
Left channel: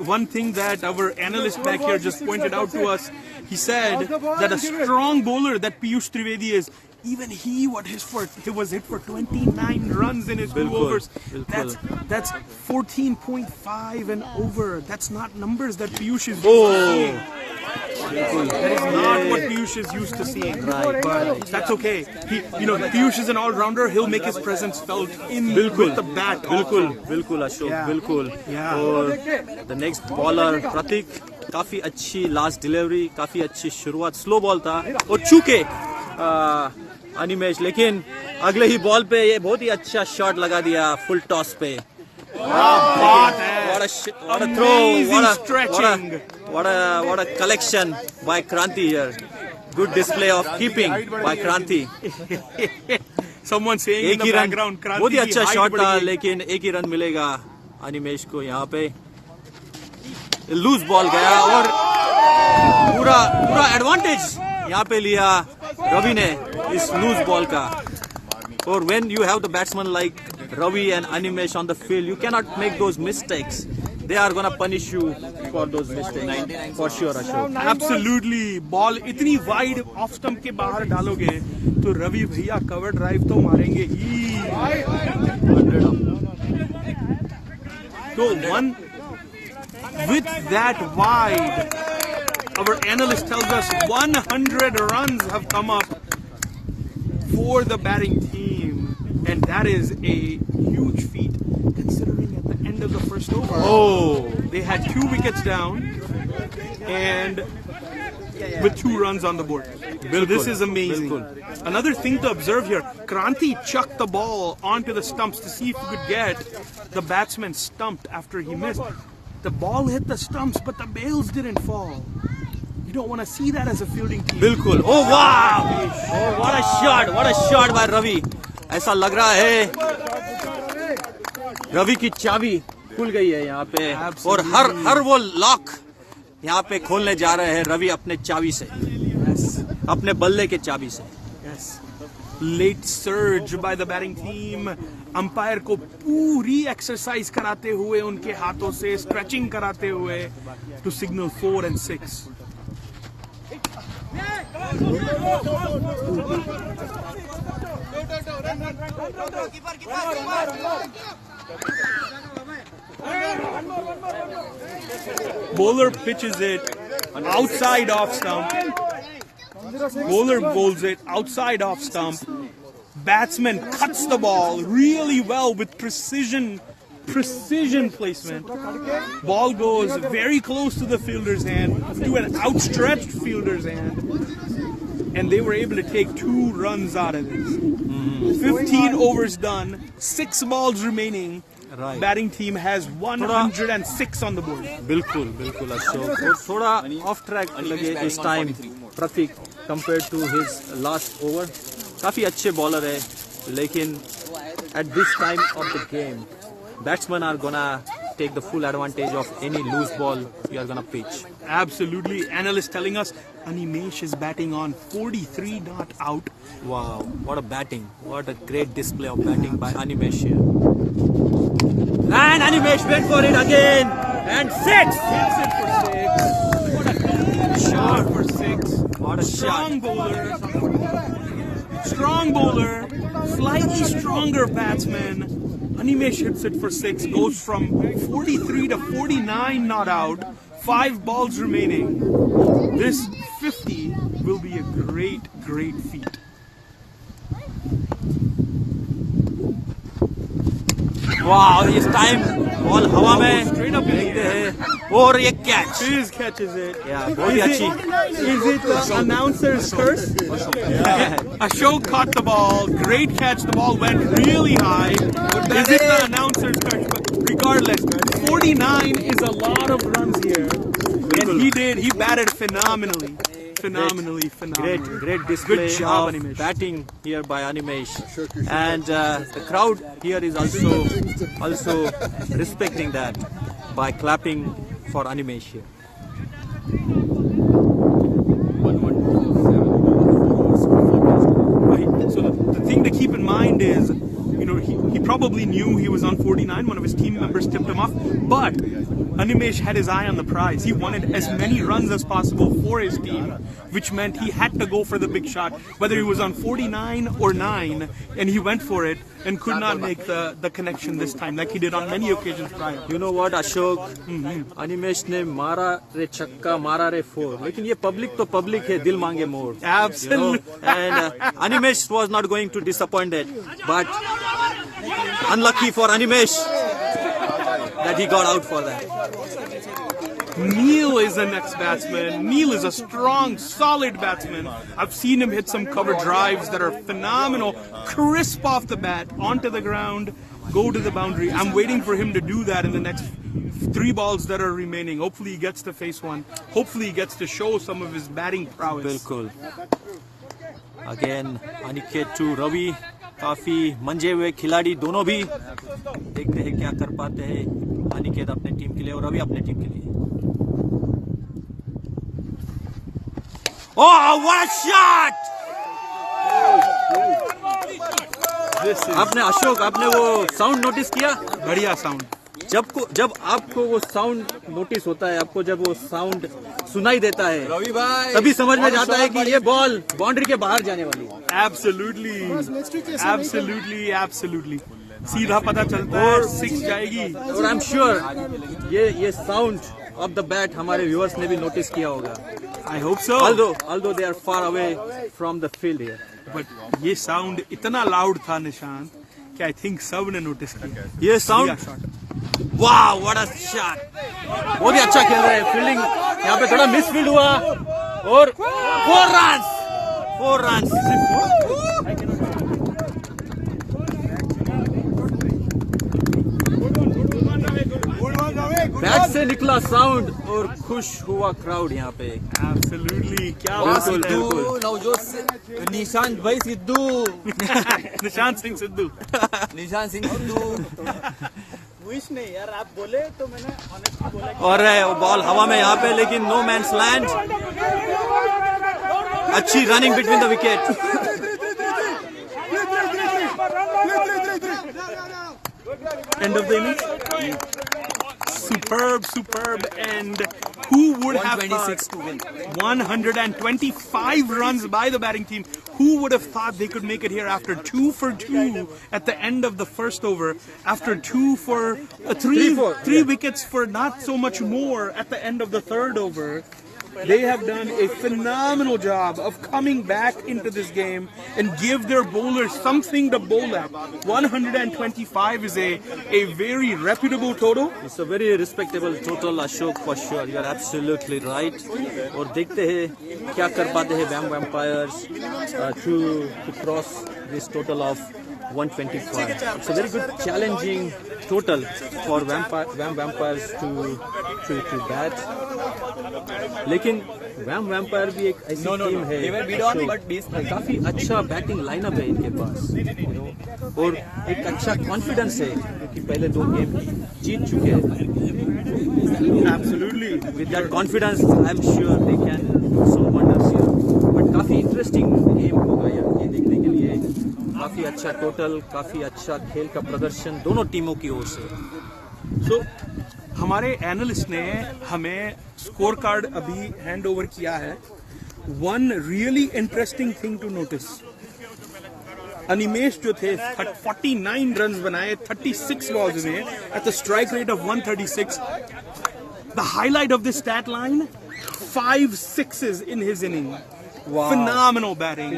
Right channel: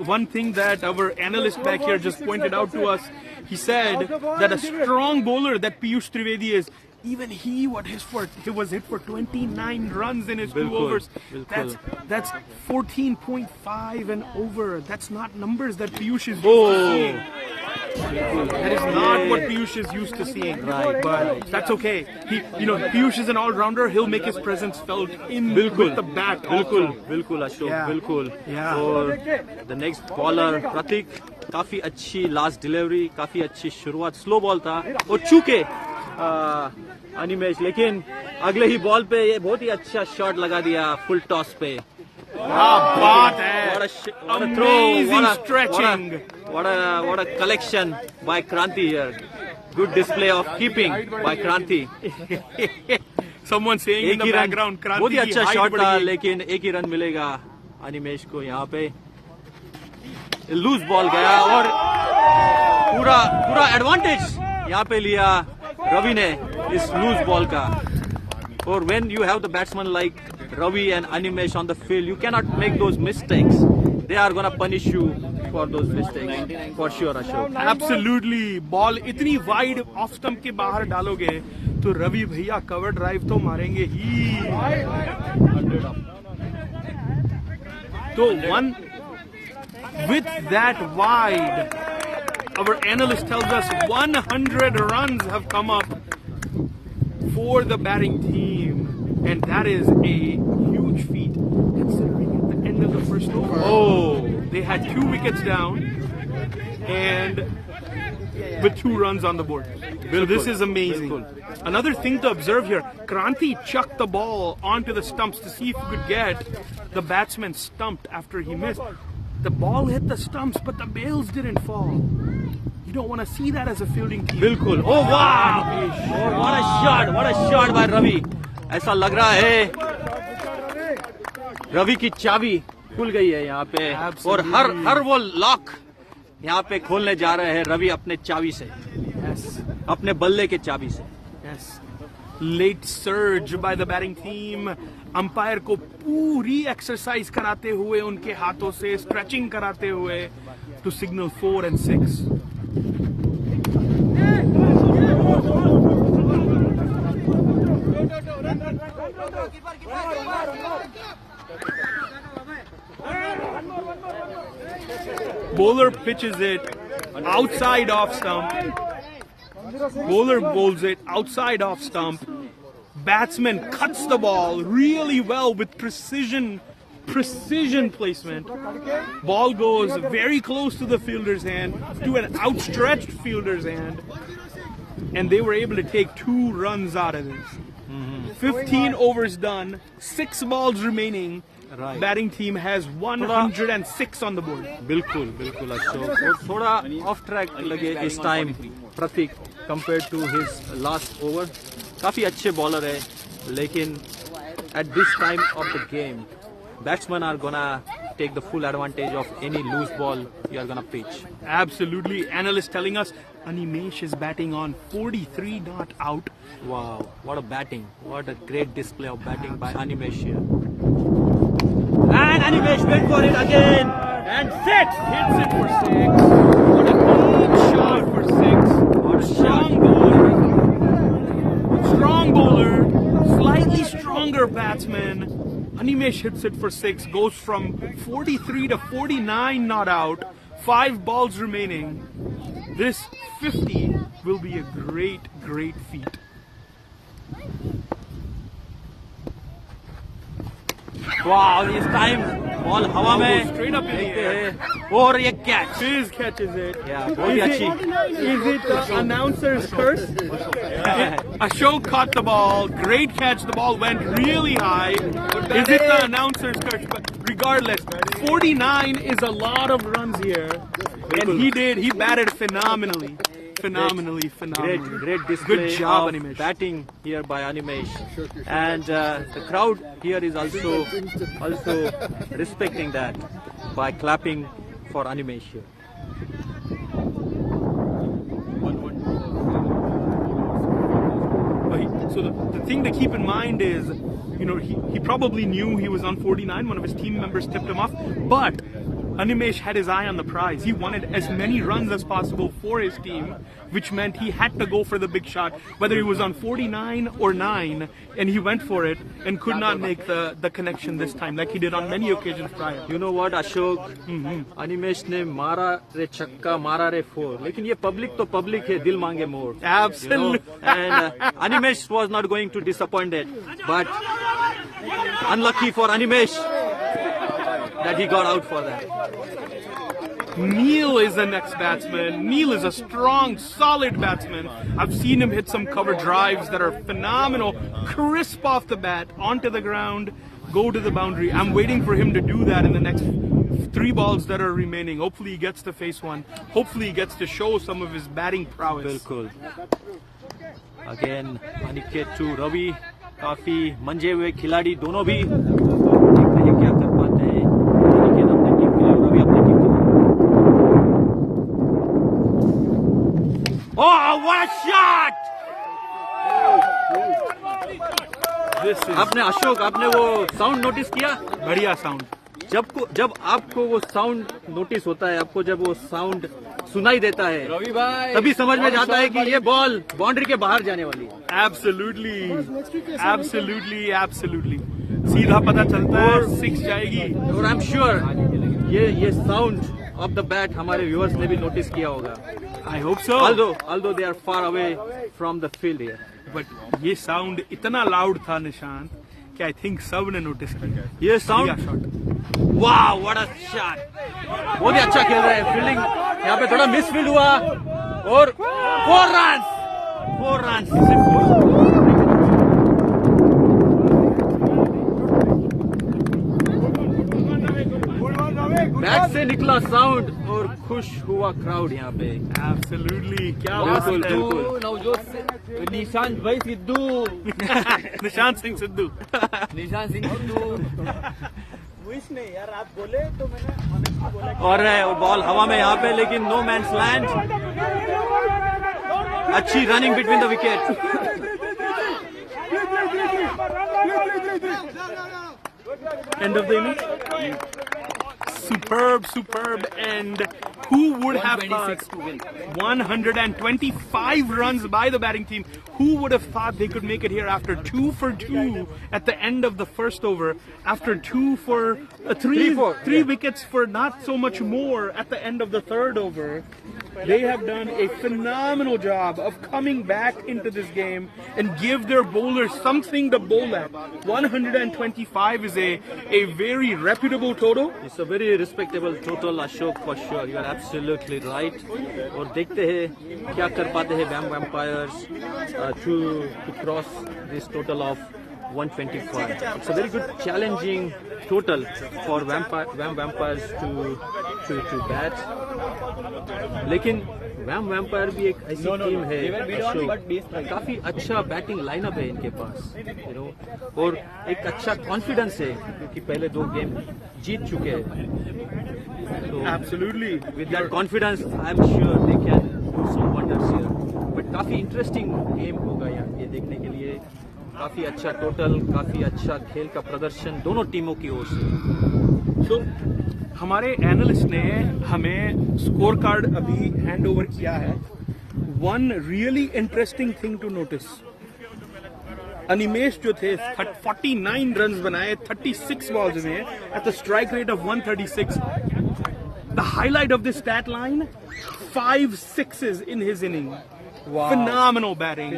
One thing that our analyst back here just pointed out to us, he said that a strong bowler that Piyush Trivedi is, even he was hit for 29 runs in his 2 Bilkul, overs. bilkul. That's 14.5 and over. That's not numbers that Piyush is used Oh. to seeing. That is not what Piyush is used to seeing. Right, But right. that's okay. Piyush is an all-rounder. He'll make his presence felt with the bat. बिल्कुल Ashok. Yeah. बिल्कुल. Yeah. और the next bowler प्रतीक, काफी अच्छी last delivery, काफी अच्छी शुरुआत. Slow ball था और चूके अनिमेश, लेकिन अगले ही बॉल पे ये बहुत ही अच्छा शॉट लगा दिया फुल टॉस पे. What a What a throw! Amazing stretching. what a collection by Kranti here. Good display of keeping by Kranti. Someone saying in the background, Kranti बहुत ही अच्छा की शॉट height था, बड़ी- लेकिन एक ही रन मिलेगा अनिमेश को यहाँ पे. लूज बॉल गया और पूरा एडवांटेज यहाँ पे लिया रवि ने इस लूज बॉल का. और when you have the batsman like Ravi and Animesh on the field, you cannot make those mistakes. They are gonna punish you for those mistakes for sure, Ashok. Absolutely. Ball इतनी wide of stump के बाहर डालोगे तो रवि भैया cover drive तो मारेंगे ही. तो one with that wide, our analyst tells us 100 runs have come up for the batting team, and that is a huge feat considering at the end of the first over they had 2 wickets down and with 2 runs on the board. So this is amazing. Another thing to observe here, Kranti chucked the ball onto the stumps to see if he could get the batsman stumped after he missed. The ball hit the stumps, but the bails didn't fall. You don't want to see that as a fielding team. बिल्कुल. Oh wow! Oh, what a shot by Ravi. ऐसा लग रहा है रवि की चाबी खुल गई है यहाँ पे. और हर वो लॉक यहाँ पे खोलने जा रहे हैं रवि अपने चाबी से, अपने बल्ले के चाबी से. Yes. Late surge by the batting team. Umpire को पूरी एक्सरसाइज कराते हुए उनके हाथों से स्ट्रेचिंग कराते हुए to signal 4 and 6. Bowler pitches it outside off stump. Bowler bowls it outside off stump. Batsman cuts the ball really well with precision placement. Ball goes very close to the fielder's hand, to an outstretched fielder's hand, and they were able to take 2 runs out of this. 15 overs done, 6 balls remaining. Right. Batting team has 106 on the board. बिल्कुल अशोक. और थोड़ा of track लगे इस time Prateek compared to his last over. काफी अच्छे bowler है, लेकिन at this time of the game, batsmen are gonna take the full advantage of any loose ball you are gonna pitch. Absolutely. Analyst telling us Animesh is batting on 43 not out. Wow, what a batting. What a great display of batting by Animesh here. And Animesh went for it again. And 6. Hits it for 6. Shot for 6. What a shot. Strong bowler, slightly stronger batsman. Animesh hits it for 6, goes from 43 to 49 not out, 5 balls remaining. This 50 will be a great feat. Wow, this time ball हवा में Straight up in the देखते air. हैं. और ये catch. Fizz catches it. Yeah, बहुत ही अच्छी. Is it the announcer's curse? Ashok caught the ball. Great catch. The ball went really high. Is it the announcer's curse? But regardless, 49 is a lot of runs here. And he batted phenomenally. Great display Good job, of Animesh. batting here by Animesh. And the crowd here is also respecting that by clapping for Animesh here. So the thing to keep in mind is, he probably knew he was on 49. One of his team members tipped him off. But Animesh had his eye on the prize. He wanted as many runs as possible for his team, which meant he had to go for the big shot, whether he was on 49 or 9, and he went for it and could not make the connection this time, like he did on many occasions prior. You know what, Ashok? Animesh ने मारा रे छक्का, मारा रे four, लेकिन ये public तो public है, दिल मांगे मोर. Absolutely. And Animesh was not going to disappoint it, but unlucky for Animesh that he got out for that. Neil is the next batsman. Neil is a strong, solid batsman. I've seen him hit some cover drives that are phenomenal, crisp off the bat, onto the ground. go to the boundary. I'm waiting for him to do that in the next 3 balls that are remaining. Hopefully he gets to face one. Hopefully he gets to show some of his batting prowess. बिल्कुल. Again, Aniket to Ravi. काफी मंजे हुए खिलाड़ी दोनों भी. देखते हैं क्या कर पाते हैं अनिकेत अपनी टीम के लिए और रवि अपनी टीम के लिए. Oh, what a shot! आपने अशोक आपने वो साउंड नोटिस किया? बढ़िया साउंड. जब आपको वो साउंड नोटिस होता है, आपको जब वो साउंड सुनाई देता है, तभी समझ में जाता है कि ये बॉल बाउंड्री के बाहर जाने वाली है. Absolutely. सीधा पता चलता है 6 जाएगी. और आई एम श्योर ये साउंड ऑफ द बैट हमारे व्यूअर्स ने भी नोटिस किया होगा. I hope so. Although they are far away from the field here. But ये साउंड इतना लाउड था निशान कि I think सब ने नोटिस किया. ये साउंड, वाह व्हाट अ शॉट. बहुत ही अच्छा खेल रहे हैं. फील्डिंग यहाँ पे थोड़ा मिस फील्ड हुआ और 4 रन्स. बैट से निकला साउंड और खुश हुआ क्राउड यहाँ पे. Absolutely. क्या बात है. नवजोत निशांत भाई सिद्धू. निशांत सिंह सिद्धू. नहीं यार, आप बोले तो मैंने और वो बॉल हवा में यहाँ पे, लेकिन नो मैंस लैंड. अच्छी running between the wicket. End of the innings. Superb end. Who would have thought 125 runs by the batting team? Who would have thought they could make it here after 2 for 2 at the end of the first over, after 2 for 3 wickets for not so much more at the end of the third over. They have done a phenomenal job of coming back into this game and give their bowlers something to bowl at. 125 is a very reputable total. It's a very respectable total, Ashok, for sure. You are absolutely right. और देखते हैं क्या कर पाते हैं VAM Vampires to cross this total of 125. It's a very good challenging total for VAM Vampires to bat. लेकिन VAM Vampire भी एक ऐसी टीम है काफी अच्छा बैटिंग लाइनअप है इनके पास, और एक अच्छा कॉन्फिडेंस है क्योंकि पहले 2 गेम जीत चुके हैं. Absolutely. With that confidence, I'm sure they can do some wonders here. But काफी इंटरेस्टिंग गेम होगा ये देखने के लिए. काफी अच्छा टोटल, काफी अच्छा खेल का प्रदर्शन दोनों टीमों की ओर से. So, हमारे एनालिस्ट ने हमें स्कोर कार्ड अभी हैंड ओवर किया है. One really interesting thing to notice, Animesh जो थे 49 रन्स बनाए 36 बॉल्स में at the strike rate of 136. The highlight of this stat line, 5 sixes in his inning. Wow. Phenomenal batting.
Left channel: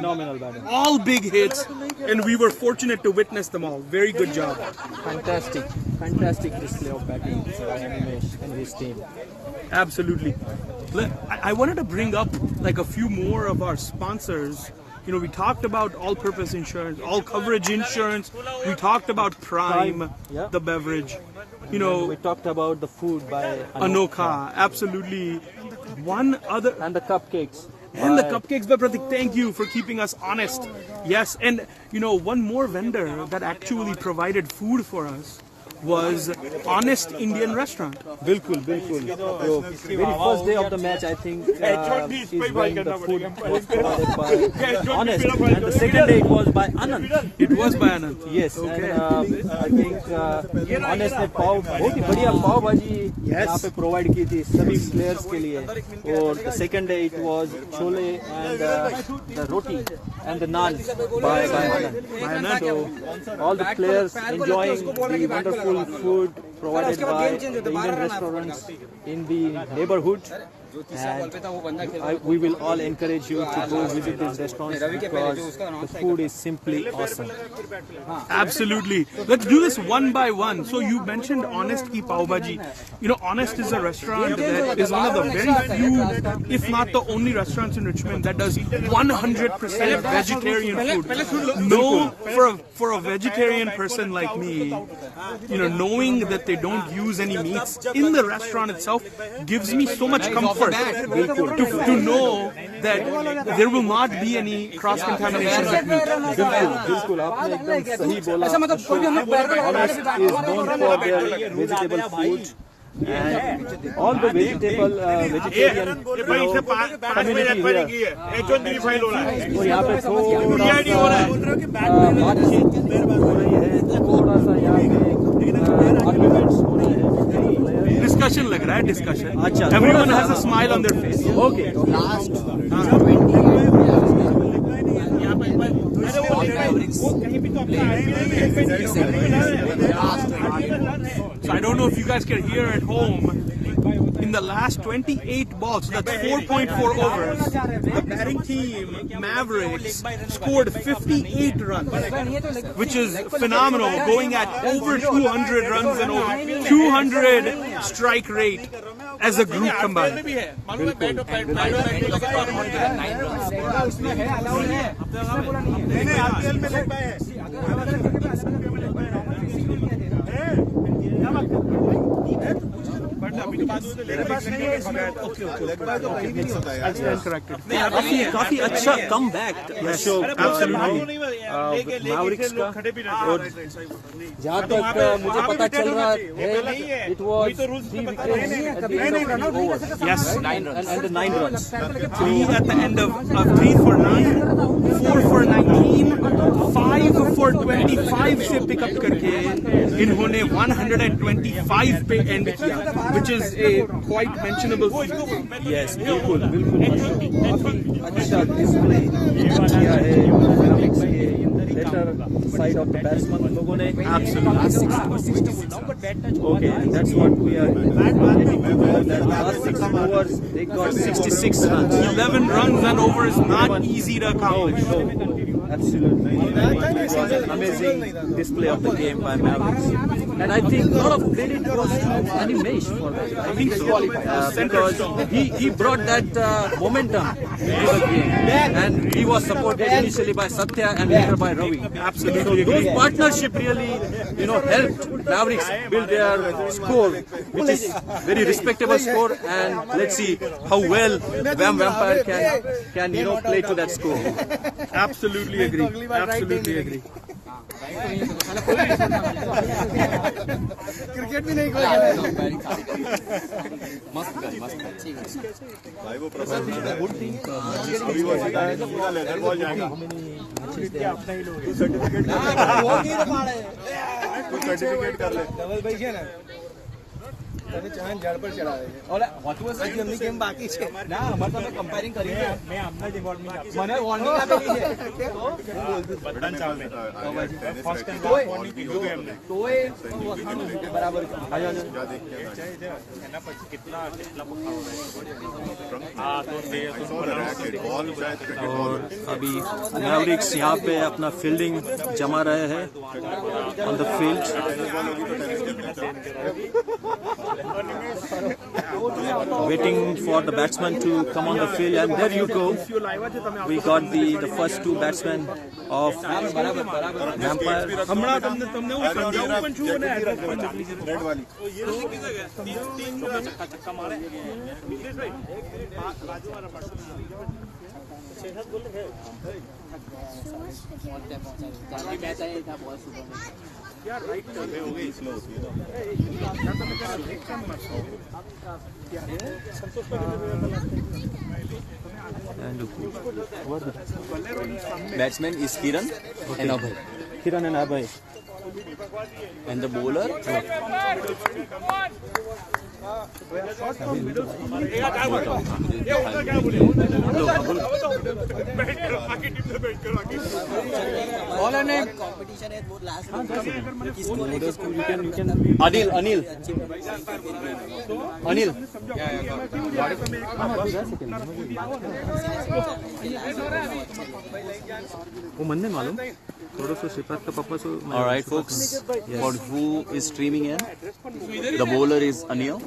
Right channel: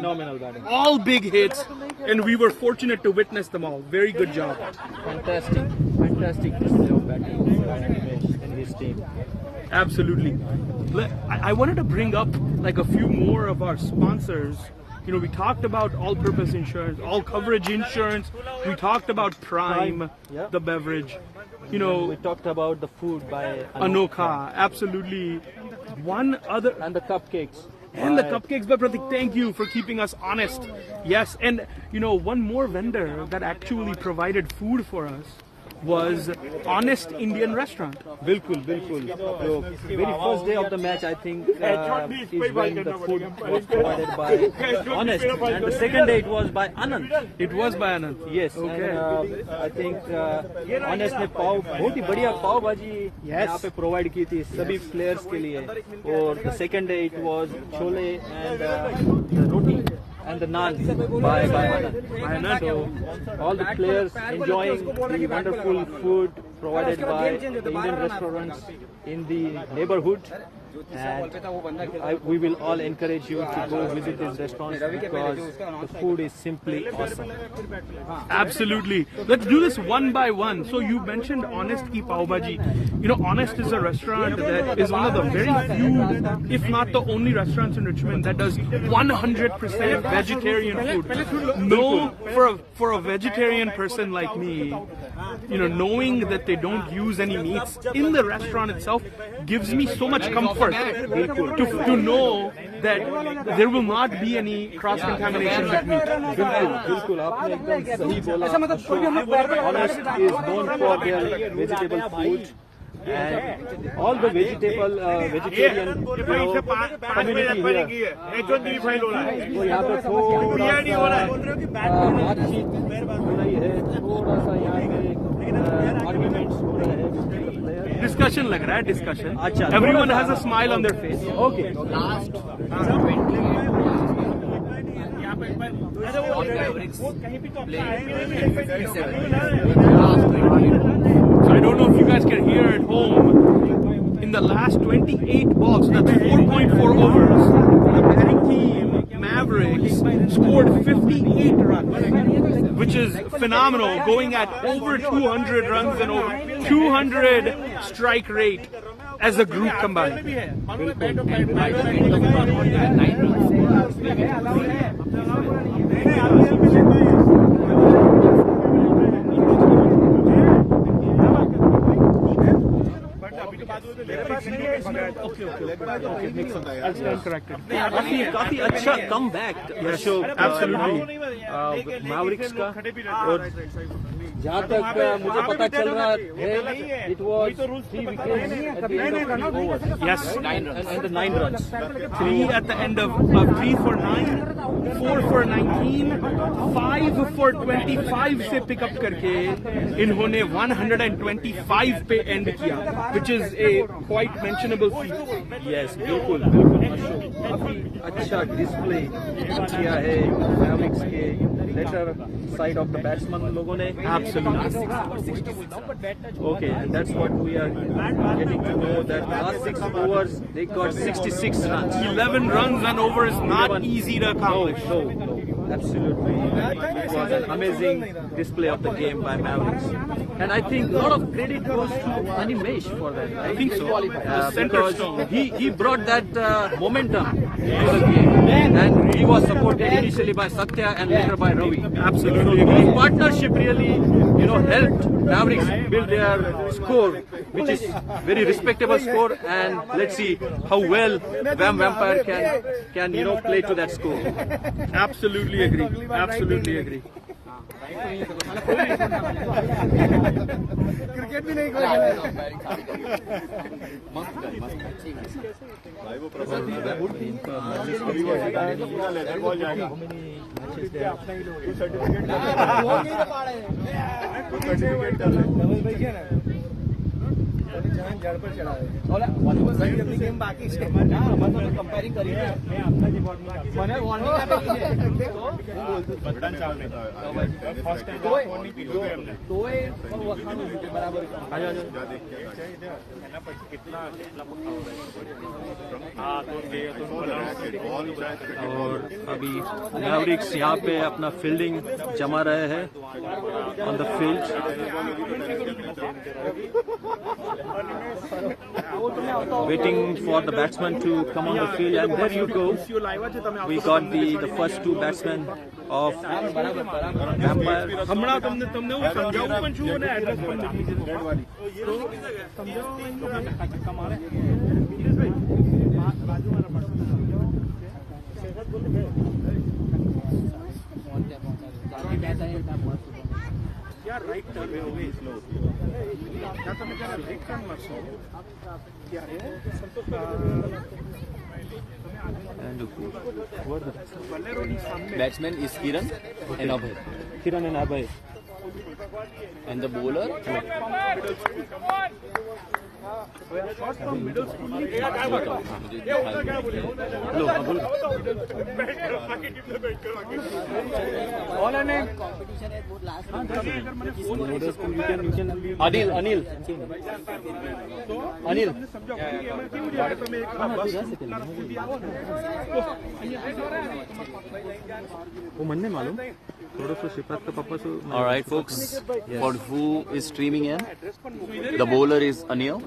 All big hits, and we were fortunate to witness them all. Very good job. Fantastic display of batting by Animesh and his team. Absolutely. I wanted to bring up like a few more of our sponsors. We talked about all-purpose insurance, all-coverage insurance. We talked about Prime, the beverage. We talked about the food by Anokha. Absolutely. One other, and the cupcakes. And the cupcakes by Pratik. Thank you for keeping us honest. Yes, and one more vendor that actually provided food for us was Honest Indian Restaurant. बिल्कुल. So, very first day of the match, I think, is when the food was provided by Honest, and the second day it was by Anand. It was by Anand. Yes. Okay. And I think Honest ने बहुत ही बढ़िया पाव भाजी यहाँ पे provide की थी सभी players के लिए. और the second day it was chole and the roti and the naan by Anand. So all the players enjoying the wonderful food provided by the Indian restaurants in the neighborhood. And we will all encourage you to go visit these restaurants because the food is simply awesome. Absolutely. Let's do this one by one. So you mentioned Honest Ki Pav Bhaji. You know, Honest is a restaurant that is one of the very few, if not the only restaurants in Richmond that does 100% vegetarian food. No, for a vegetarian person like me, you know, knowing that they don't use any meats in the restaurant itself gives me so much comfort to know that there will not be any cross-contamination with meat. बिल्कुल आपने एकदम सही बोला Ashok. Honest is known for their vegetable food and all the vegetarian community here. तो यहाँ पे थोड़ा सा बातचीत हो रही है, थोड़ा सा यहाँ पे आर्ग्यूमेंट्स हो रहे हैं. डिस्कशन लग रहा है, डिस्कशन. अच्छा. Everyone has a smile on their face. Okay. So I don't know if you guys can hear at home. In the last 28 balls, that's 4.4 overs, the batting team, Mavericks, scored 58 runs, which is phenomenal, going at over 200 runs and over 200 strike rate as a group combined. I'll stand corrected. काफी अच्छा come back Ashok Mavericks का. और जहाँ तक मुझे पता चल रहा है, it was 3 wickets at the end of 3 overs. Yes, and 9 runs. 3 at the end of 3 for 9, 4 for 19, 5 for 25 से pick up करके इन्होंने 125 पे end किया, which is a quite mentionable feat. Yes, बिल्कुल अशोक काफी अच्छा डिस्प्ले किया है मैवरिक्स के latter side of the batsman लोगों ने. Okay, that's what we are getting to know, that last 6 overs they got 66 runs. 11 runs and over is not easy to accomplish. No, absolutely. It was an amazing display of the game by Mavericks. And I think a lot of credit goes to Animesh for that. I think so. Because he brought that momentum into the game. And he was supported initially by Satya and later by Ravi. Absolutely. So those partnership really, helped Mavericks build their score, which is very respectable score. And let's see how well VAM Vampire can play to that score. Absolutely agree. Absolutely agree. Cricket भी नहीं खेला. झाड़ पर चढ़ा और game बाकी છે comparing કરી મને વોર્નિંગ આપેલી છે બગડાન ચાલ નહીં ફર્સ્ટ ટાઈમ તોય બરાબર આયો એના પછી કેટલા और अभी मैवरिक्स यहाँ पे अपना फील्डिंग जमा रहे हैं on the field. Waiting for the batsman to come on the field, and there you go. We got the first 2 batsmen of Vampire. હમણાં તમને હું સમજાવું પણ છું અને એડ્રેસ પણ મોકલી છે. And Batsman is Kiran and Abhay. Kiran and Abhay. And the bowler Anil. वो मन नहीं मालूम थोड़ा सा शिपात का पापा से All right, folks. For who is streaming in, the bowler is Anil,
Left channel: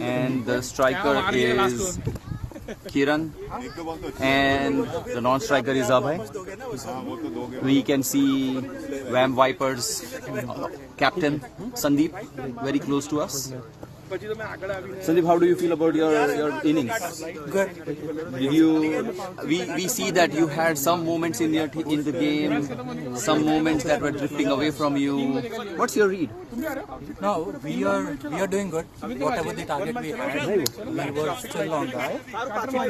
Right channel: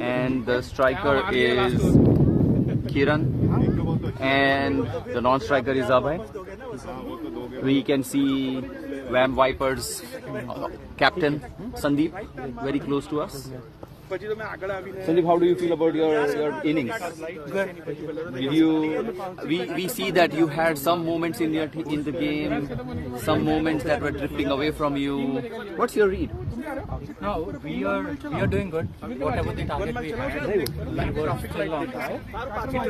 and the striker is Kiran, and the non-striker is Abhay. We can see VAM Vipers captain Sandeep very close to us. Sandeep, how do you feel about your innings? Good. Did you? We see that you had some moments in the game, some moments that were drifting away from you. What's your read? No, we are doing good. Whatever the target we had, we were still on that.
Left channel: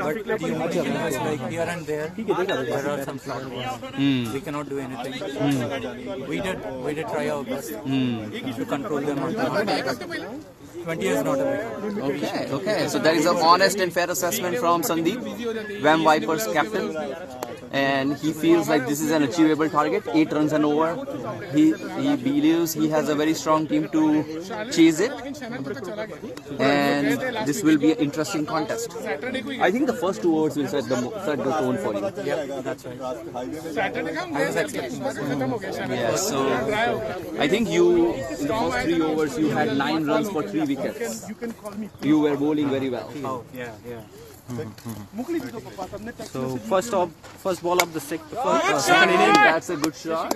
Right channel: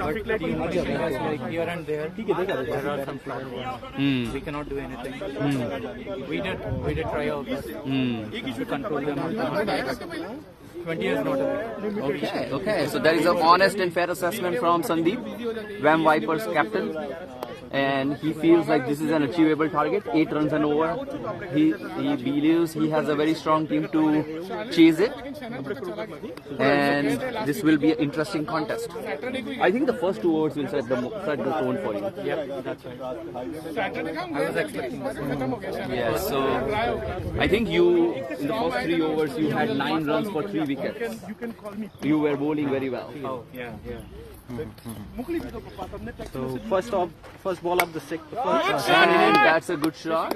But the matches like here and there, there are some flaws. We cannot do anything. We did try our best to control them on the 20 is not a big. Okay. So there is an honest and fair assessment from Sandeep, VAM Vipers captain, and he feels like this is an achievable target. 8 runs and over. He believes he has a very strong team to chase it, and this will be an interesting contest. I think the first 2 overs will set the tone for you. Yeah, that's right. I was expecting this. Yes. So I think you in the first 3 overs you had 9 runs for 3 wickets. You were bowling very well. Oh, yeah. So first ball of the second And that's a good shot.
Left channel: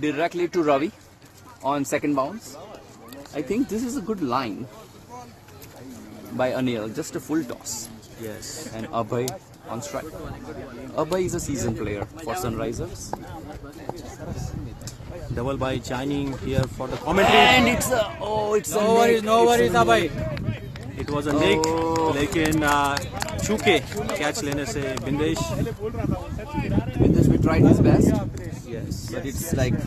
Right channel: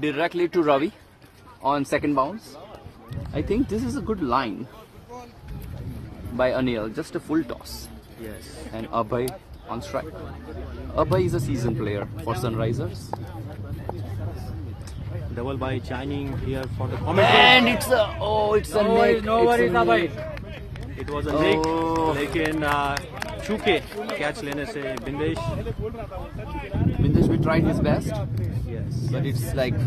Directly to Ravi on second bounce. I think this is a good line by Anil. Just a full toss. yes. And Abhay on strike. Abhay is a seasoned player for Sunrisers. Double by Shining here for the commentary. And it's a No worries, Abhay. It was a nick, लेकिन चूके catch लेने से Bindesh. Bindesh we tried his best. Yes. But it's like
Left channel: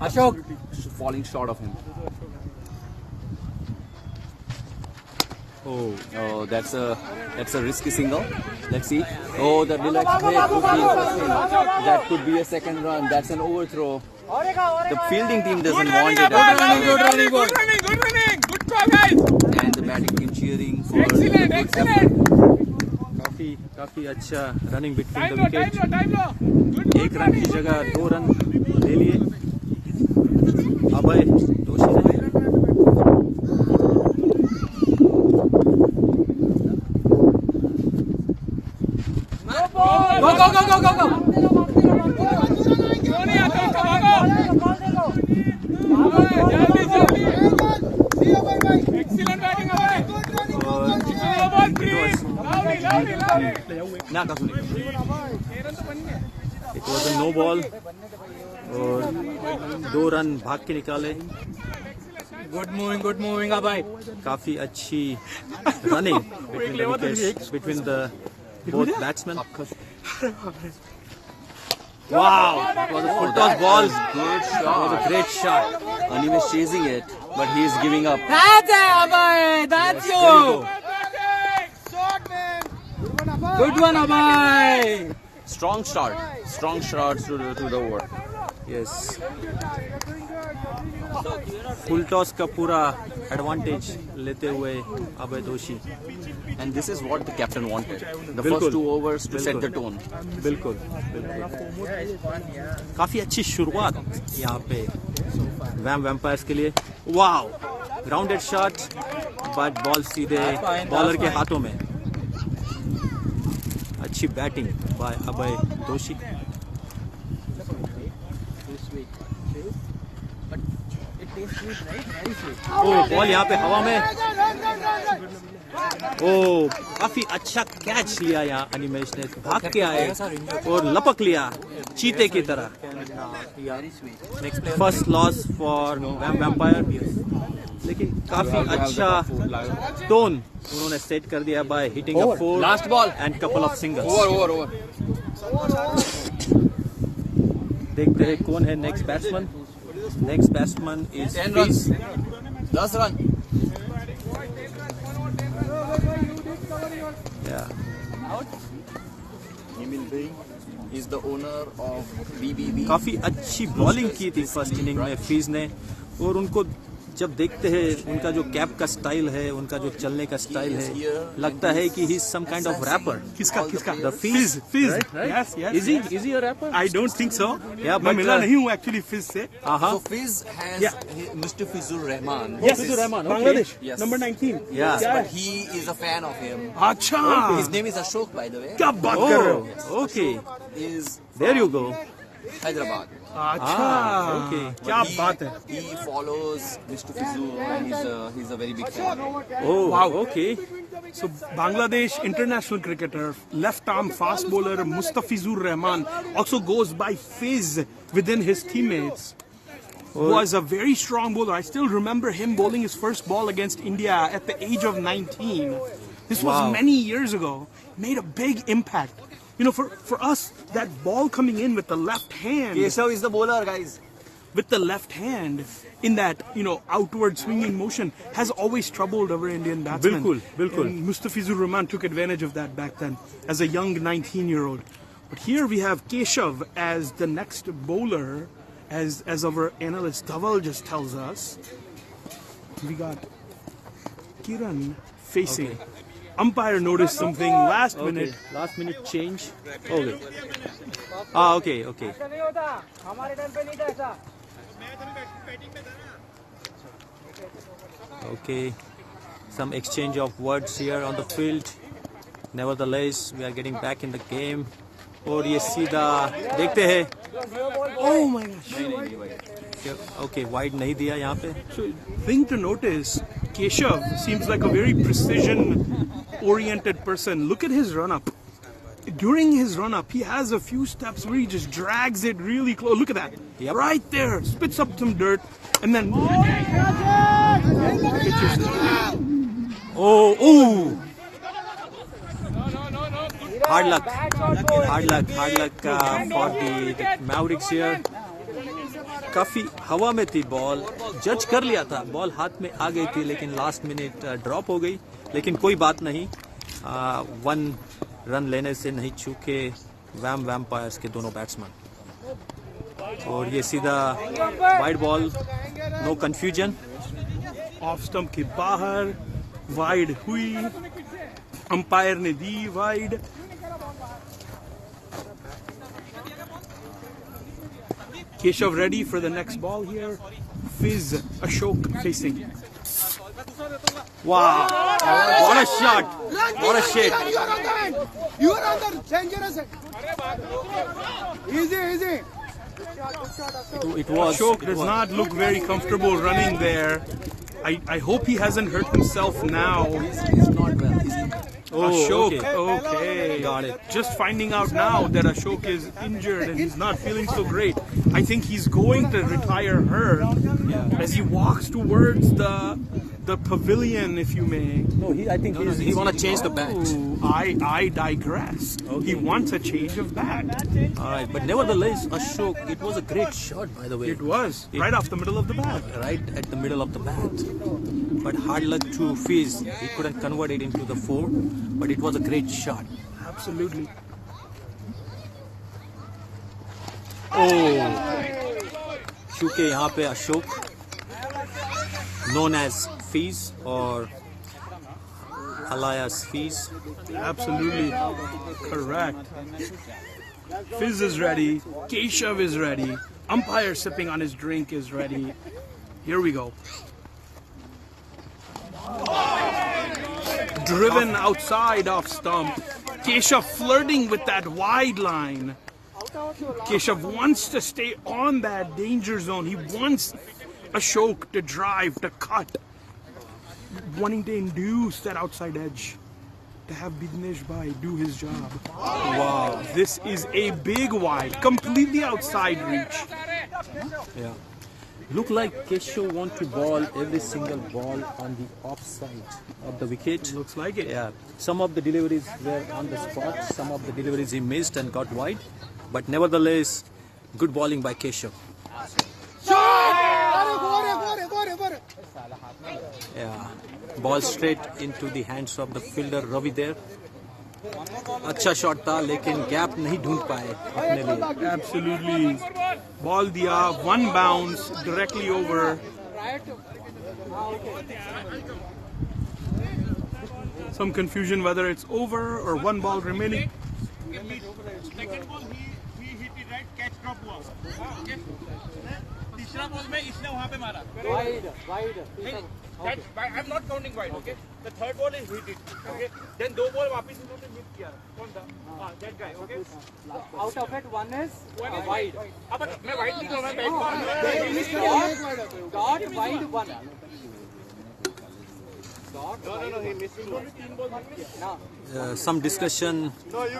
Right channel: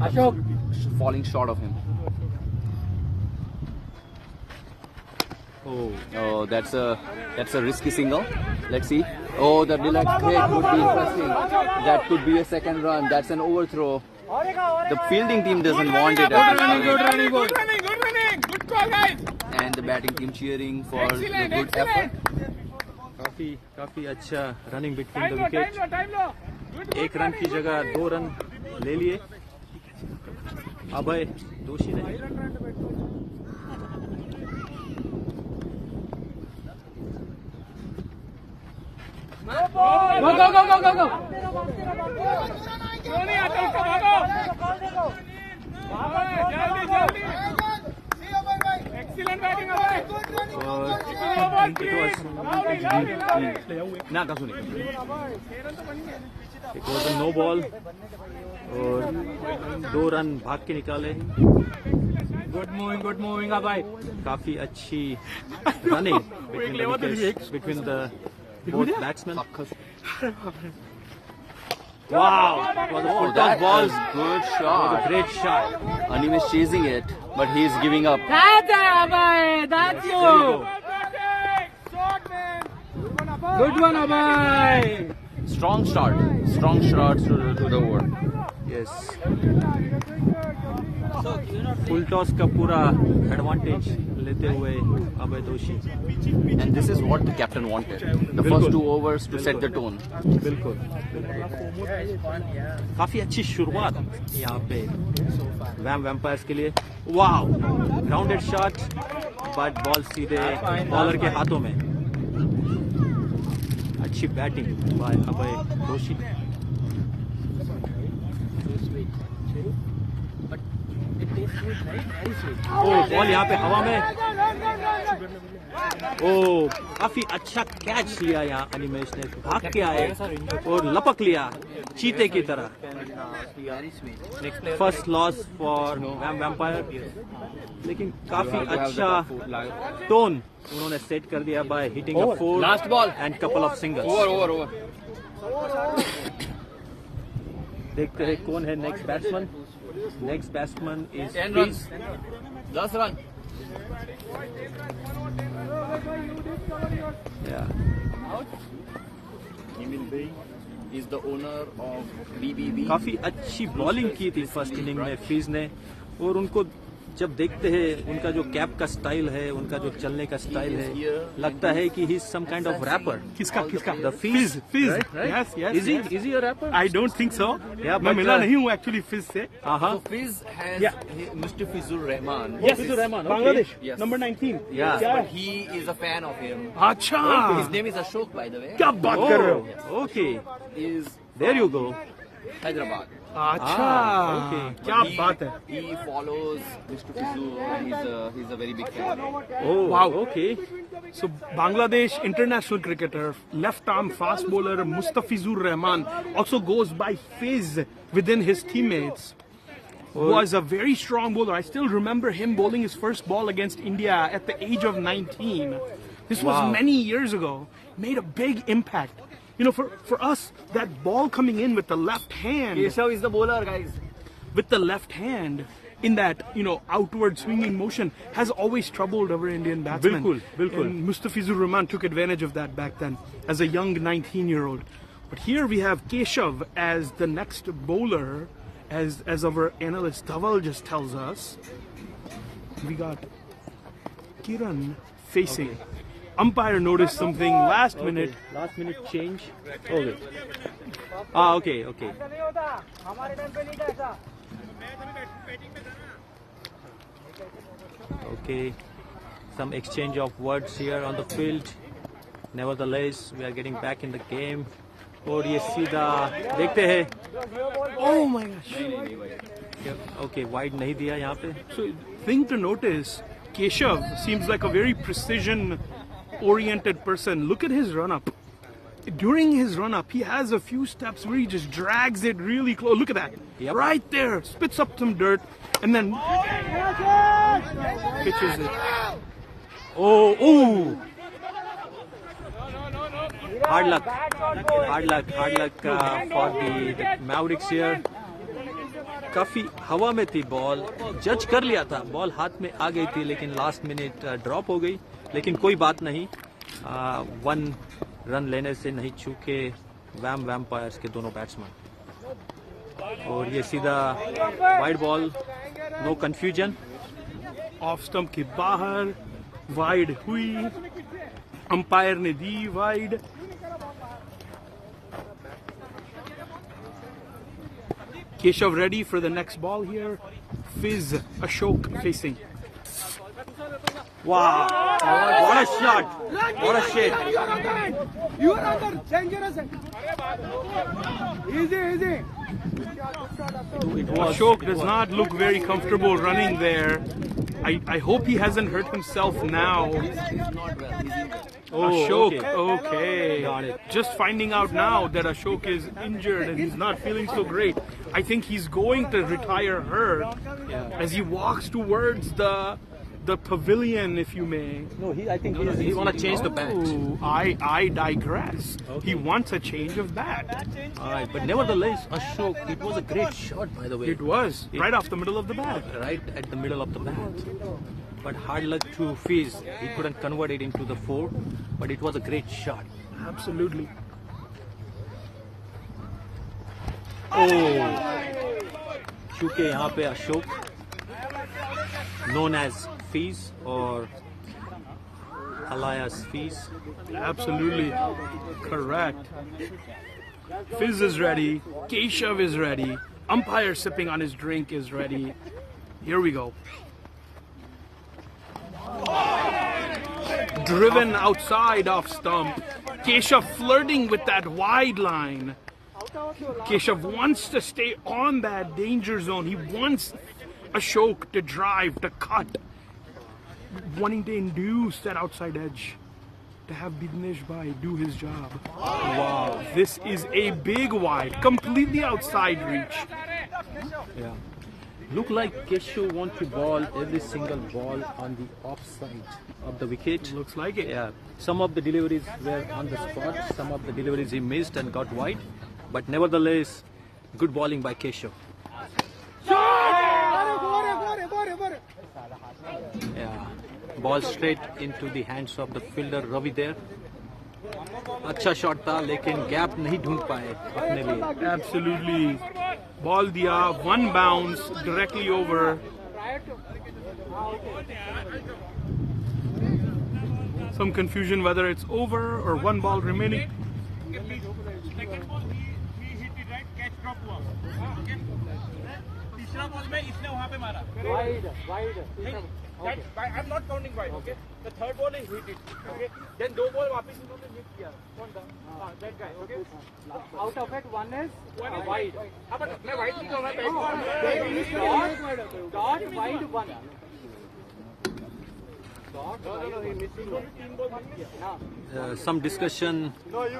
Ashok. falling short of him. Oh, that's a risky single. Let's see. Oh, the deluxe break would be interesting. That could be a second run. That's an overthrow. The fielding team doesn't want it. Good running. And the batting team cheering for काफी अच्छा running between the wicket. 1 run की जगह 2 run ले लिए. अभय दोषी. Go. It was a no ball और 2 run भाग के निकाले. Good moving, Abhay. काफी अच्छी running between the both batsmen. Wow, it was a full toss ball. good It was a shot. great shot. Anim is chasing it, but he is giving up. That's it, Abhay. That's There you. you Good one, Abhay. Strong start to the over. Yes. Full toss का पूरा advantage लेते हुए अभय दोषी. And this is what the captain wanted. The Bilkul. first 2 overs to set the tone. बिल्कुल. काफी अच्छी शुरुआत यहाँ पे वैम वैम्पायर्स के लिए. Wow, grounded shot but ball सीधे बॉलर के हाथों में. अच्छी बैटिंग बाय अभय दोषी. बॉल यहाँ पे हवा में. काफी अच्छा कैच लिया यहाँ अनिमेश ने. भाग के आए और लपक लिया चीते की तरह. First loss for vam vampire. लेकिन काफी अच्छा टोन उन्होंने सेट कर दिया by hitting a 4 Last ball. And couple of singles. Over. देखते हैं कौन है next batsman. Next batsman is 10 runs. 10 run. Emil Bey is the owner of BBB. काफी अच्छी बॉलिंग की थी फर्स्ट इनिंग में फीज ने, और उनको जब देखते हैं उनका जो कैप का स्टाइल है, उनका जो चलने का स्टाइल है, लगता है कि he is some kind of rapper. किसका the fees, yes yes Is he a rapper? I don't think so. मैं but, मिला नहीं हूँ एक्चुअली फिज से. So Fiz has Mr. Fizur Rahman. Yes, Bangladesh, Yes. number 19. Yeah. क्या But he is a fan of him. अच्छा, His name is Ashok, by the way. क्या बात कर रहे हो? Okay, Is there you go. Hyderabad. अच्छा, okay, क्या बात है. He follows Mr. Fizur and he's a very big fan. Oh Wow. Okay. So Bangladesh international cricketer, left arm fast bowler Mustafizur Rahman also goes by Fiz within his teammates. Was a very strong bowler. I still remember him bowling his first ball against India at the age of 19. This was Wow. many years ago. Made a big impact. You know, for us, that ball coming in with the left hand, Keshav is the bowler, guys. with the left hand in that, you know, outward swinging motion has always troubled our Indian batsmen. Bilkul, bilkul. And Mustafizur Rahman took advantage of that back then as a young 19-year-old. But here we have Keshav as the next bowler, as our analyst Dhaval just tells us. We got Kiran facing. Umpire noticed something last minute. Last minute change. Okay, हाँ okay okay. Okay, some exchange of words here on the field. Nevertheless, we are getting back in the game. और ये सीधा देखते हैं. Oh my gosh. Okay, wide नहीं दिया यहाँ पे. So, thing to notice, Keshav seems like a very precision-oriented person. Look at his run-up. During his run-up, he has a few steps where he just drags it really close. Look at that. Yep. Right there. Spits up some dirt and then pitches it. Oh. Hard luck for the Mavericks here. काफी हवा में थी ball, जज कर लिया था, ball हाथ में आ गई थी लेकिन लास्ट मिनट ड्रॉप हो गई. लेकिन कोई बात नहीं, 1 रन लेने से नहीं चूके वैम्पायर्स के दोनों बैट्समैन. और ये सीधा wide ball, no confusion. Off stump के बाहर वाइड हुई, अंपायर ने दी wide. Keshav ready for the next ball here. Fiz Ashok facing. Wow, what a shot, what a shot. You are under dangerous. Easy. It was. Ashok does not look very comfortable running there. I hope he hasn't hurt himself now. He's not well. He's injured. Ashok, okay. okay. Got it. Just finding out now that Ashok is injured and he's not feeling so great. I think he's going to retire her as he walks towards the pavilion, if you may. No, I think he want to change the bat. Oh, I digress. Okay. He wants a change of bat. All right, but nevertheless, Ashok, it was a great shot, by the way. It was right off the middle of the bat. Right at the middle of the bat. But hard luck to Fiz. He couldn't convert it into the 4, but it was a great shot. Absolutely. Oh, चूंकि यहाँ पे Ashok, known as Fiz or alias Fiz. Absolutely correct. Fiz is ready. Keshav is ready. Umpire sipping on his drink is ready. Here we go. Driven outside off stump. Keshav flirting with that wide line. Keshav wants to stay on that danger zone. He wants Ashok to drive, to cut. Wanting to induce that outside edge. To have Bidnesh Bhai do his job. Wow. This is a big wide. Completely outside reach. Yeah. Look like Keshav want to ball every single ball on the offside of the wicket. Looks like it. Yeah. Some of the deliveries were on the spot. Some of the deliveries he missed and got wide. But nevertheless, good bowling by Keshav. Yeah. Ball straight into the hands of the fielder Ravi there. अच्छा shot था लेकिन gap नहीं ढूंढ पाए अपने लिए. Absolutely. Ball diya, one bounce directly over. Some confusion whether it's over or one ball remaining. Second ball he hit it right, catch drop हुआ. Okay. तीसरा बॉल में इसने वहाँ पे मारा. Wide. I'm not counting wide. Okay. The third ball is hit it. Okay. Then दो ball वापस इन्होंने मिस किया. कौन था? That guy. Okay. Out of it, one is wide. अब मैं wide नहीं कर रहा. Dot wide one. Some discussion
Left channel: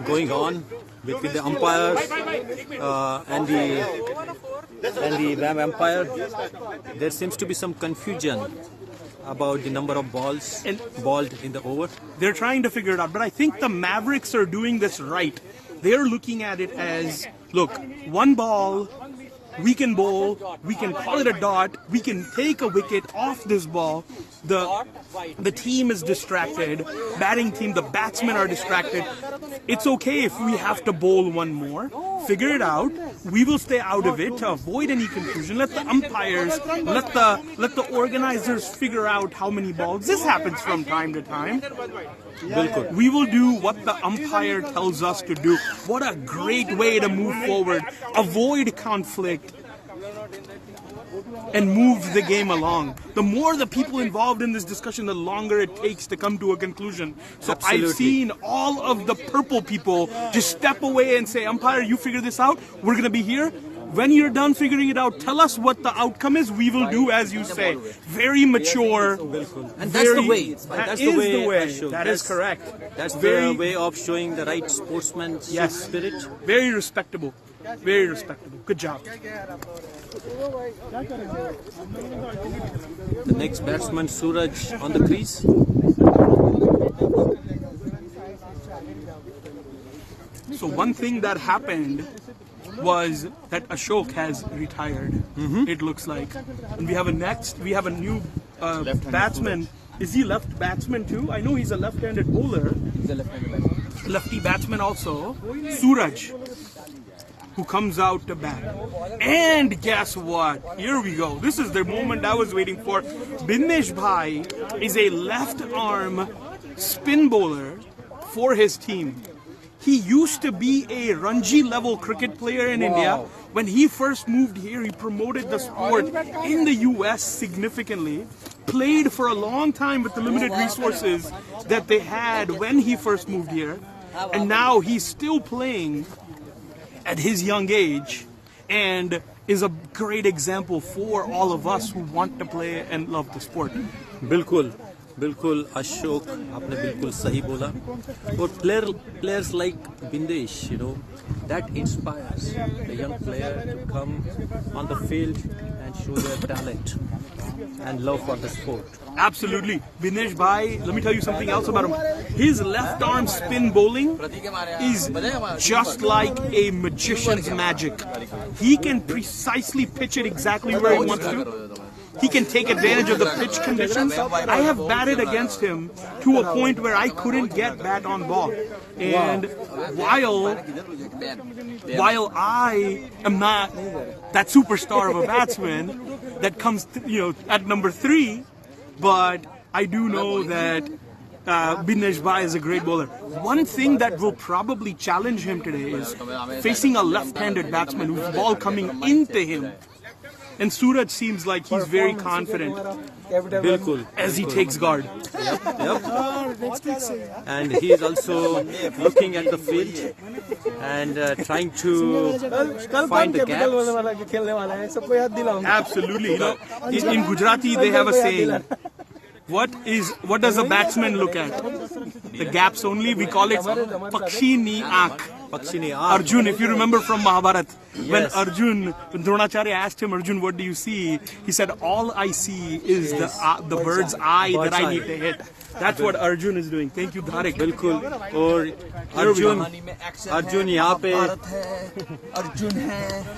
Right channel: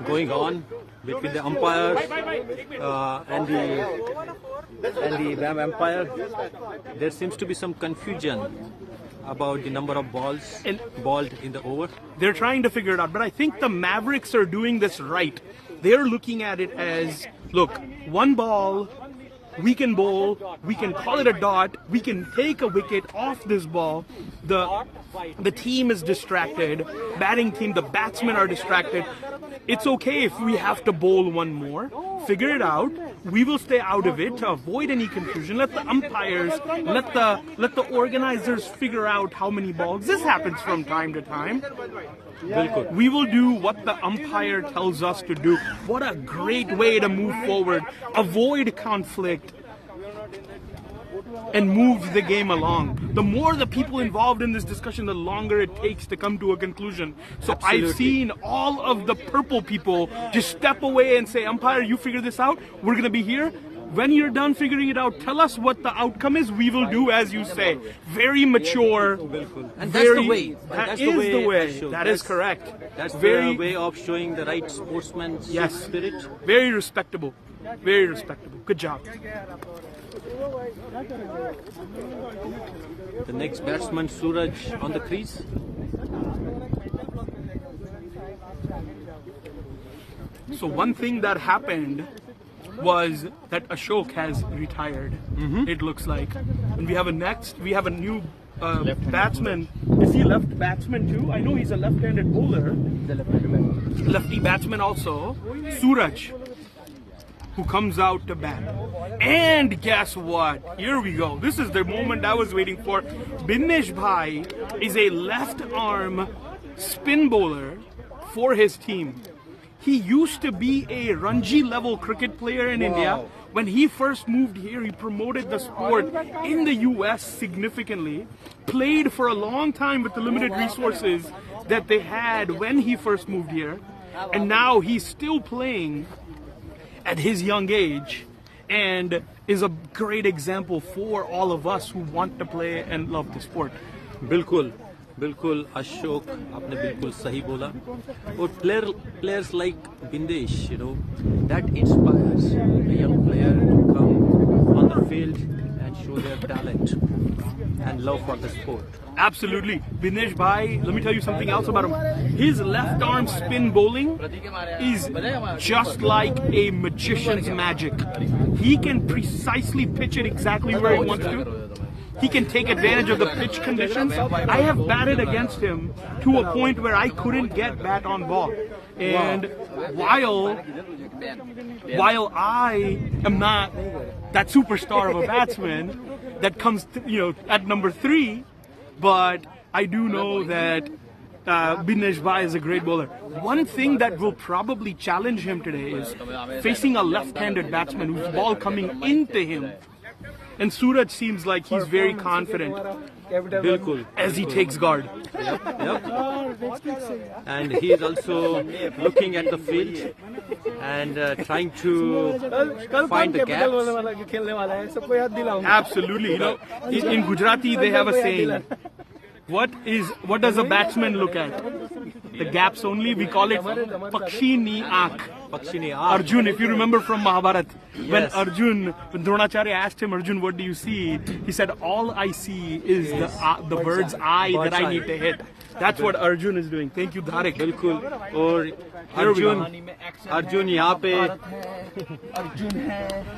going on between the umpires and the VAM umpire. There seems to be some confusion about the number of balls balled in the over. They're trying to figure it out, but I think the Mavericks are doing this right. They're looking at it as, look, one ball, we can bowl, we can call it a dot, we can take a wicket off this ball. The team is distracted, batting team, the batsmen are distracted. It's okay if we have to bowl one more. Figure it out. We will stay out of it to avoid any confusion. Let the umpires, let the organizers figure out how many balls. This happens from time to time. We will do what the umpire tells us to do. What a great way to move forward, avoid conflict, and move the game along. The more the people involved in this discussion, the longer it takes to come to a conclusion. So Absolutely. I've seen all of the purple people just step away and say, umpire, you figure this out. We're going to be here. When you're done figuring it out, tell us what the outcome is. We will do as you say. Very mature. And that's the way. That is the way. Ashok. That is correct. That's Very- the way of showing the right sportsmanship spirit. Very respectable. Very respectable. Good job. The next batsman, Suraj, on the crease. So one thing that happened was that Ashok has retired. It looks like, and we have a new batsman. Is he left batsman too? I know he's a left-handed bowler. He's a left-handed batsman. Lefty batsman also. Suraj, who comes out to bat. And guess what? Here we go. This is the moment I was waiting for. Binesh Bhai is a left-arm spin bowler for his team. He used to be a Ranji level cricket player in India. When he first moved here, he promoted the sport in the US significantly. Played for a long time with the limited resources that they had when he first moved here. And now he's still playing at his young age and is a great example for all of us who want to play and love the sport. बिल्कुल बिल्कुल अशोक आपने बिल्कुल सही बोला और players like Bindesh, you know, that inspires the young player to come on the field and show their talent and love for the sport. Absolutely. Binesh Bhai, let me tell you something else about him. His left arm spin bowling is just like a magician's magic. He can precisely pitch it exactly where he wants to. He can take advantage of the pitch conditions. I have batted against him to a point where I couldn't get bat on ball. And while I am not that superstar of a batsman that comes, at number 3, but I do know that Binesh Bhai is a great bowler. One thing that will probably challenge him today is facing a left-handed batsman whose ball coming into him. And Suraj seems like he's very confident as he takes guard. And he is also looking at the field and trying to find the gaps. Absolutely. In Gujarati, they have a saying. What does a batsman look at? The gaps only. We call it Pakshi Ni Aankh. Arjun, if you remember from Mahabharata, when Arjun, Dronacharya asked him, Arjun, what do you see? He said, all I see is the bird's eye that I need to hit. That's what Arjun is doing. Thank you, Dharik. बिल्कुल और अर्जुन यहाँ पे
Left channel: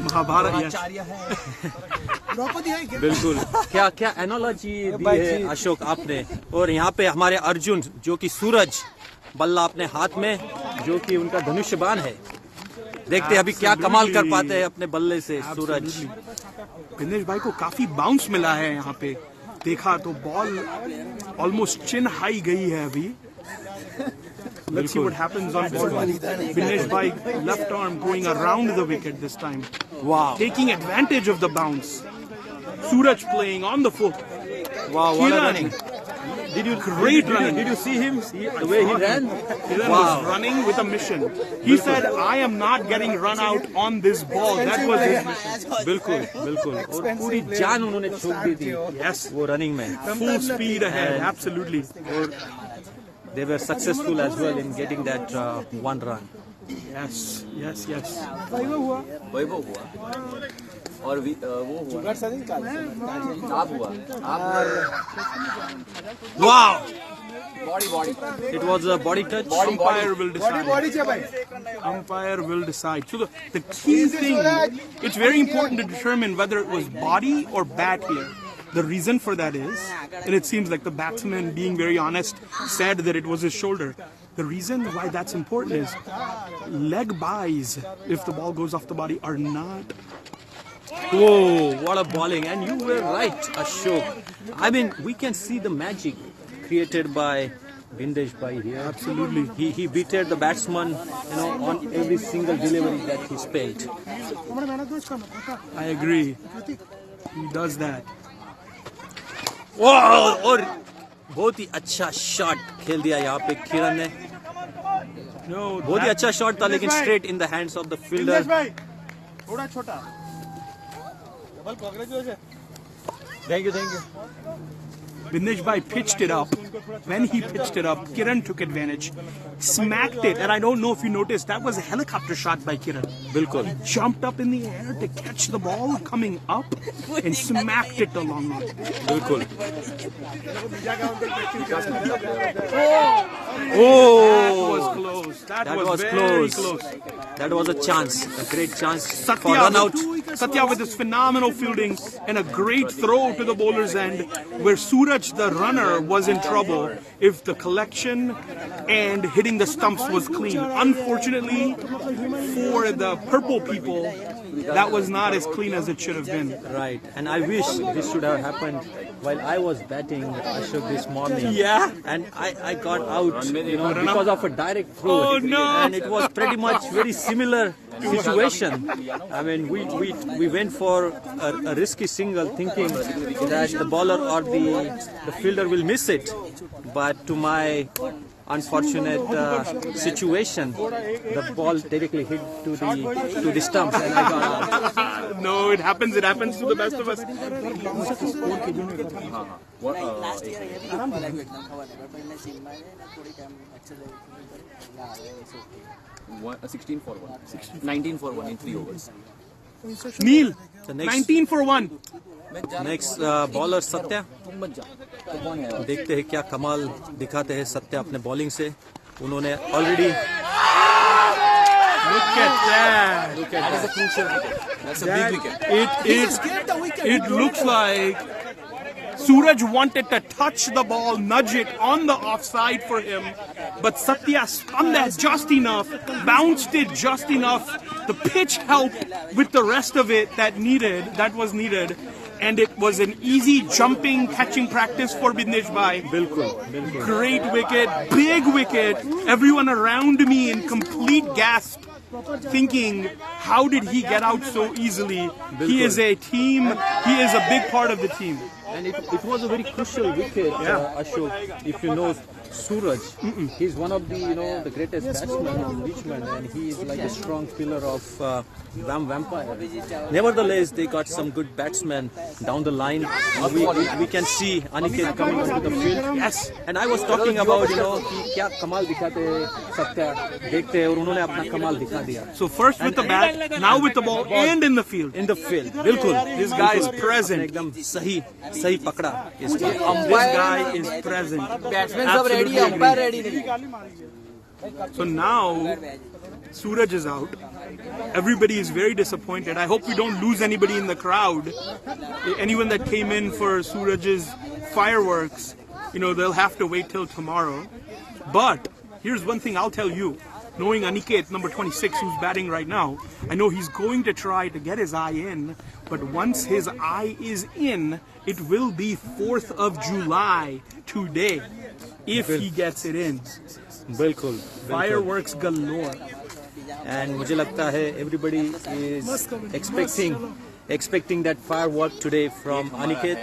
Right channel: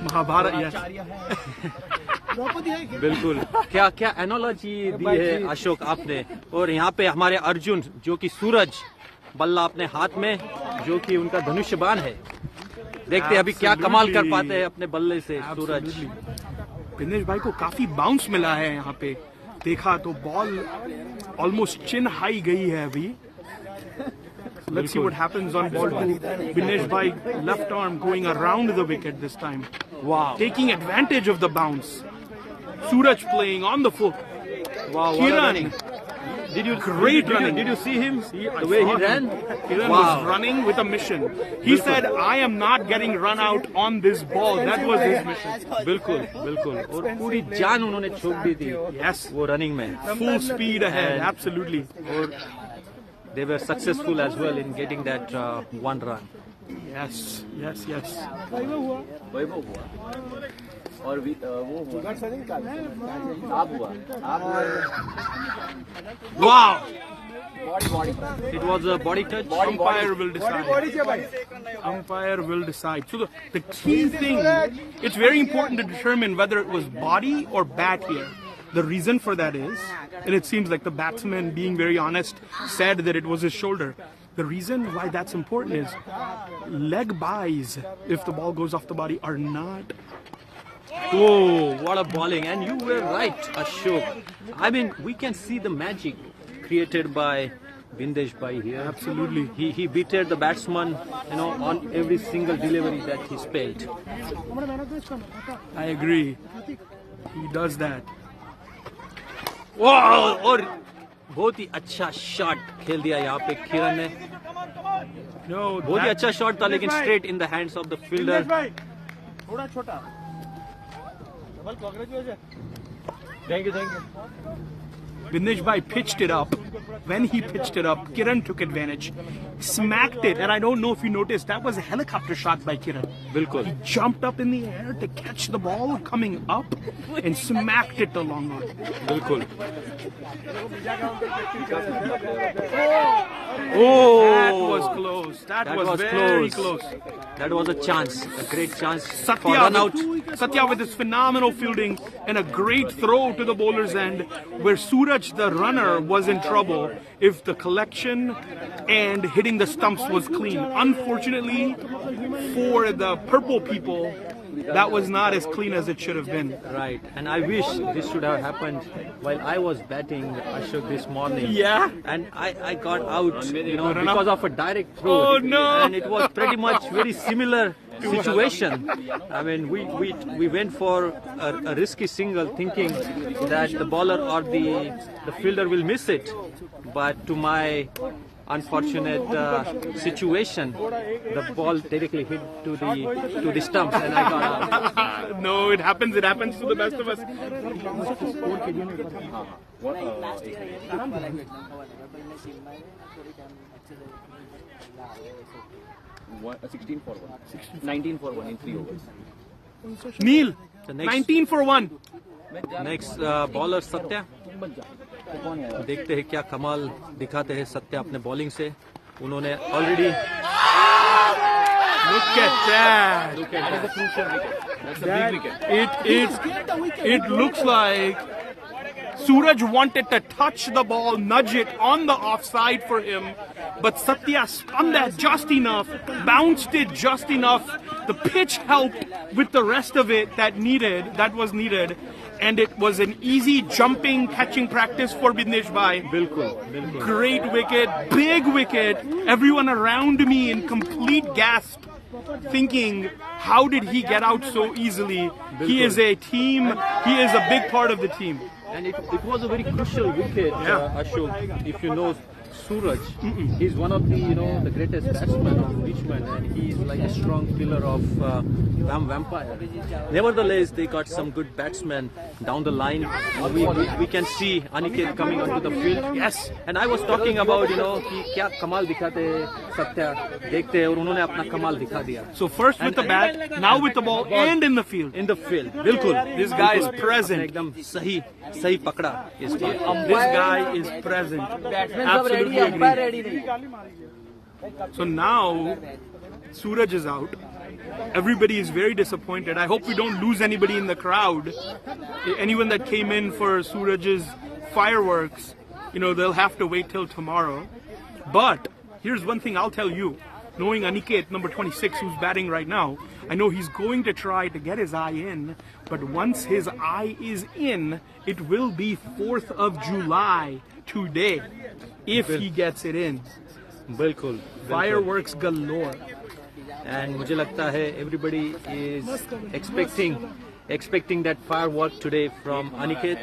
Mahabharata, बिल्कुल क्या analogy दी है अशोक आपने और यहाँ पे हमारे अर्जुन जो कि सूरज बल्ला अपने हाथ में, जो कि उनका धनुष्यबाण है। देखते हैं अभी क्या कमाल कर पाते हैं अपने बल्ले से सूरज। दिनेश भाई को काफी बाउंस मिला है यहाँ पे, देखा तो बॉल ऑलमोस्ट चिन हाई गई है अभी। Let's see what happens on ball 2. Dinesh Bhai left arm going around the wicket this time. Wow. Taking advantage of the bounce. Suraj playing on the foot. Wow, what a Kiran. running. Did you see him? The way he ran? Kiran Wow. was running with a mission. He said, I am not getting run out on this ball. That was his mission. बिल्कुल बिल्कुल, और पूरी जान उन्होंने छोड़ दी थी Yes. वो running में। Full speed ahead, And- absolutely. और they were successful as well in getting that one run. Yes, yes, yes. वैभव हुआ और वो हुआ, आप हुआ Wow. Body It was a body touch. Umpire will decide. Umpire will decide. So the key thing, it's very important to determine whether it was body or bat here. The reason for that is, and it seems like the batsman, being very honest, said that it was his shoulder. The reason why that's important is leg buys, if the ball goes off the body, are not. Oh, what a bowling. And you were right, Ashok. I mean, we can see the magic created by Bindesh Bhai here. Absolutely. He beated the batsman, on every single delivery that he spelled. I agree. He does that. वाह, और बहुत ही अच्छा shot खेल दिया यहाँ पे किरण ने। No, बहुत ही अच्छा शॉट था, लेकिन straight in the hands of the fielder. Thank you. Dinesh Bhai pitched it up. When he pitched it up, Kiran took advantage, smacked it, and I don't know if you noticed, that was a helicopter shot by Kiran. बिल्कुल। Jumped up in the air to catch the ball coming up and smacked it along on. बिल्कुल। Oh, Was close. that was very close. That was a chance, a great chance for run out. Satya with his phenomenal fielding and a great throw to the bowler's end, where Suraj, the runner, was in trouble if the collection and hitting the stumps was clean. Unfortunately for the purple people, that was not as clean as it should have been. Right, and I wish this should have happened while I was batting, Ashok, this morning. Yeah. And I got out, because of a direct throw. Oh, no. And it was pretty much very similar situation. I mean, we went for a risky single, thinking that the bowler or the fielder will miss it. But to my unfortunate situation, the ball directly hit to the stumps, and I got out. No, it happens. It happens to the best of us. What, 16 for 1, 19 for 1 in 3 overs. Neil, The next- 19 for 1. Next bowler Satya, देखते हैं क्या कमाल दिखाते हैं सत्या अपने bowling से। उन्होंने already Look at that. That is a crucial wicket. That's a big wicket. It looks like Suraj wanted to touch the ball, nudge it on the offside for him, but Satya spun that just enough, bounced it just enough. The pitch helped with the rest of it that was needed, and it was an easy jumping, catching practice for Bindesh Bhai. बिल्कुल बिल्कुल Great wicket, big wicket. Everyone around me in complete gasp, thinking, how did he get out so easily? He is a team. He is a big part of the team. And it was a very crucial wicket, Ashok. If you know Suraj, he's one of the greatest batsmen of Richmond, and he is like a strong pillar of VAM Vampire. Nevertheless, they got some good batsmen down the line. We can see Aniket coming onto the field. Yes. And I was talking about कि क्या कमाल दिखाते हैं सत्या, देखते हैं, और उन्होंने अपना कमाल दिखा दिया. So first with the bat, now with the ball, and in the field. In the field, बिल्कुल. This guy is present. आपने एकदम सही पकड़ा इस बार. This guy is present. Batsmen सब ready, Absolutely umpire agree. ready नहीं. So now Suraj is out. Everybody is very disappointed. I hope we don't lose anybody in the crowd. Anyone that came in for Suraj's fireworks, they'll have to wait till tomorrow. But here's one thing I'll tell you. Knowing Aniket, number 26, who's batting right now, I know he's going to try to get his eye in, but once his eye is in, it will be 4th of July today, if he gets it in. बिल्कुल Fireworks galore. And मुझे लगता है everybody is expecting that firework today from Aniket.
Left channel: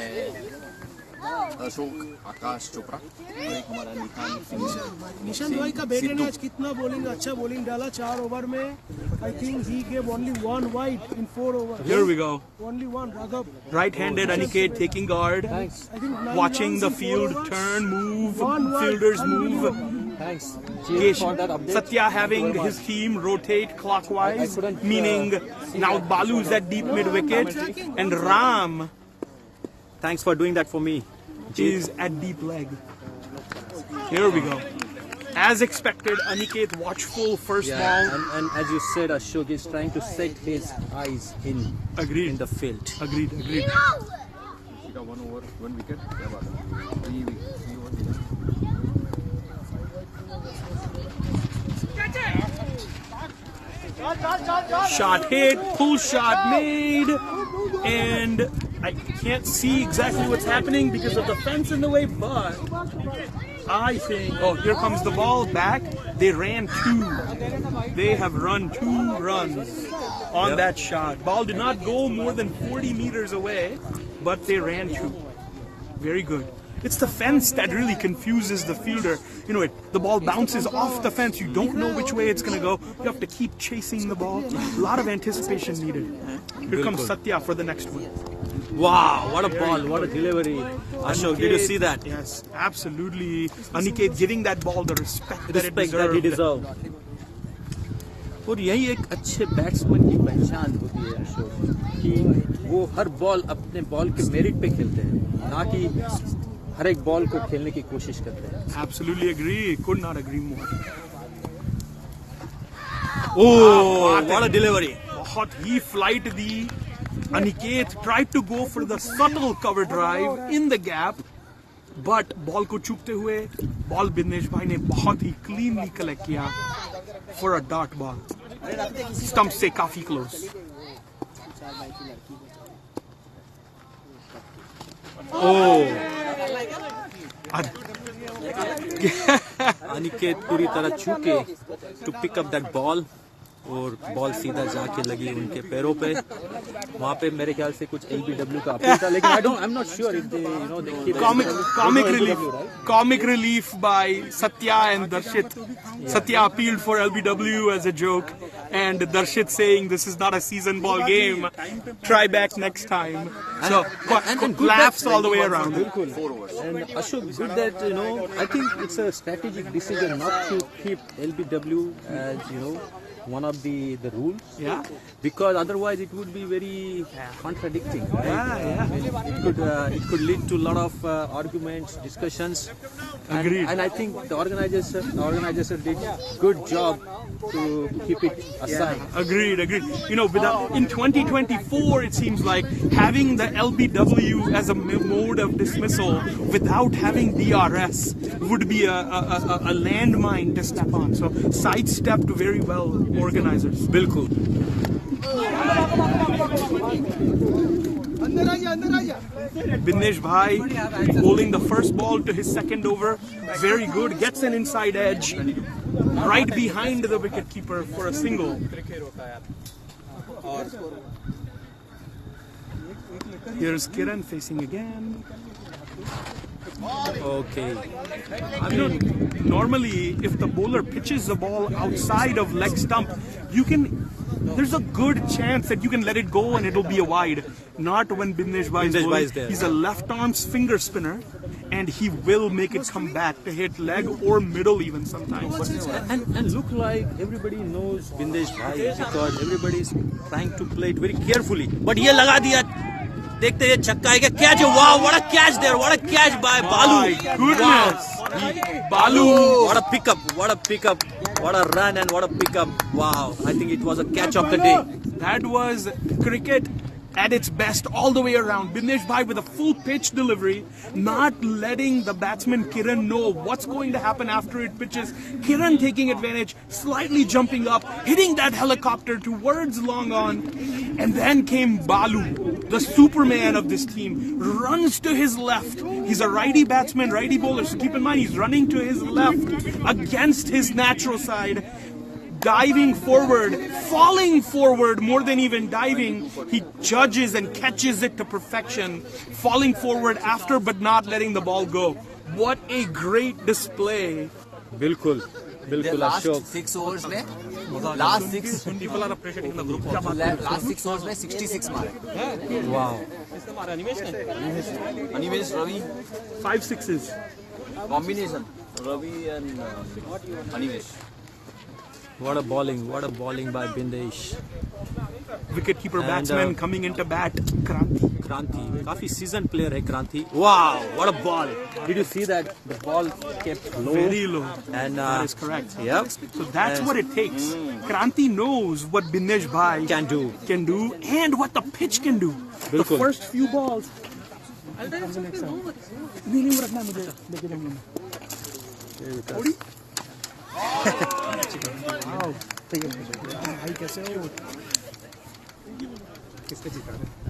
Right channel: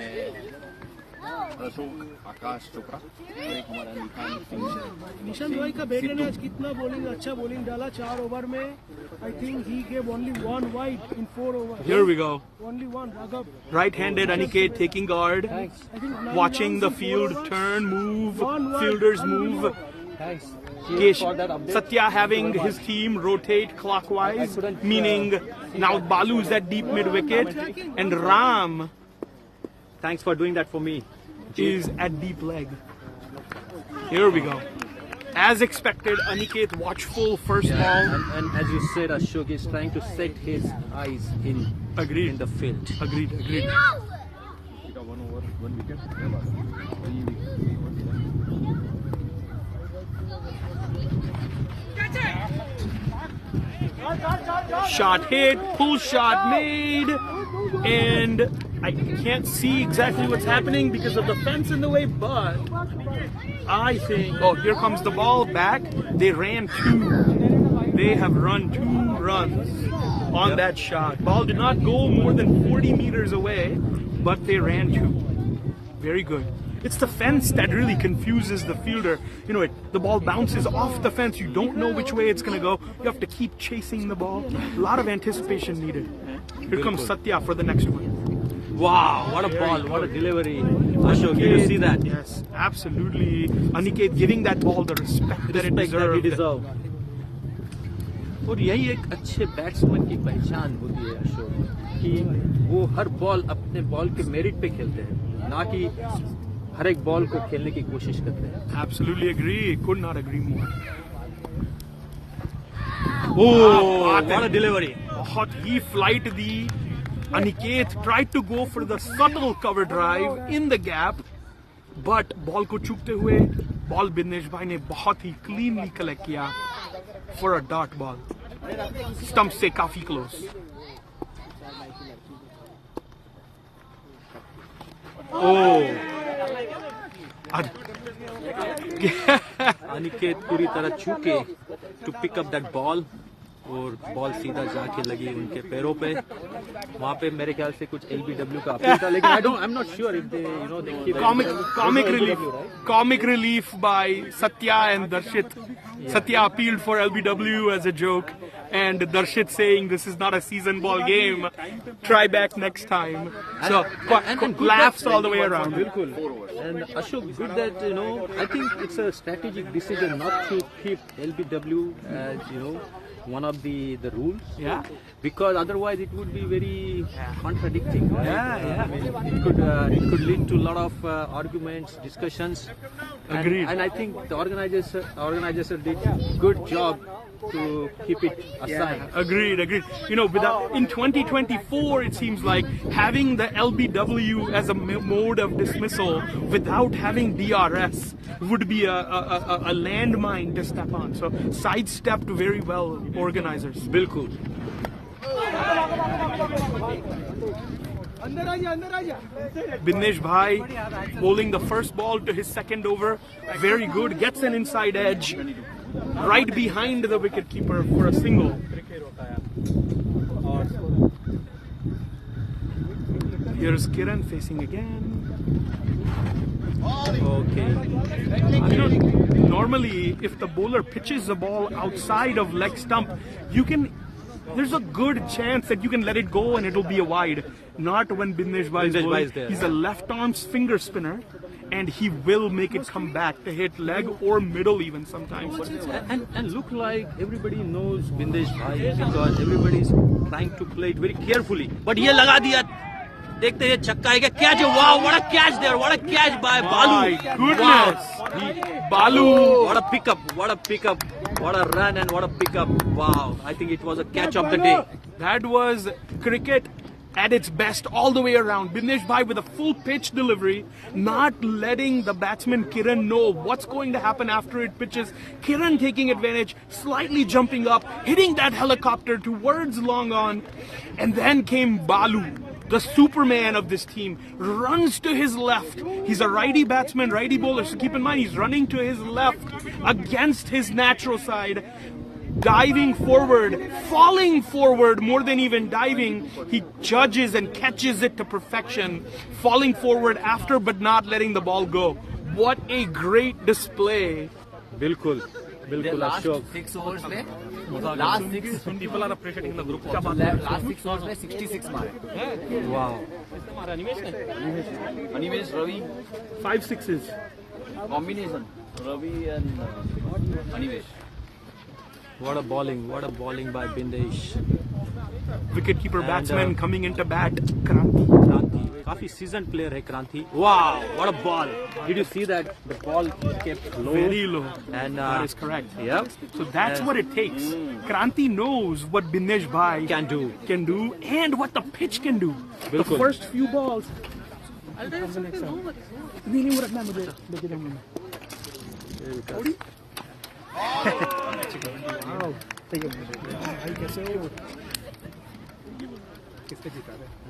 Ashok आकाश चोपड़ा एक हमारा निशांत भाई का बेटे ने आज कितना बॉलिंग अच्छा बॉलिंग डाला 4 ओवर में. I think he gave only 1 wide in 4 overs. Here we go. Only 1. Raghav. Right-handed Aniket taking guard, I think 9 watching the runs in 4 field overs. turn, move, One wide, fielders unbelievable. move. Thanks. Yes, For that update. Satya having his team rotate clockwise, meaning now Balu's at deep mid wicket, and Ram Thanks for doing that for me. is at deep leg. Here we go. As expected, Aniket watchful first ball. And as you said, Ashok is trying to set his eyes in Agreed. the field. Agreed. One over one wicket क्या बात है. Shot hit, pull shot made, and I can't see exactly what's happening because of the fence in the way, but I think, oh, here comes the ball back. They ran 2. They have run 2 runs on that shot. Ball did not go more than 40 meters away, but they ran 2. Very good. It's the fence that really confuses the fielder. You know, the ball bounces off the fence. You don't know which way it's going to go. You have to keep chasing the ball. A lot of anticipation needed. Here comes Satya for the next one. Wow, what a ball, what a delivery. Ashok, did you see that? Yes, absolutely. Aniket giving that ball the respect Respect that he deserved. और यही एक अच्छे batsman की पहचान होती है अशोक, कि वो हर बॉल अपने बॉल के मेरिट पे खेलते हैं, ना कि हर एक बॉल को खेलने की कोशिश करते हैं. Absolutely agree. Could not agree more. Oh, what a delivery. बहुत ही flight the. Aniket tried to go for the subtle cover drive in the gap, but ball को चूकते हुए ball बिन्नेश भाई ने बहुत ही cleanly collect किया for a dot ball. Stump से काफी close. Oh. Aniket पूरी तरह चूके to pick up that ball, और बॉल सीधा जाके लगी उनके पैरों पे. वहाँ पे मेरे ख्याल से कुछ LBW का अपील था, लेकिन I'm not sure if they Comic relief by Satya and Darshit. Satya appealed for LBW as a joke, and Darshit saying this is not a season ball game. Try back next time. So laughs all the way around. And Ashok, good that I think it's a strategic decision not to keep LBW as one of the rules. Yeah. Because otherwise it would be very contradicting, right? I mean, it could lead to a lot of arguments, discussions. Agreed. And I think the organizers did good job to keep it aside. Agreed. In 2024, it seems like having the LBW as a mode of dismissal without having DRS would be a landmine to step on. So sidestepped very well, organizers. Bilkul. Binnesh Bhai bowling the first ball to his second over. Very good. Gets an inside edge. Right behind the wicketkeeper for a single. Here's Kiran facing again. Okay. Normally, if the bowler pitches the ball outside of leg stump, there's a good chance that you can let it go and it'll be a wide. Not when Binnesh Bhai is bowling. He's a left arm finger spinner, and he will make it come back to hit leg or middle even sometimes. And look like everybody knows Binnesh Bhai because everybody is trying to play it very carefully. But here laga diya. देखते हैं छक्का है क्या catch. Wow, what a catch there. What a catch by Balu. My goodness. Wow. Balu. What a pickup. What a run and what a pickup. Wow. I think it was a catch of the day. That was cricket at its best all the way around. Bindesh Bhai with a full pitch delivery, not letting the batsman Kiran know what's going to happen after it pitches. Kiran taking advantage, slightly jumping up, hitting that helicopter towards long on. And then came Balu, the Superman of this team, runs to his left. He's a righty batsman, righty bowler, so keep in mind he's running to his left against his natural side. Diving forward, falling forward more than even diving, he judges and catches it to perfection, falling forward after but not letting the ball go. What a great display. बिल्कुल बिल्कुल Ashok 6 overs में last 6 People are appreciating the group also. last 6 overs में 66 मारे. wow Animesh, Ravi, 5 sixes. combination. Ravi and Animesh. what a bowling by Bindesh. Wicketkeeper And, batsman coming into bat. Kranti. Kranti, काफी seasoned player है Kranti. Wow, what a ball! Did you see that? The ball kept low. Very low. And That is correct. Yep. So that's what it takes. Kranti knows what Bindesh Bhai Can do. and what the pitch can do. The Bilkul. first few balls.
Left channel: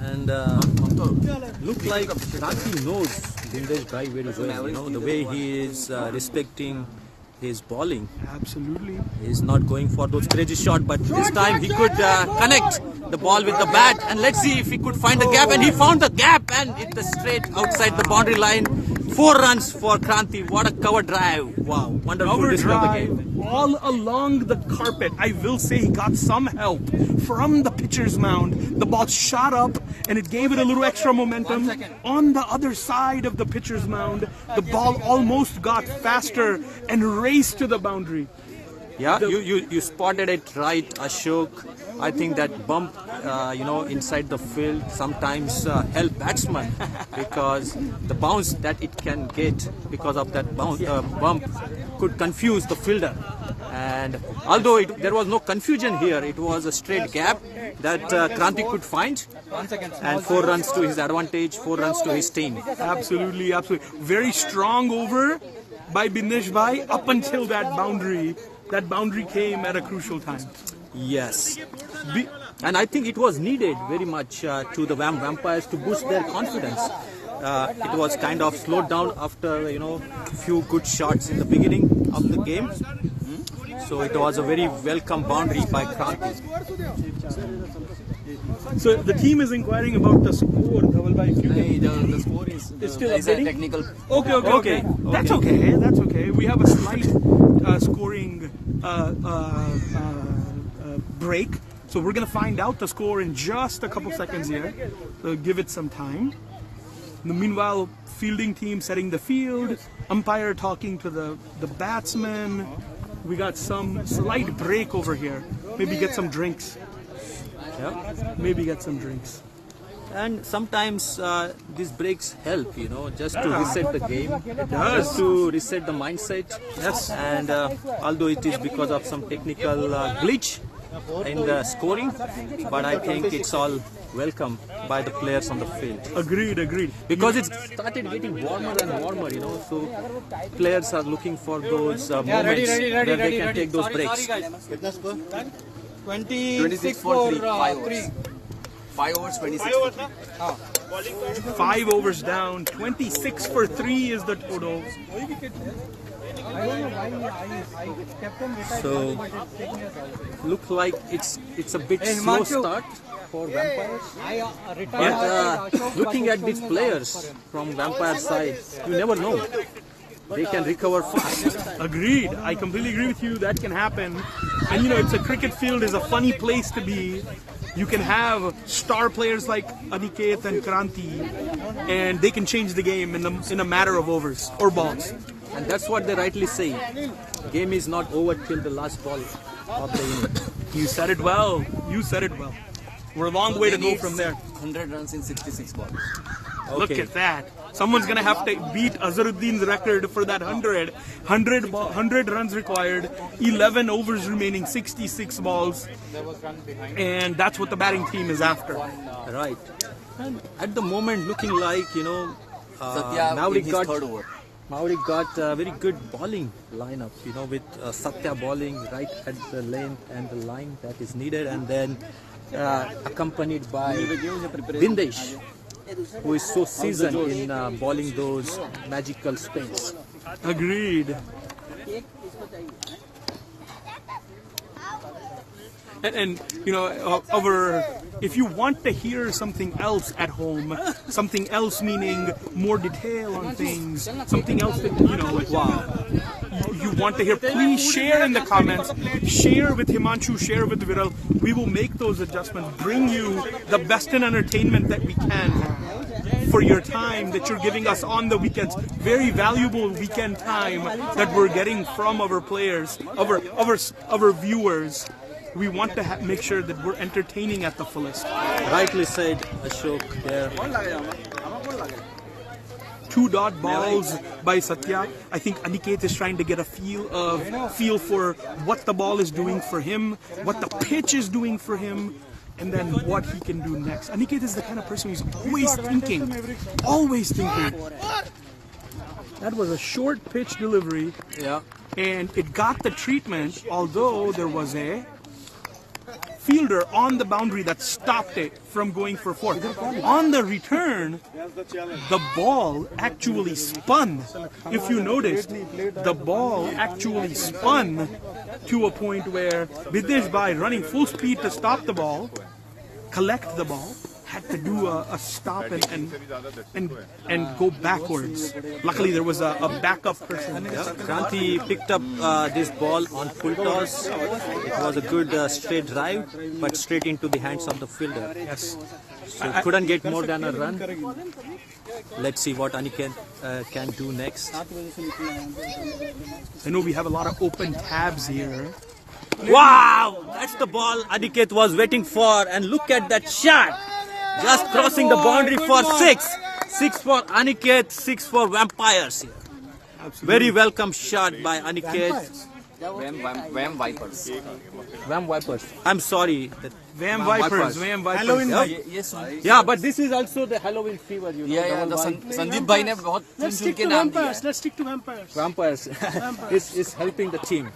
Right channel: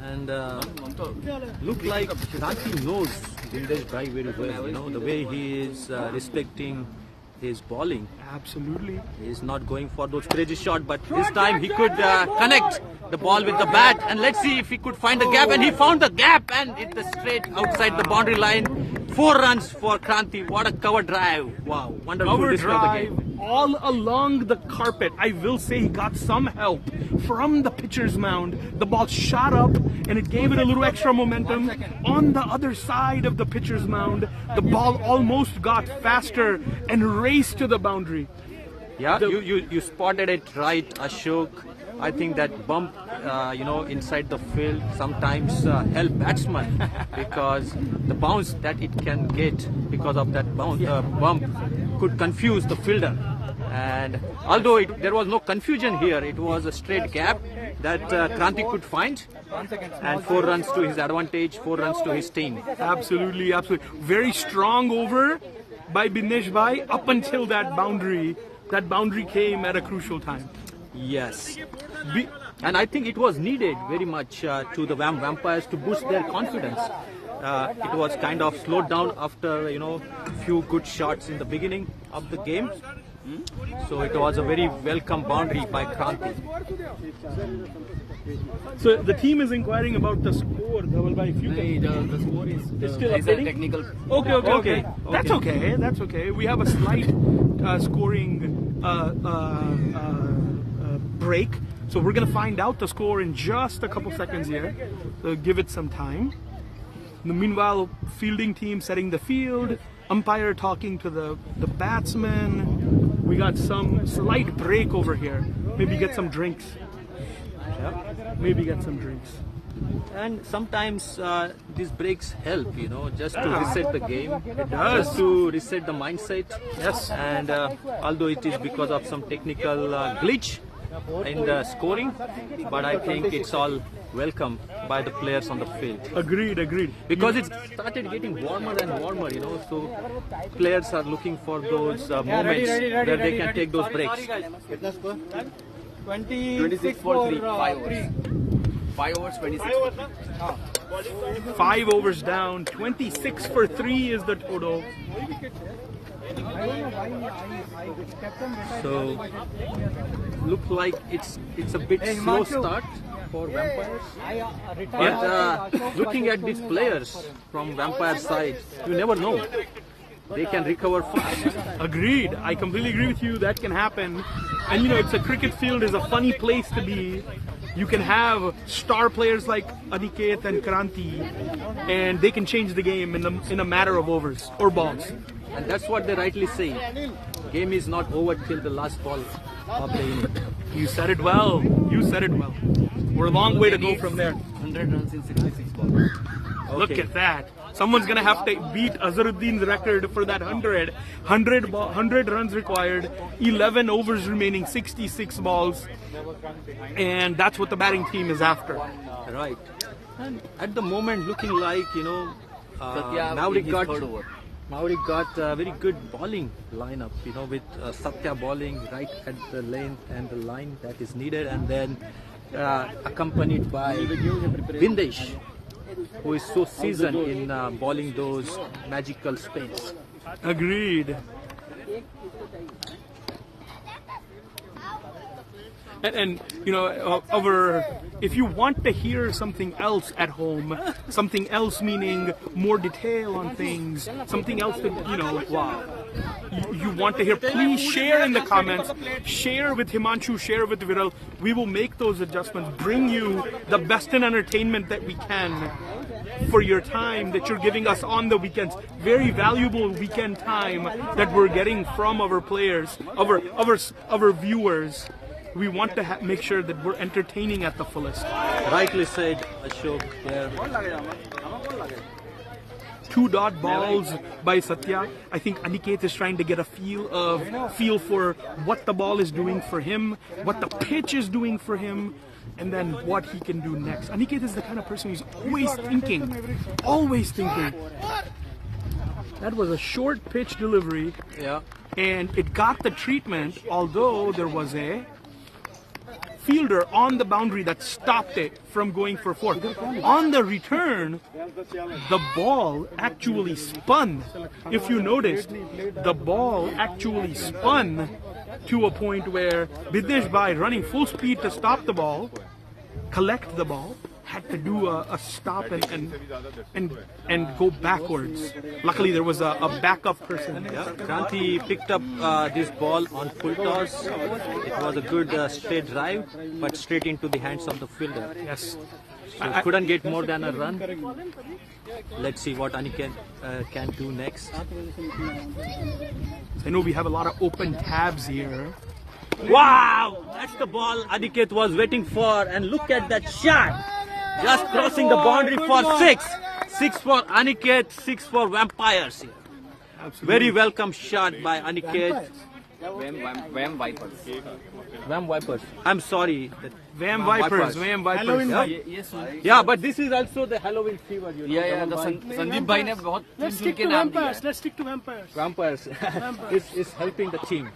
And look like Kranti knows Bindesh Bhai very well. You know the way he is respecting his bowling. Absolutely. He's not going for those crazy shots, but this time he could connect the ball with the bat. And let's see if he could find the gap. And he found the gap and hit the straight outside the boundary line. 4 runs for Kranti. What a cover drive! Wow, wonderful Cover display of the drive game. all along the carpet. I will say he got some help from the pitcher's mound. The ball shot up and it gave it a little extra momentum. On the other side of the pitcher's mound, the ball almost got faster and raced to the boundary. Yeah, you spotted it right, Ashok. I think that bump, inside the field sometimes help batsman because the bounce that it can get because of that bump could confuse the fielder. And although there was no confusion here, it was a straight gap that Kranti could find. And 4 runs to his advantage, 4 runs to his team. Absolutely. Very strong over by Bindesh Bhai up until that boundary. That boundary came at a crucial time. Yes. And I think it was needed very much to the VAM Vampires to boost their confidence. It was kind of slowed down after, few good shots in the beginning of the game. So it was a very welcome boundary by Kranti. So the team is inquiring about the score, Dhaval Bhai. If you can. The score is still is updating? a technical. Okay. That's okay. We have a slight scoring break. So we're going to find out the score in just a couple seconds here. So give it some time. Meanwhile, fielding team setting the field, umpire talking to the batsman. We got some slight break over here. Maybe get some drinks. And sometimes these breaks help, just to reset the game, just to reset the mindset. Yes. And although it is because of some technical glitch in the scoring, but I think it's all welcome by the players on the field. Agreed. Because it started getting warmer and warmer, so players are looking for those moments where they can take those breaks. 26 for 3, 5 overs. 5 overs, 26 for 3. 5 overs down, 26 for 3 is the total. So, look like it's a bit slow start for Vampires. But looking at these players from Vampire side, you never know. They can recover fast. Agreed. I completely agree with you. That can happen. And it's a cricket field is a funny place to be. You can have star players like Aniket and Kranti, and they can change the game in a matter of overs or balls. And that's what they rightly say. Game is not over till the last ball of the inning. You said it well. We're a long way to go from there. 100 runs in 66 balls. Look at that. Someone's going to have to beat Azharuddin's record for that 100. 100 runs required, 11 overs remaining, 66 balls. And that's what the batting team is after. Right. And at the moment, looking like, Satya in Maverick his got third over. Maverick got a very good bowling lineup, with Satya bowling right at the length and the line that is needed, and then accompanied by Vindesh, who is so seasoned in bowling those magical spins. Agreed. And if you want to hear something else at home, something else meaning more detail on things, something else that, you want to hear, please share in the comments. Share with Himanshu, share with Viral. We will make those adjustments, bring you the best in entertainment that we can for your time that you're giving us on the weekends. Very valuable weekend time that we're getting from our players, our viewers. We want to make sure that we're entertaining at the fullest. Rightly said, Ashok there. 2-dot balls by Satya. I think Aniket is trying to get a feel for what the ball is doing for him, what the pitch is doing for him, and then what he can do next. Aniket is the kind of person who's always thinking. Always thinking. That was a short pitch delivery. Yeah. And it got the treatment, although there was a fielder on the boundary that stopped it from going for 4. On the return, the ball actually spun. If you noticed, the ball actually spun to a point where Videsh Bhai, running full speed to stop the ball, collect the ball, had to do a stop and go backwards. Luckily, there was a backup person. Yeah, Kranti picked up this ball on full toss. It was a good straight drive, but straight into the hands of the fielder. Yes. So couldn't get more than a run. Let's see what Aniket can do next. I know we have a lot of open tabs here. Wow! That's the ball Aniket was waiting for, and look at that shot! Just crossing the boundary for 6. 6 for Aniket, 6 for Vampires here. Absolutely. Very welcome shot by Aniket. VAM Vipers. VAM Vipers. I'm sorry. VAM Vipers. VAM Vipers. Yeah? Yes, Yeah, but this is also the Halloween fever. Yeah. Sandeep bhai ne bahut Let's stick to vampires. Let's stick to vampires. Vampires. It's helping the team.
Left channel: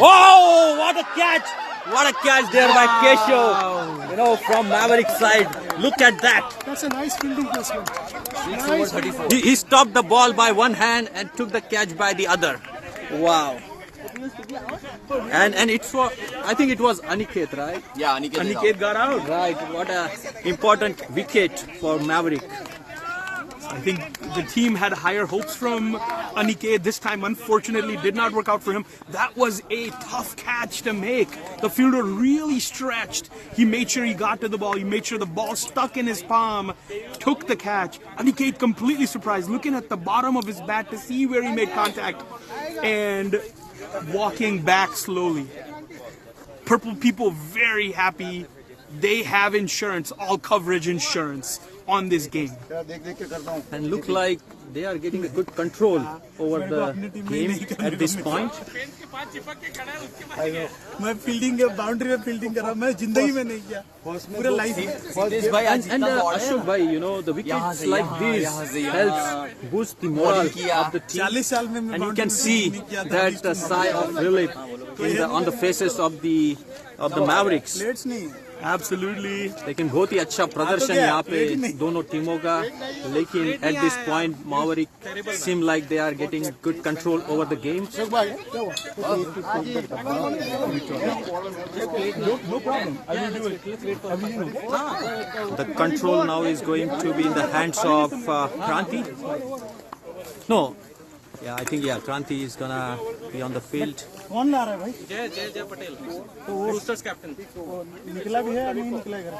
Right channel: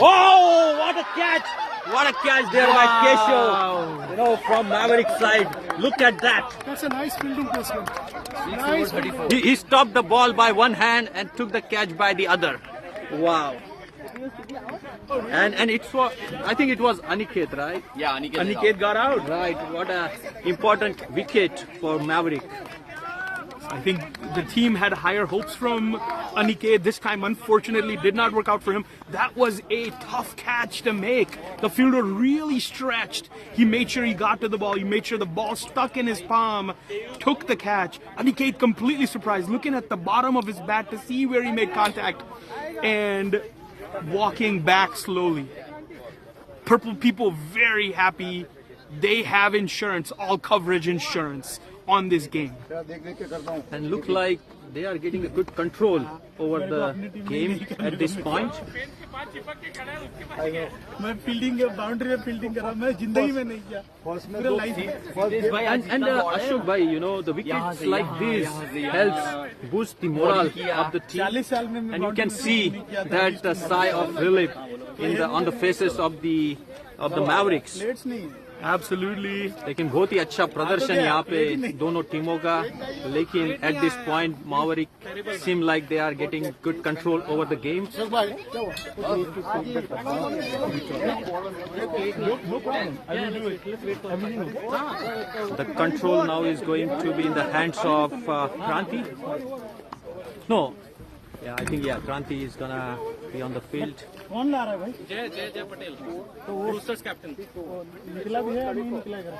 Oh, what a catch! What a catch there by Keshav. From Mavericks side. Look at that. That's a nice fielding placement. Nice. 34. He stopped the ball by one hand and took the catch by the other. Wow. And it's for, I think it was Aniket, right? Yeah, Aniket got out. Right. What a important wicket for Maverick. I think the team had higher hopes from Aniket. This time, unfortunately, did not work out for him. That was a tough catch to make. The fielder really stretched. He made sure he got to the ball. He made sure the ball stuck in his palm. Took the catch. Aniket completely surprised, looking at the bottom of his bat to see where he made contact and walking back slowly. Purple people very happy. They have insurance, all coverage insurance on this game. And look like they are getting a good control over the game at this point. मैं fielding के boundary में fielding कर रहा हूं मैं जिंदगी में नहीं किया पूरे life And Ashok bhai, the wickets like this helps boost the morale of the team. 40 साल में And you can see that sigh of relief on the faces of the Mavericks. Plates नहीं Absolutely. लेकिन बहुत ही अच्छा प्रदर्शन यहाँ पे दोनों टीमों का. लेकिन at this point Maverick seem like they are getting good control over the game. No problem. I will do it. Everything okay. The control now is going to be in the hands of Kranti. No. Yeah, I think Kranti is gonna be on the field. कौन ला रहा है भाई जय पटेल तो roasters captain निकला भी है अभी निकलेगा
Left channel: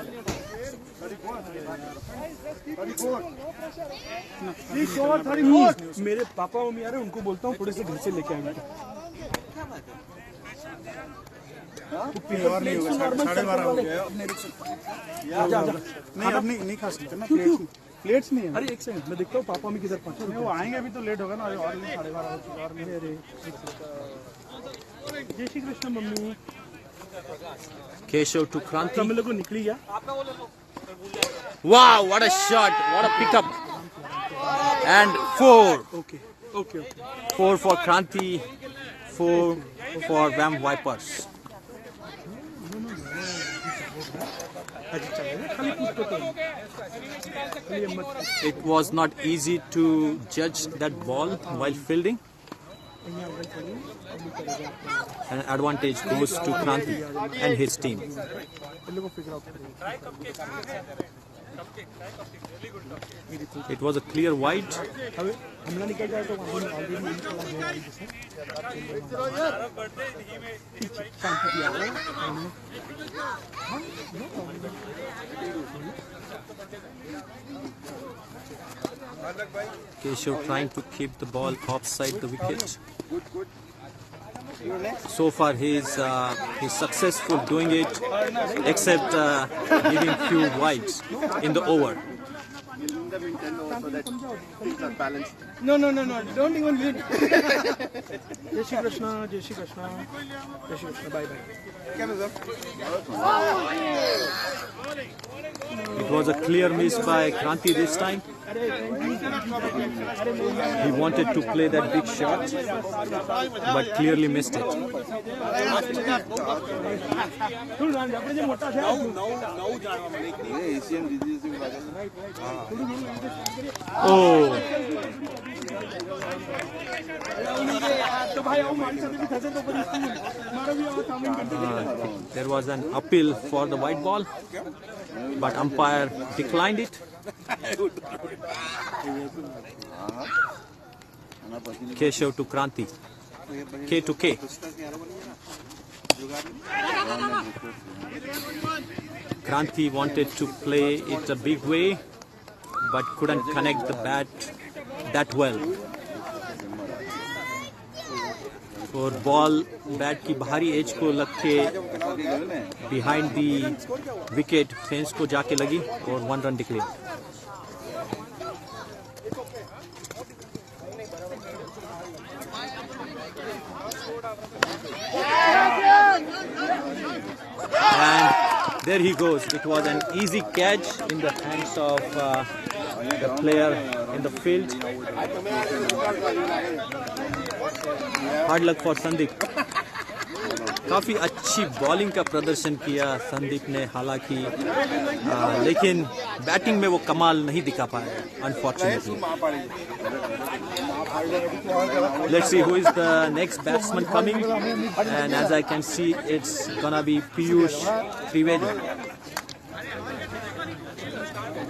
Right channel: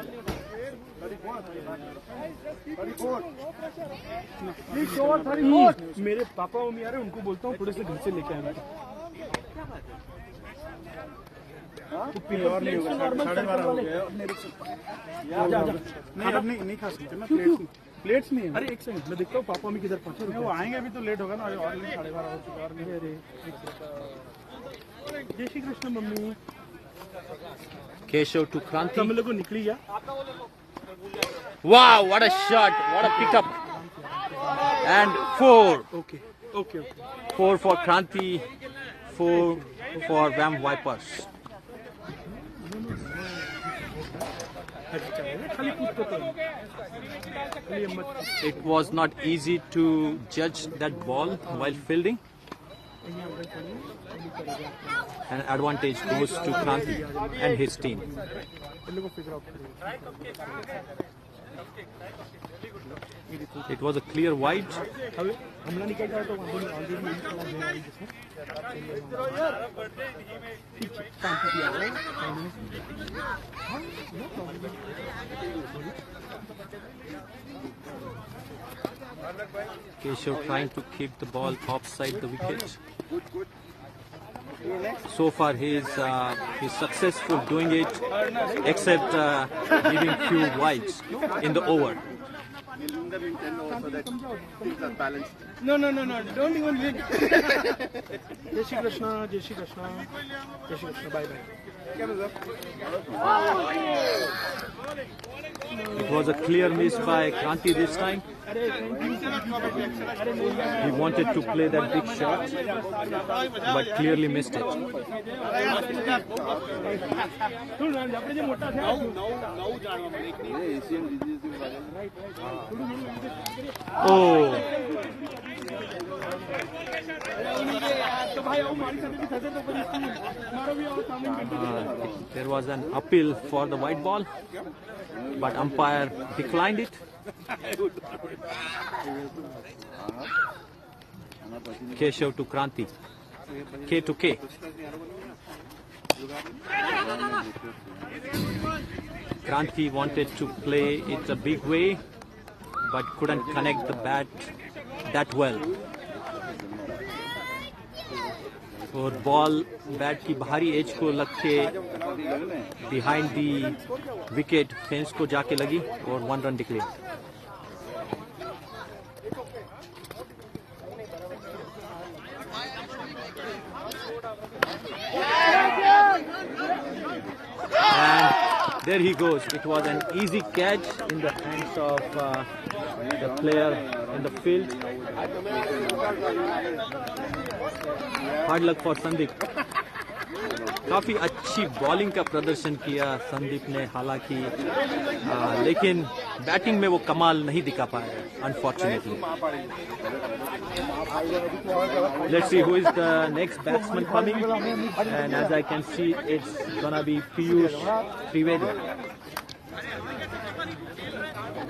मेरे पापा मम्मी आ रहे हैं उनको बोलता हूँ थोड़े से घर से लेके आए बेटा नहीं खा सकते ना प्लेट्स नहीं है अरे एक सेकंड मैं देखता हूँ पापा मम्मी किधर पहुंचे वो आएंगे अभी तो लेट होगा ना और 12:30 हो चुका और नहीं अरे जय Shri Krishna mummy Keshav to Kranti. Tamil को निकली गया. Wow, what a shot! What a pickup! And 4. Okay. 4 for Kranti, 4 for VAM Vipers. It was not easy to judge that ball while fielding. An advantage goes to Kranti and his team. It was a clear wide. हमला निकल जाए तो वांधो नहीं, already यही खेला गया है जैसे ठीक है शांति किया है हाँ no problem Keshav trying to keep the ball offside the wicket. So far he's successful doing it, except giving few wides in the over. So that things are balanced. No, don't even hit. जय Shri Krishna bye bye. It was a clear miss by Kranti this time. He wanted to play that big shot, but clearly missed it. Oh. There was an appeal for the white ball, but umpire declined it. Keshav to Kranti. K to K. Kranti wanted to play it a big way, but couldn't connect the bat that well. और ball bat की बाहरी as को लग के behind the wicket fence को जाके लगी और 1 run declare. And there he goes. It was an easy catch in the hands of the player in the field. Hard luck for Sandeep. काफी अच्छी बॉलिंग का प्रदर्शन किया संदीप ने, हालांकि लेकिन बैटिंग में वो कमाल नहीं दिखा पाया unfortunately. Let's see who is the next batsman coming, and as I can see it's gonna be Piyush Trivedi.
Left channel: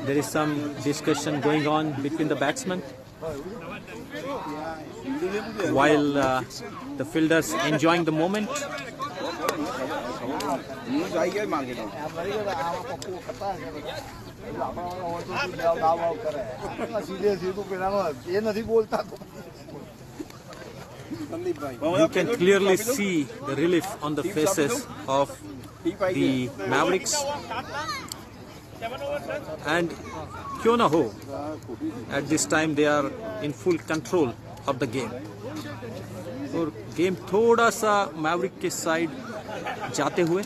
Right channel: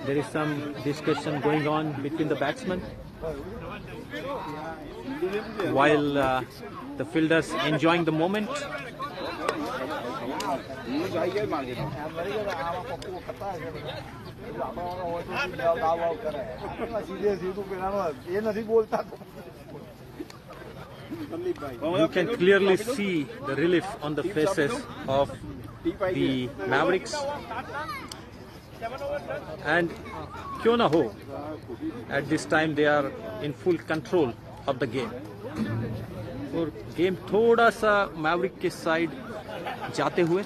There is some discussion going on between the batsmen while the fielders enjoying the moment. You can clearly see the relief on the faces of the Mavericks, and क्यों ना हो, at this time they are in full control of the game. और game थोड़ा सा Maverick के side जाते हुए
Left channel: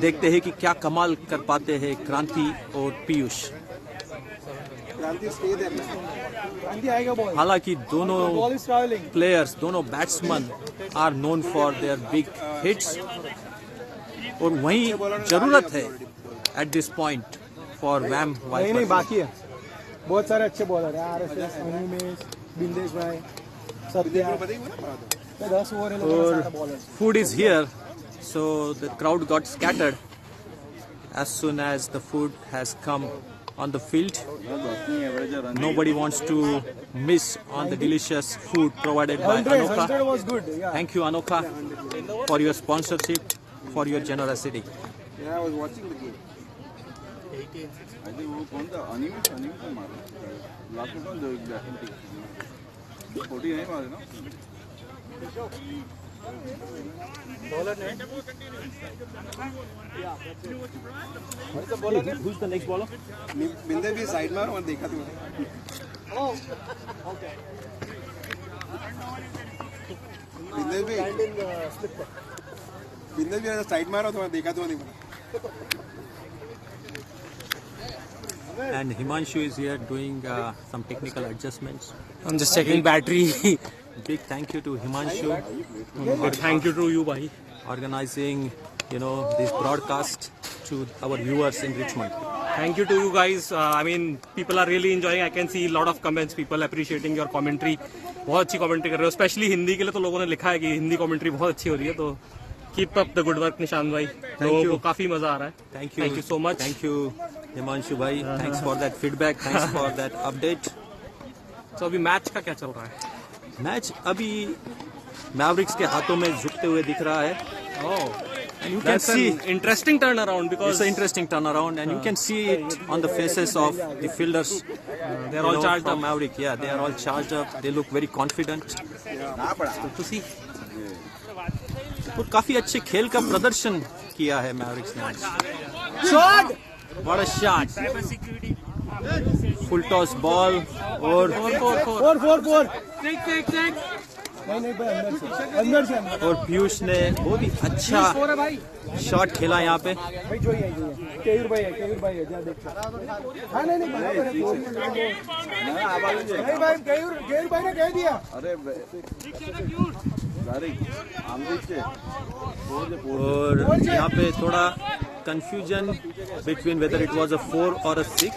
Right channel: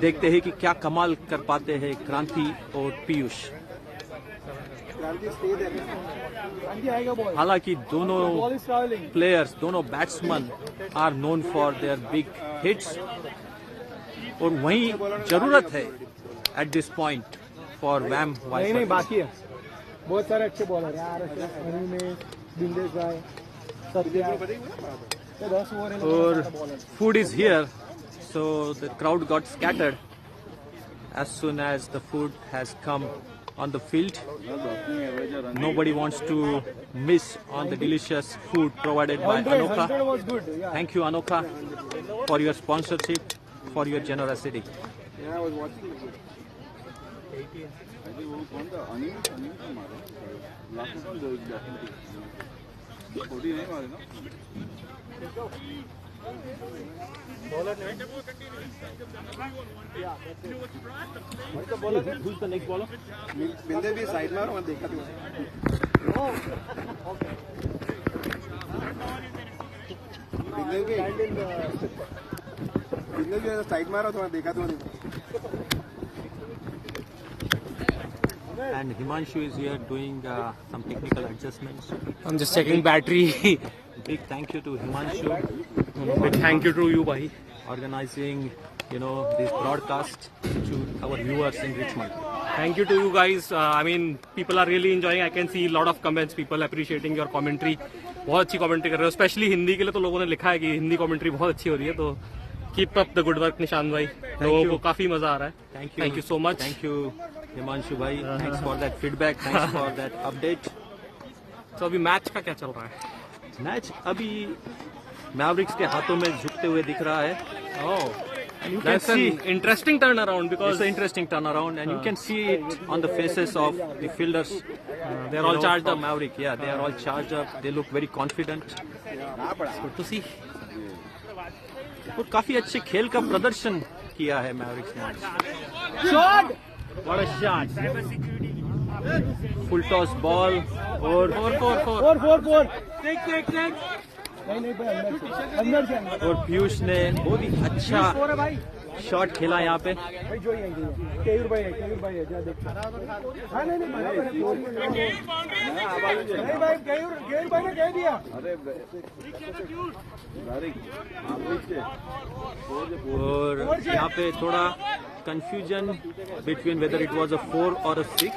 देखते हैं कि क्या कमाल कर पाते हैं क्रांति और पीयूष. हालांकि दोनों प्लेयर्स, दोनों batsman are known for their big hits, और वहीं जरूरत है at this point for vampires. नहीं बाकी है, बहुत सारे अच्छे बॉलर हैं, आरएसएस, उमेश, बिंदेश भाई, और food is here, so the crowd got scattered as soon as the food has come on the field. Nobody wants to miss on the delicious food provided by Anokha. Thank you Anokha for your sponsorship, for your generosity. Yeah, I was watching the game. I think Who's the next bowler? बिंदे भी side में और देखा तू. बिंदे भी side मारा तो मैं देखा तो नहीं. And Himanshu is here doing some technical adjustments. I'm just checking battery. Big thank you to Himanshu. Big thank you to you, bhai. Organizing, this broadcast to our viewers in Richmond. Thank you to you guys. I mean, people are really enjoying. I can see a lot of comments. People appreciating your commentary. बहुत अच्छी commentary कर रहे हो. Specially Hindi के लिए तो लोगों ने लिखा है कि हिंदी कमेंट्री बहुत अच्छी हो रही है. तो keep up the good work Nishant भाई. लोगों को काफी मजा आ रहा है. Thank you. Thank you so much. Thank you, Himanshu bhai. Thanks for that feedback. Thanks for that update. तो अभी मैच का क्या चल रहा है? मैच अभी मैवरिक्स के हाथों में झुकते हुए दिख रहा है. You can see interesting turnaround because It's an interesting turnaround, and you can see it on the faces of the fielders. they are all charged from up. Maverick. Yeah, they are all charged up. They look very confident. Good to see. और काफी अच्छे खेल का प्रदर्शन किया है Mavericks ने आज. Shot. What a shot! Full toss ball और 4. नहीं अंदर से और पीयूष ने बहुत ही अच्छा शॉट खेला यहाँ पे. भाई जो है केयूर भाई है जा देख. हां नहीं भाई केयूर भाई ने कह दिया. और यहाँ पे थोड़ा confusion between whether it was a 4 और अ 6.